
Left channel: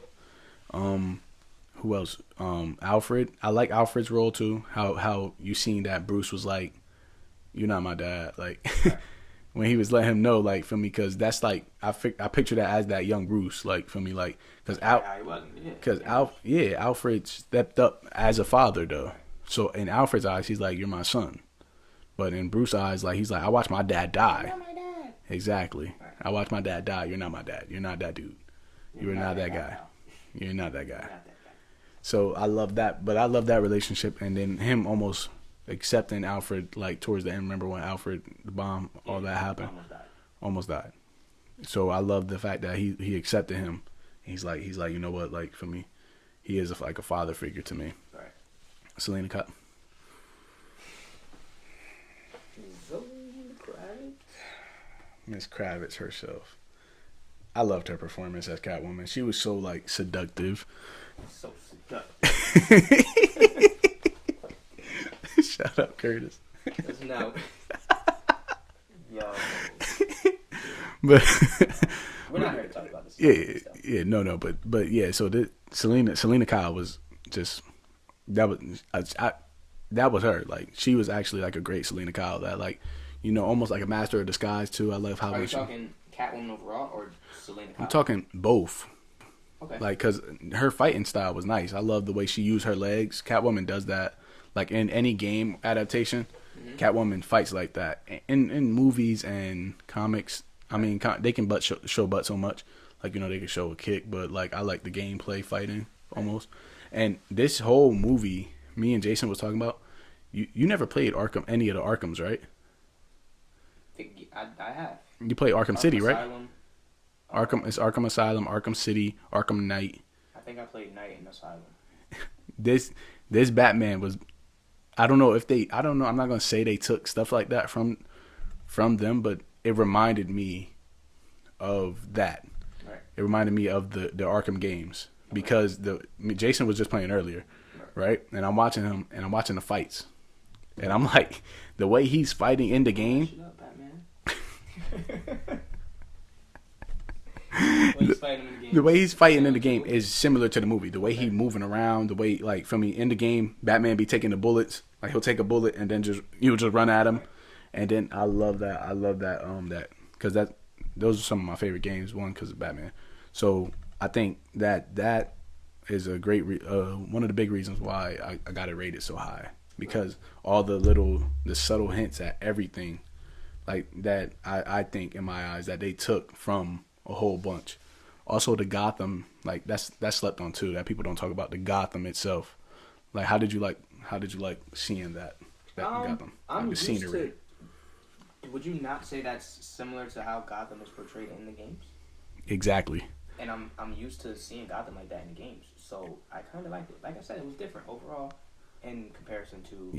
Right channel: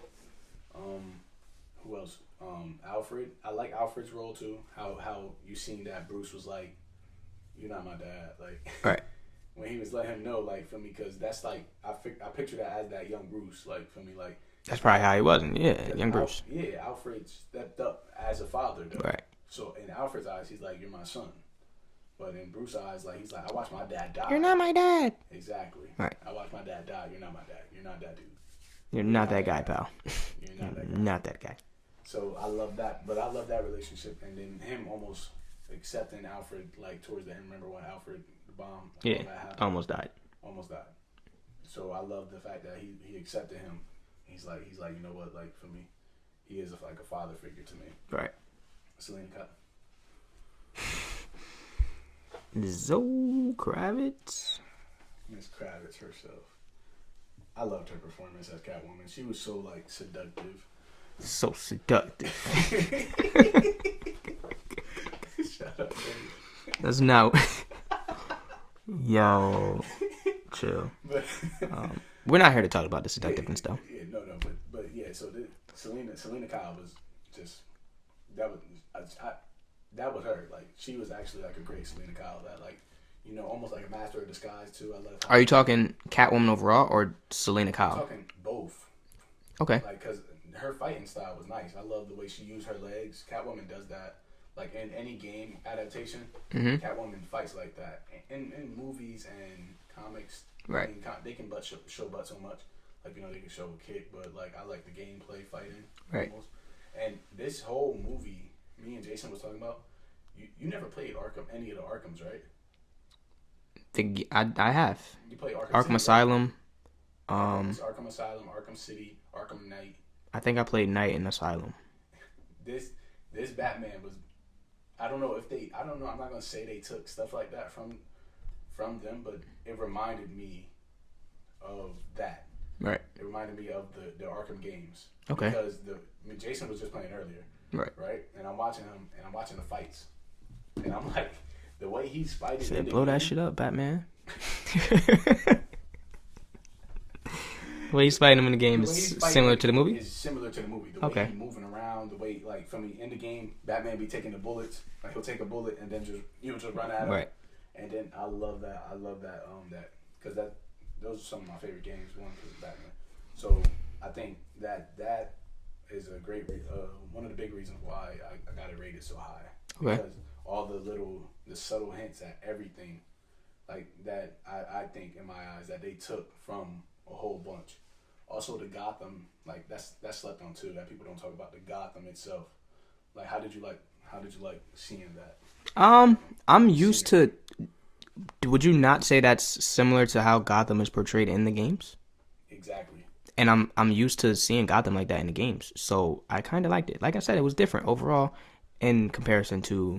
Who else? Alfred. I like Alfred's role too. How you seen that Bruce was like, "You're not my dad." Like, right. When he was letting him know, like, for me, because that's like I picture that as that young Bruce, like, for me, like that's probably how he wasn't. Yeah, because Bruce. Alfred stepped up as a father though. Right. So in Alfred's eyes, he's like, "You're my son," but in Bruce's eyes, like he's like, "I watched my dad die." You're not my dad. Exactly. Right. I watched my dad die. You're not my dad. You're not that dude. You're not that guy, pal. You're not that guy. Not that guy. So I love that, but I love that relationship, and then him almost accepting Alfred like towards the end. Remember when Alfred the bomb, all that happened, almost died. So I love the fact that he accepted him. He's like you know what, like for me, he is like a father figure to me. Right. Selena Kyle. Zoe Kravitz. Miss Kravitz herself. I loved her performance as Catwoman. She was so like seductive. So seductive. Shut up, Curtis. That's not. Yo. Chill. But we're not here to talk about the seductiveness, though. Yeah, no, but yeah. So Selena Kyle was just that was her. Like she was actually like a great Selena Kyle. That like, you know, almost like a master of disguise too. I love how. Are you talking Catwoman overall or Selena Kyle? I'm talking both. Okay. Like, cause her fighting style was nice. I love the way she used her legs. Catwoman does that. Like in any game adaptation, Catwoman fights like that. In movies and comics, right. I mean, they can show butt so much. Like, you know, they can show a kick, but like I like the gameplay fighting almost. Right. And this whole movie, me and Jason was talking about. You never played any of the Arkhams, right? I have. You played Arkham City, right? Asylum. It's Arkham Asylum, Arkham City, Arkham Knight. I think I played Knight in Asylum. This Batman was, I don't know. I'm not gonna say they took stuff like that from them, but it reminded me of that. Right. It reminded me of the Arkham games because Jason was just playing earlier. Right. And I'm watching him and I'm watching the fights, and I'm like, the way he's fighting in the game. Blow that shit up, Batman. The way he's fighting him in the game. The way he's fighting in the game is similar to the movie. The way he's moving around, the way, like, for me, in the game, Batman be taking the bullets. Like, he'll take a bullet and then you'll just run at him. Right. And then I love that. Because those are some of my favorite games. One, because of Batman. So I think that is a great one of the big reasons why I got it rated so high. Because all the subtle hints at everything, like, that I think in my eyes that they took from a whole bunch. Also, the Gotham, like, that's slept on too. That people don't talk about the Gotham itself. Like, how did you like seeing that? I'm used to. Would you not say that's similar to how Gotham is portrayed in the games? Exactly. And I'm used to seeing Gotham like that in the games, so I kind of liked it. Like I said, it was different overall in comparison to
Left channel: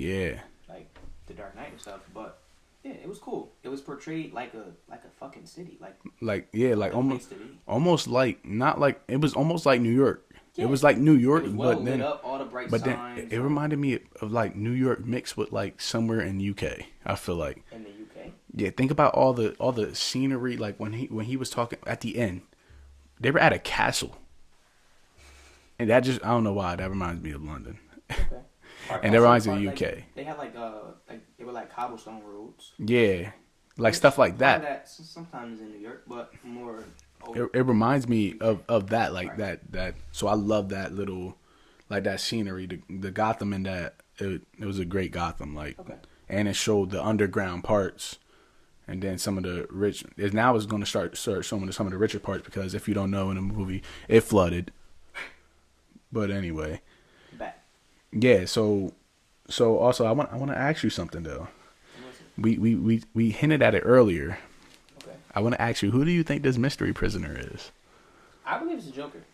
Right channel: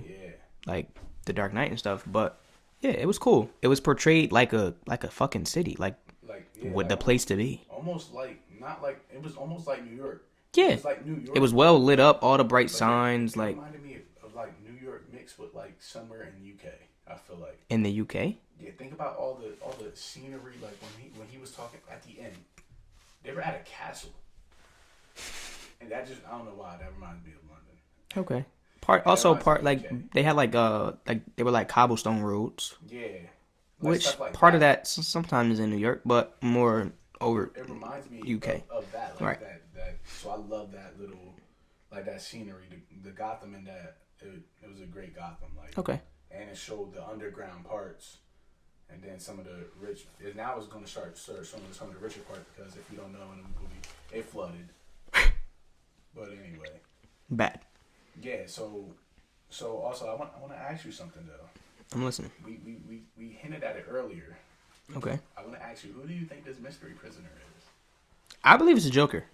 like the Dark Knight and stuff, but. Yeah, it was cool. It was portrayed like a fucking city, like the place to be. Almost like it was almost like New York. Yeah, it was like New York. It was well lit up, all the bright signs. It reminded me of like New York mixed with like somewhere in UK. I feel like in the UK. Yeah, think about all the scenery. Like when he was talking at the end, they were at a castle, and that just I don't know why that reminds me of London. Okay. They had they were like cobblestone roads. Yeah, like stuff like that. Part of that sometimes in New York, but more it reminds me UK. of that, like Right. that. So I love that little, like that scenery, the Gotham in that. It was a great Gotham, like, Okay. and it showed the underground parts, and then some of the rich. Now it's going to start showing some of the richer parts because if you don't know, in the movie it flooded. But anyway, Bad. yeah. So also I want to ask you something though. I'm listening. We hinted at it earlier. Okay. I want to ask you, who do you think this mystery prisoner is? I believe it's a Joker.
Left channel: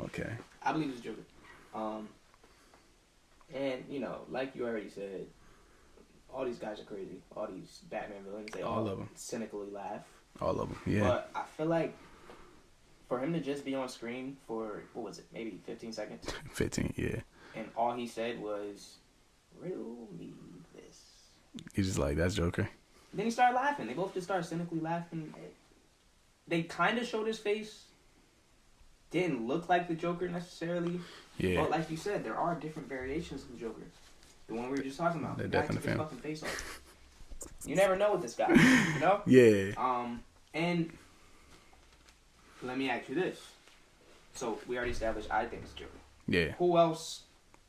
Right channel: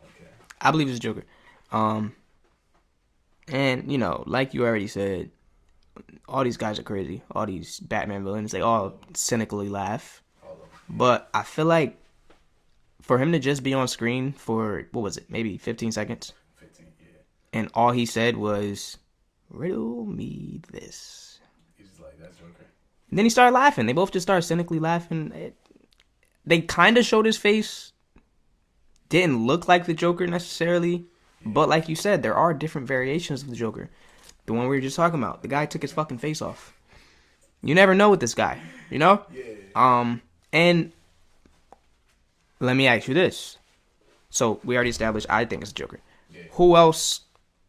Okay. I believe it's a Joker. And you know, like you already said, all these guys are crazy. All these Batman villains, they all of 'em. cynically laugh. All of them. Yeah. But I feel like for him to just be on screen for what was it, maybe 15 seconds, 15. Yeah. and all he said was, "Riddle me this." He's just like, that's Joker. And then he started laughing. They both just started cynically laughing. They kind of showed his face. Didn't look like the Joker necessarily. Yeah. But like you said, there are different variations of the Joker. The one we were just talking about. The guy took his fucking face off. You never know with this guy, you know? Yeah. And let me ask you this. So we already established I think it's Joker. Yeah. Who else,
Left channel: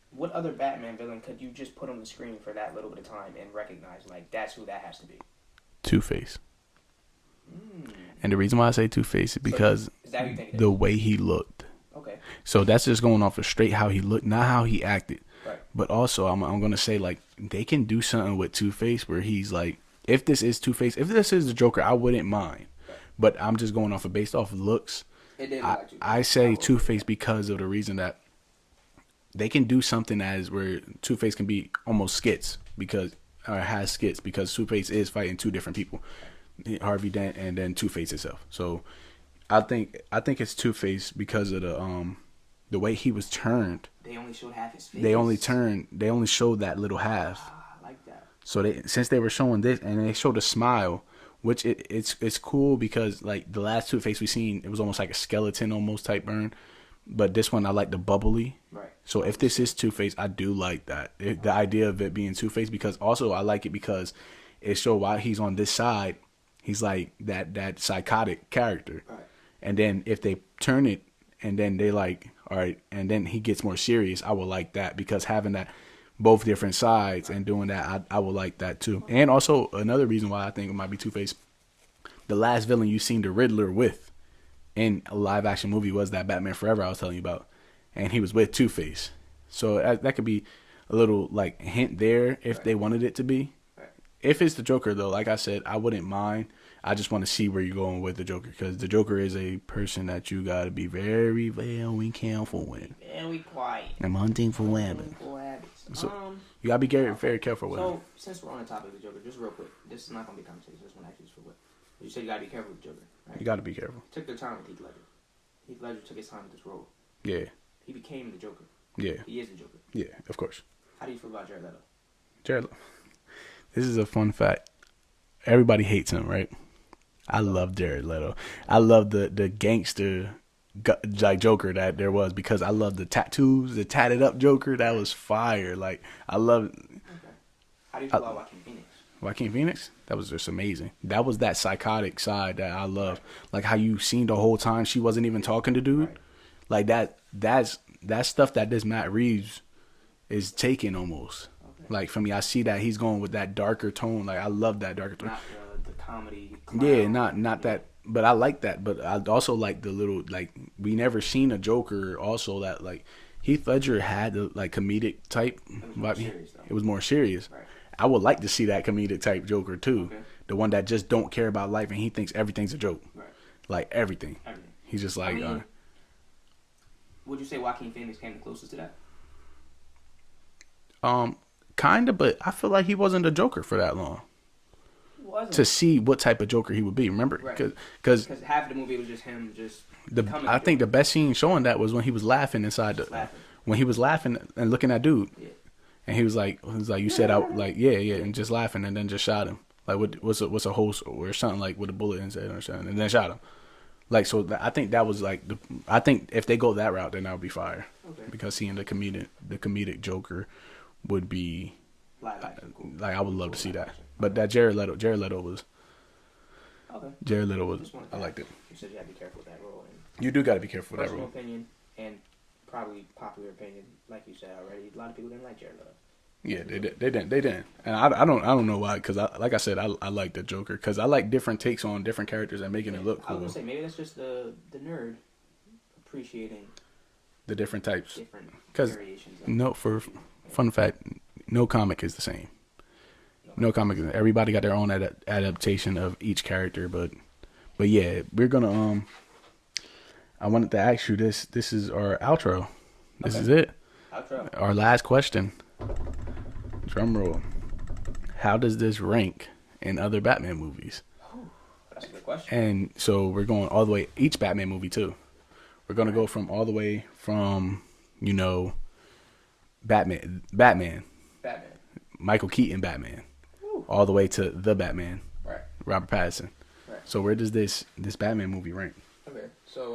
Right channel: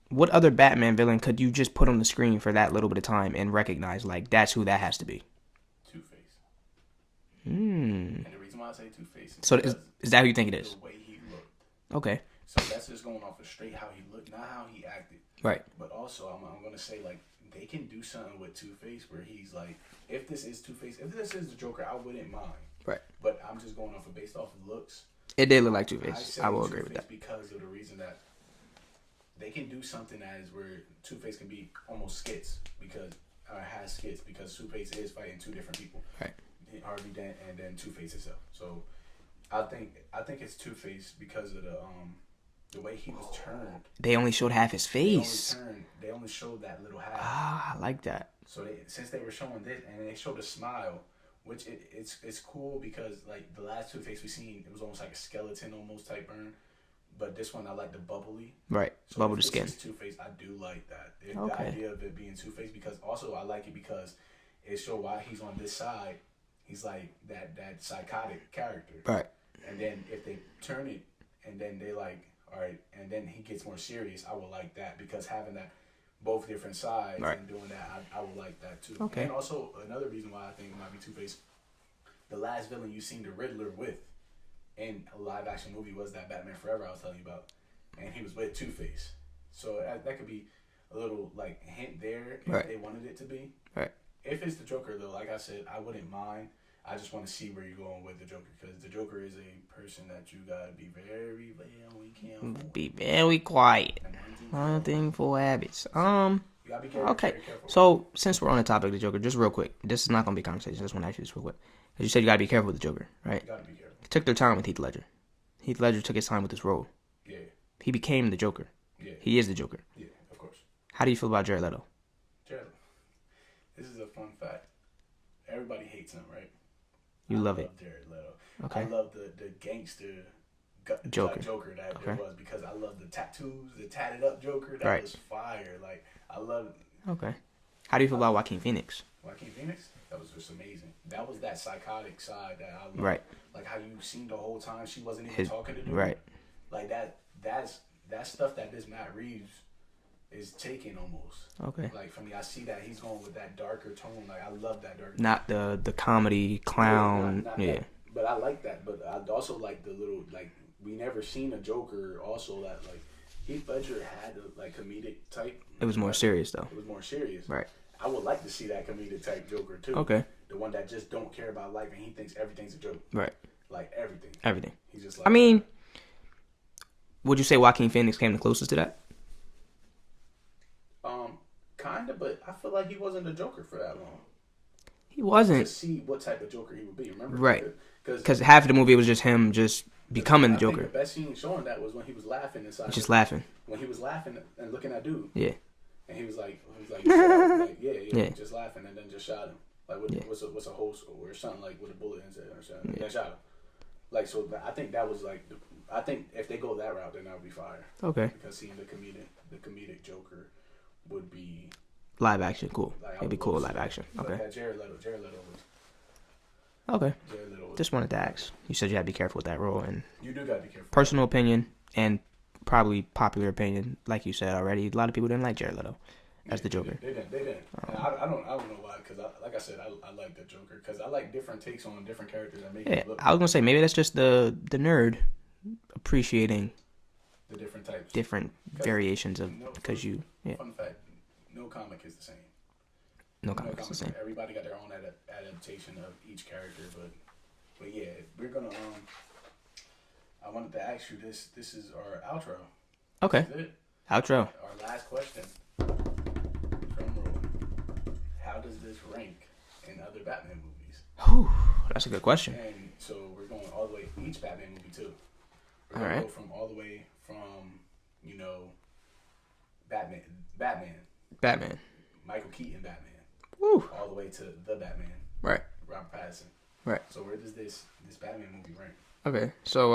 what other Batman villain could you just put on the screen for that little bit of time and recognize, like, that's who that has to be? Two-Face. And the reason why I say Two-Face is So because is that who you think it is? the way he looked. Okay. So that's just going off of straight how he looked, not how he acted. Right. But also, I'm going to say, like, they can do something with Two-Face where he's like, if this is Two-Face, if this is the Joker, I wouldn't mind. Right. But I'm just going off of based off of looks. It did look like Two-Face. I say will agree with Two-Face that. because of the reason that they can do something as where Two-Face can be almost skits because or has skits because Two-Face is fighting two different people, Harvey Dent and then Two-Face itself. So I think it's Two-Face because of the way he was turned. They only showed half his face. They only showed that little half. Ah, I like that. So since they were showing this and they showed a smile, which it's cool because like the last Two-Face we seen, it was almost like a skeleton almost type burn. But this one I like the bubbly. Right. So Bubble if this skin. is Two-Face, I do like that. The Okay. idea of it being Two-Face because also I like it because it showed while he's on this side, he's like that psychotic character. Right. And then if they turn it and then they like, all right, and then he gets more serious, I would like that because having that both different sides and doing that, I would like that too. Okay. And also another reason why I think it might be Two-Face, the last villain you seen the Riddler with in a live action movie was that Batman Forever I was telling you about, and he was with Two-Face. So that could be a little like hint there if they wanted it to be. Right. If it's the Joker though, like I said, I wouldn't mind. I just want to see where you're going with the Joker because the Joker is a person that you got to be very, very careful with. Be very quiet. I'm hunting for habits. You gotta be very careful with So, since we're on the topic of the Joker, just real quick, this is not going to be a conversation. I just want to ask you this real quick. As you said, you got to be careful with the Joker, right? You got to be careful. Took their time with Heath Ledger. Heath Ledger took his time with this role. Yeah. He became the Joker. Yeah. He is the Joker. Yeah, of course. How do you feel about Jared Leto? This is a fun fact. Everybody hates him, right? I love Jared Leto. Okay. I love the gangster Joker that there was because I love the tattoos, the tatted up Joker. That was fire. Like, I love it. Okay. How do you feel about Joaquin Phoenix? Joaquin Phoenix? That was just amazing. That was that psychotic side that I love. Right. Like how you seen the whole time she wasn't even talking to dude. Right. Like that's stuff that this Matt Reeves is taking almost. Okay. Like for me, I see that he's going with that darker tone. Like I love that darker tone. Not the comedy clown. Yeah, not that. But I like that. But I also like the little like we never seen a Joker also that like Heath Ledger had the like comedic type. It was more serious though. It was more serious. Right. I would like to see that comedic type Joker too. Okay. The one that just don't care about life and he thinks everything's a joke. Right. Like everything. Everything. He's just like. I mean, would you say Joaquin Phoenix came the closest to that? Kinda, but I feel like he wasn't a Joker for that long. He wasn't. To see what type of Joker he would be, remember? Right. Because half of the movie was just him becoming the Joker. I think the best scene showing that was when he was laughing inside. Laughing. When he was laughing and looking at dude. Yeah. And he was like, you said out, like, yeah, and just laughing, and then just shot him, like, what's a host or something like with a bullet inside or something, and then shot him, like, so I think that was like I think if they go that route, then that would be fire. Okay. Because seeing the comedic Joker would be live action, cool. Like I would love to see that. Action. But that Jared Leto was. Okay. Jared Leto was. Just wanted to I ask. liked it. You said you had to be careful with that role, and You do got to be careful. personal opinion and probably popular opinion, like you said already. A lot of people didn't like Jared Leto. That's the Joker. They didn't. And I don't know why. Because like I said, I like the Joker because I like different takes on different characters and making it look. I was gonna say maybe that's just the nerd appreciating the different types, different variations of. Fun fact, no comic is the same. No comic. Everybody got their own adaptation of each character, but yeah, we're gonna I wanted to ask you this. This is our outro. This is it. Outro. Our last question. Drum roll. How does this rank in other Batman movies? Whew, that's a good question. And so we're going all the way, each Batman movie too. We're going to go from all the way from, Batman, Michael Keaton Batman, all the way to the Batman, right? Robert Pattinson, right? So where does this Batman movie rank? Okay, so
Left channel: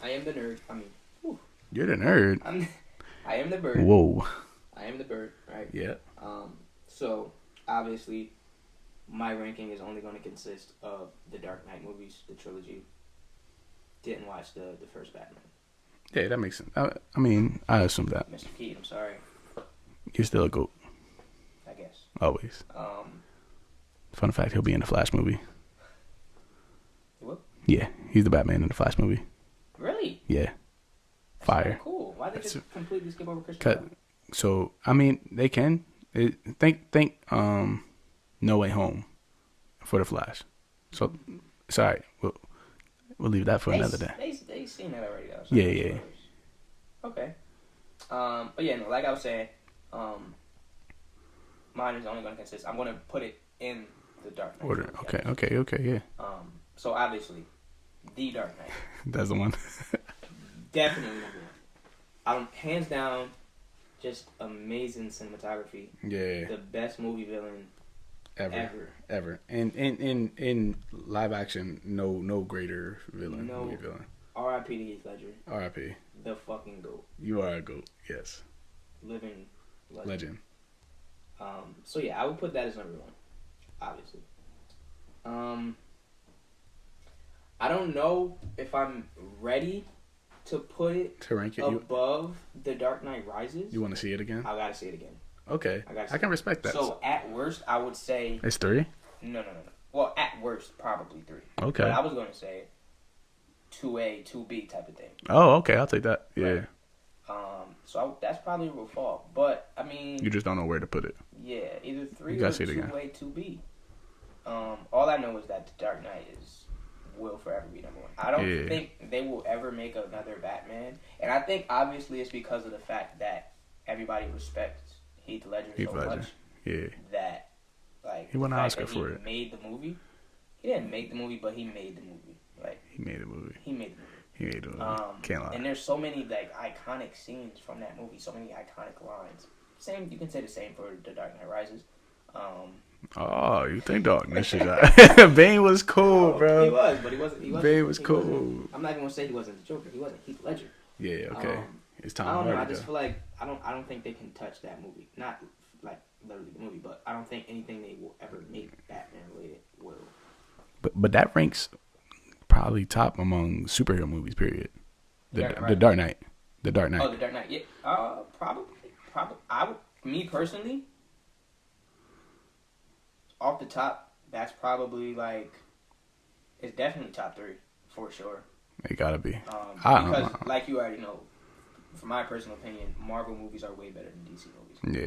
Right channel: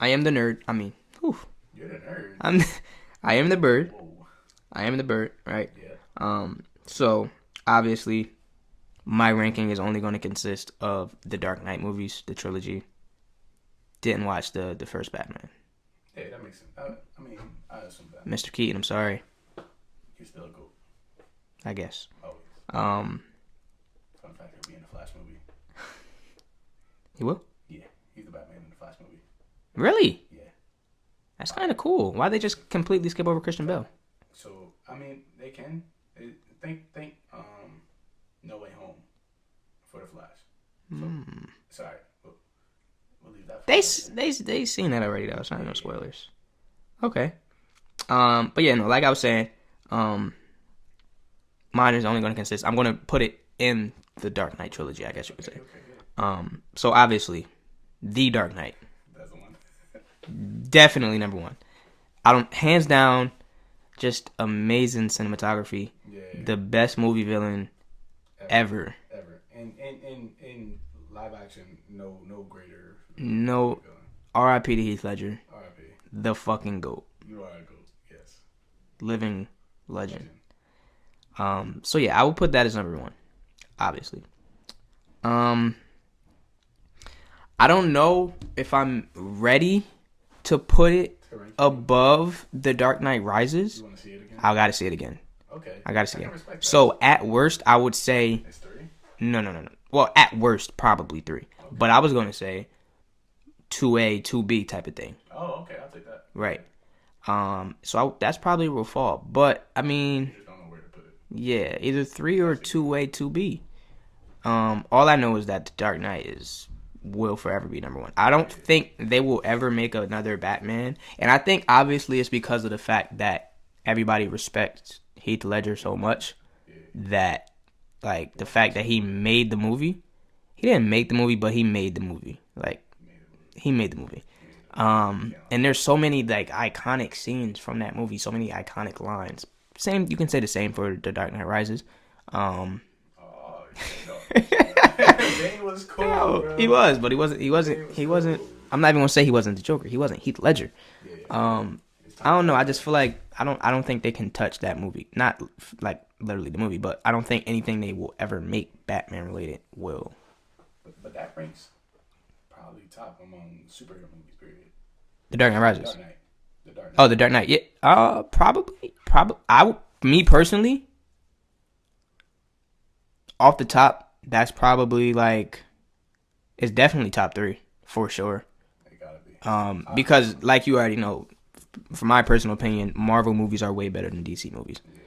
I am the nerd. I mean, you're the nerd. I am the bird. Whoa. I am the bird, right? Yeah. So obviously, my ranking is only going to consist of the Dark Knight movies, the trilogy. Didn't watch the first Batman. Yeah, that makes sense. I mean, I assume that. Mr. Keaton, I'm sorry. You're still a GOAT. I guess. Always. Fun fact, he'll be in the Flash movie. He will? Yeah, he's the Batman in the Flash movie. Really? Yeah. That's kind of cool. Why they just completely skip over Christian Bale? So, I mean, they can. Think No Way Home for the Flash. So, sorry. We'll leave that for another day. They seen that already, though. So no spoilers. Yeah. Okay. But yeah, no, like I was saying, mine is only going to consist. I'm going to put it in the Dark Knight trilogy. Okay, yeah. So obviously, the Dark Knight. That's the one. Definitely number one. Hands down, just amazing cinematography. Yeah. The best movie villain ever. And in live action, no greater villain. No. R.I.P. to Heath Ledger. R.I.P. The fucking GOAT. You are a GOAT. Yes. Living legend. So yeah, I would put that as number one. Obviously. I don't know if I'm ready to put it above The Dark Knight Rises. You want to see it again? I got to see it again. Okay. I got to see it. I can respect that. So at worst, I would say... It's 3? No. Well, at worst, probably 3. Okay. But I was going to say 2A, 2B type of thing. Oh, okay. I'll take that. Yeah. Right. So that's probably where it'll fall. But, I mean... You just don't know where to put it. Yeah. Either 3 or 2A, 2B. All I know is that The Dark Knight will forever be number one. I don't think they will ever make another Batman. And I think, obviously, it's because of the fact that everybody respects Heath Ledger so much that, like, the fact that he made the movie. He didn't make the movie, but he made the movie. Like, he made the movie. And there's so many, like, iconic scenes from that movie. So many iconic lines. You can say the same for The Dark Knight Rises. Oh, you think Darkness? Bane was cool, bro. He was, but he wasn't. I'm not even gonna say he wasn't the Joker. He wasn't Heath Ledger. Yeah. Okay. I don't know. I just feel like I don't think they can touch that movie. Not like literally the movie, but I don't think anything they will ever make Batman related will. But that ranks probably top among superhero movies. Period. The Dark Knight Rises. The Dark Knight. Oh, The Dark Knight. Yeah. Probably. Me personally. Off the top, that's probably it's definitely top 3 for sure. It gotta be. Because like you already know, from my personal opinion, Marvel movies are way better than DC movies. Yeah.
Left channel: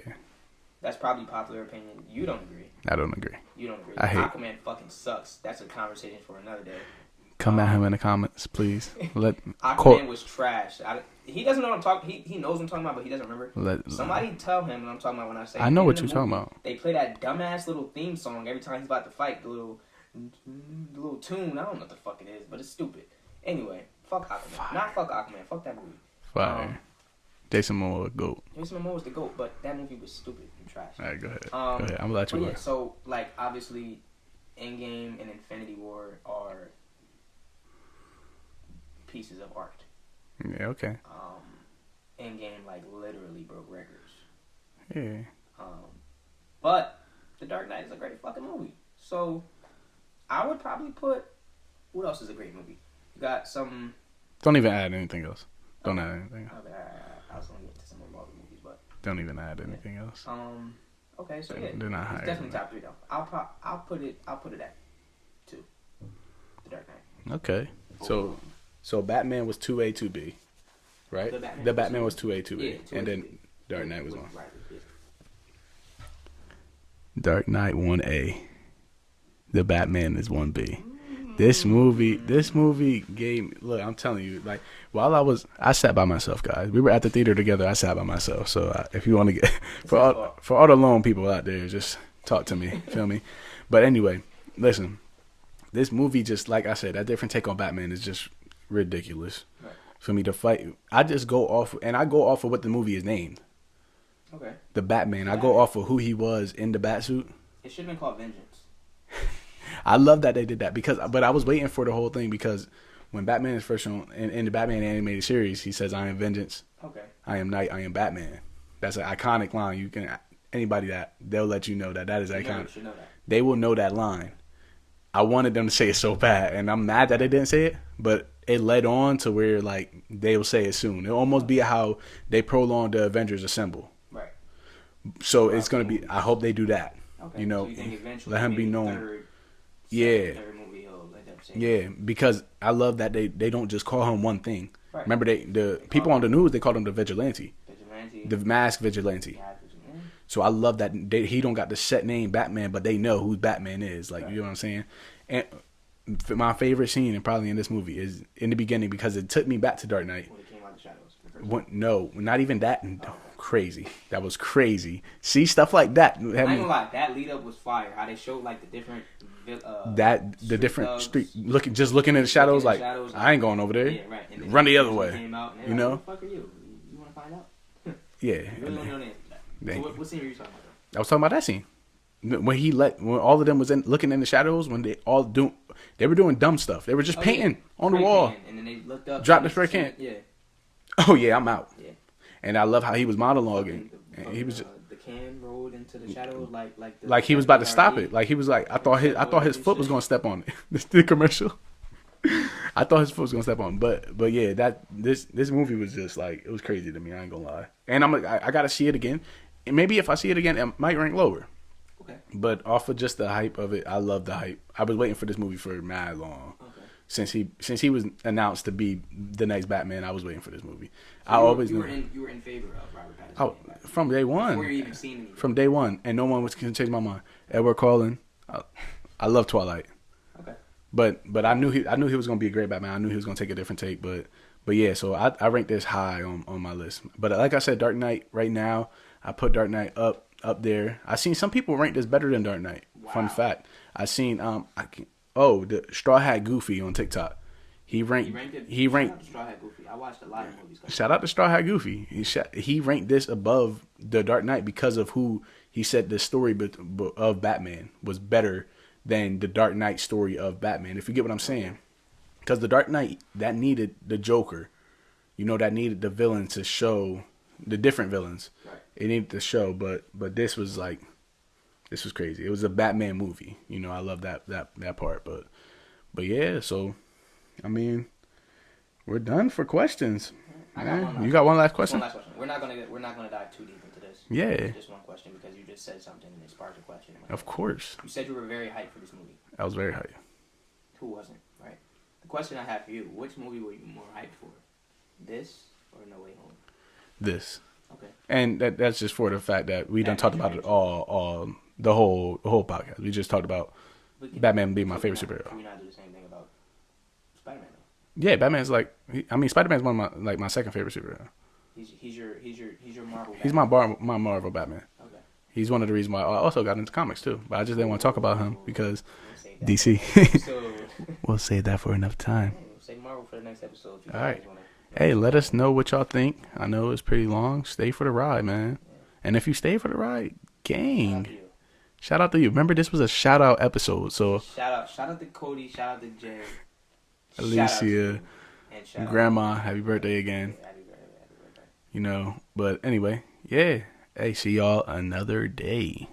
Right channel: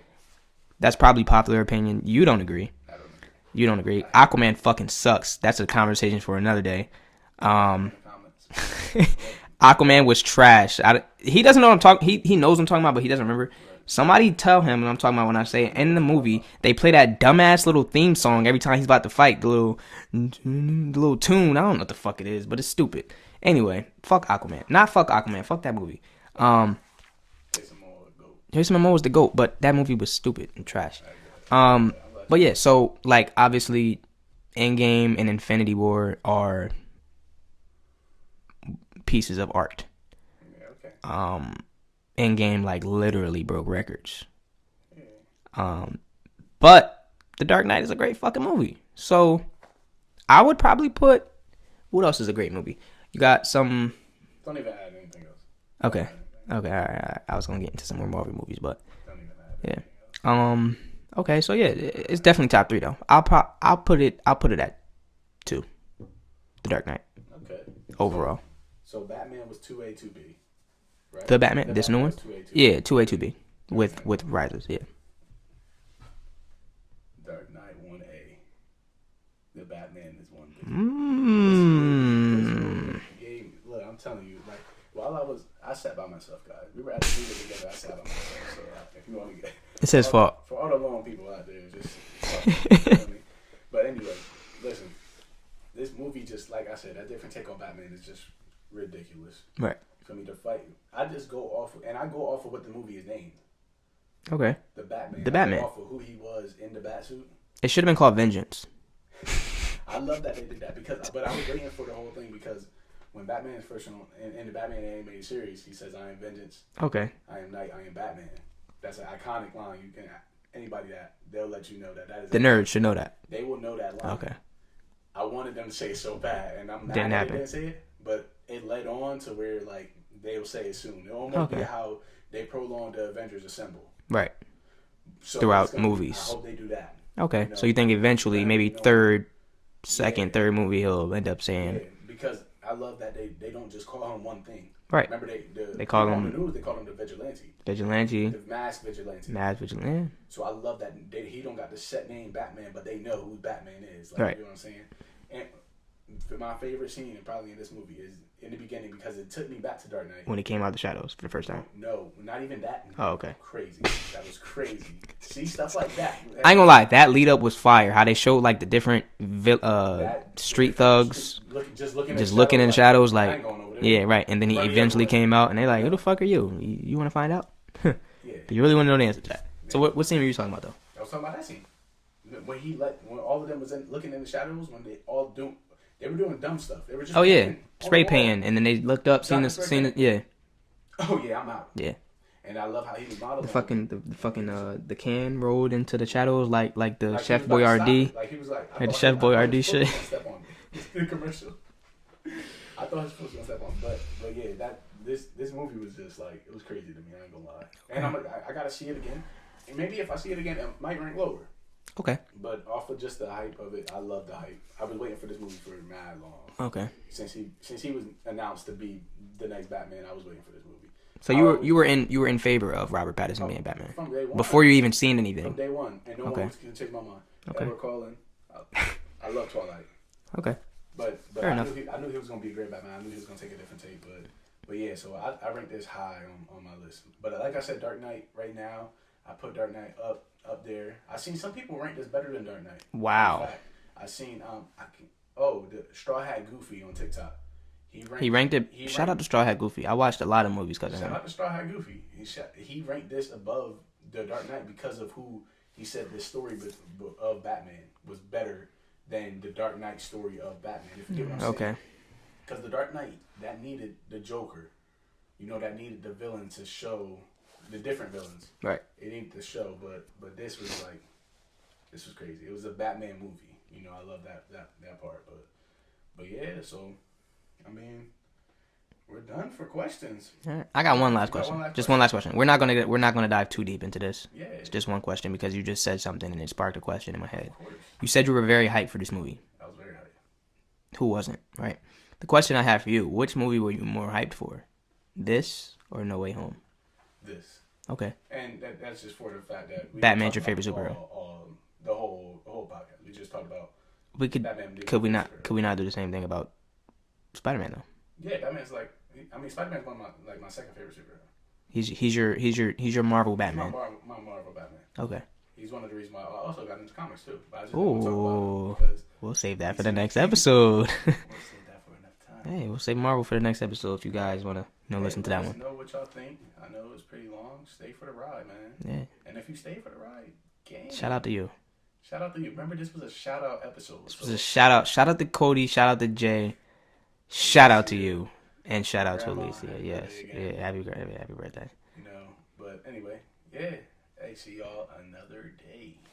That's probably popular opinion. You don't agree. I don't agree. You don't agree. Aquaman fucking sucks. That's a conversation for another day. Comment in the comments, please. Aquaman was trash. He doesn't know what I'm talking. He knows what I'm talking about, but he doesn't remember. Somebody tell him what I'm talking about when I say in the movie they play that dumbass little theme song every time he's about to fight. The little tune. I don't know what the fuck it is, but it's stupid. Anyway, fuck Aquaman. Not fuck Aquaman. Fuck that movie. Jason Momoa was the GOAT. Jason Momoa was the GOAT, but that movie was stupid and trash. All right, go ahead. But yeah, so obviously, Endgame and Infinity War are pieces of art. Yeah, okay. Endgame literally broke records. Yeah. But The Dark Knight is a great fucking movie. So I would probably put. What else is a great movie? You got some. Don't even add anything else. Don't Okay. add anything else. Okay. All right. I was gonna get into some more Marvel movies, but Don't even add anything else. Okay. So yeah, They're not it's high. definitely top 3 though. I'll put it at 2. The Dark Knight Okay. overall. So Batman was 2A, 2B, right? The Batman. The This new Batman one? was 2A, 2B. Yeah, 2A, And then 2B Dark with Knight was one. Rises. Yeah. Dark Knight 1A. The Batman is 1B. Mm. This movie gave. Look, I'm telling you, like while I sat by myself, guys. We were at the theater together. I sat by myself. So if you want to get, It's his fault. For all the lone people out there, just talk to me. Feel me? But anyway, listen. This movie, just like I said, that different take on Batman is just ridiculous. Right. For me to fight, I just go off of what the movie is named. Okay. The Batman. The I Batman. go off of who he was in the Batsuit. It should have been called Vengeance. I love that they did that but I was waiting for the whole thing because when Batman is first shown in the Batman animated series, he says, "I am vengeance, Okay. I am night, I am Batman." That's an iconic line. You can anybody that they'll let you know that is The iconic. nerds should know that. They will know that line. Okay. I wanted them to say it so bad, and I'm mad Didn't that they happen. didn't say it, but it led on to where like they'll say it soon. It'll almost be Okay. how they prolonged the Avengers Assemble. Right. So Throughout it's gonna movies. be. I hope they do that. Okay. You know, So you think eventually, let him be maybe known. third Yeah. movie, he'll end up saying, Yeah, because I love that they don't just call him one thing. Right. Remember the call people on the him- news, they called him the vigilante, Vigilante, the masked vigilante. Mad Vigilante. So I love that he don't got the set name Batman, but they know who Batman is. Like Right. you know what I'm saying. And my favorite scene, and probably in this movie, is in the beginning because it took me back to Dark Knight. When he came out of the shadows for the first time. No, not even that. Oh, okay. Crazy. That was crazy. See stuff like that. I ain't gonna lie, that lead up was fire. How they showed like the different The street different thugs street- looking in the just shadows. looking in like, shadows like I ain't going over there. Yeah, right. And then he Run the other eventually way. came out and they like, You know? who the fuck are you? You want to find out? Yeah. You really want to know the answer to that? Yeah. So what scene were you talking about though? I was talking about that scene when all of them was looking in the shadows when they were doing dumb stuff. They were just Oh yeah, painting on spray the wall. painting, and then they looked up, Dropped seen the spray seen can. yeah, Oh yeah, I'm out. yeah. And I love how he was monologuing. The can rolled into the shadows like the Like he Chef was about to stop Boyardee. it. Like he was like, I Like thought Chef his foot Boyardee was shit. gonna step on it. The commercial. I thought his foot was gonna step on, but yeah, this movie was just like it was crazy to me. I ain't gonna lie. And I'm like, I gotta see it again. And maybe if I see it again, it might rank lower. Okay. But off of just the hype of it, I love the hype. I was waiting for this movie for mad long. Okay. Since he was announced to be the next Batman, I was waiting for this movie. So you were in favor of Robert Pattinson being Batman from day one. before you even seen anything. From day one, and no one was gonna change my mind. Edward Cullen, I love Twilight. Okay. But Fair I knew he was gonna be a great Batman. I knew he was gonna take a different take. But yeah, so I ranked this high on my list. But like I said, Dark Knight right now, I put Dark Knight up there. I seen some people rank this better than Dark Knight. Wow. Fun fact. I seen the Straw Hat Goofy on TikTok. He ranked it. Shout out to Straw Hat Goofy. I watched a lot of movies. Shout out to Straw Hat Goofy. He ranked this above the Dark Knight because of who he said the story of Batman was better than the Dark Knight story of Batman. If you get what I'm saying. Okay. Because the Dark Knight, that needed the Joker. That needed the villain to show the different villains. Right. It needed to show, but this was crazy. It was a Batman movie. I love that part. But yeah, so I mean, we're done for questions. Alright. I got one last. You got one last Just question? one last question. We're not gonna dive too deep into this. Yeah. It's just one question because you just said something and it sparked a question in my head. Of course. You said you were very hyped for this movie. I was very hyped. Who wasn't? Right. The question I have for you: which movie were you more hyped for, this or No Way Home? This. Okay. And that's just for the fact that we Batman's didn't talk your about favorite all the whole podcast. We just talked about We could Batman being my could we favorite not superhero. could we not do the same thing about Spider-Man though? Yeah, Batman's Spider-Man's one of my second favorite superhero. He's your Marvel Batman. He's my Marvel Batman. Okay. He's one of the reasons why I also got into comics too. But I just didn't want to talk about him Ooh. because We'll save that DC. for the next episode. we'll save that for enough time. Hey, we'll save Marvel for the next episode if you guys Alright. want to know. Hey, what's let that us one. know what y'all think. I know it's pretty long. Stay for the ride, man. Yeah. And if you stay for the ride, gang. Shout out to you. Shout out to you. Remember, this was a shout out episode. So Shout out to Cody. Shout out to Jay. Shout out to Alicia, you. And shout out Grandma, to Alicia. happy birthday again. Yeah, happy birthday. But anyway, yeah. Hey, see y'all another day.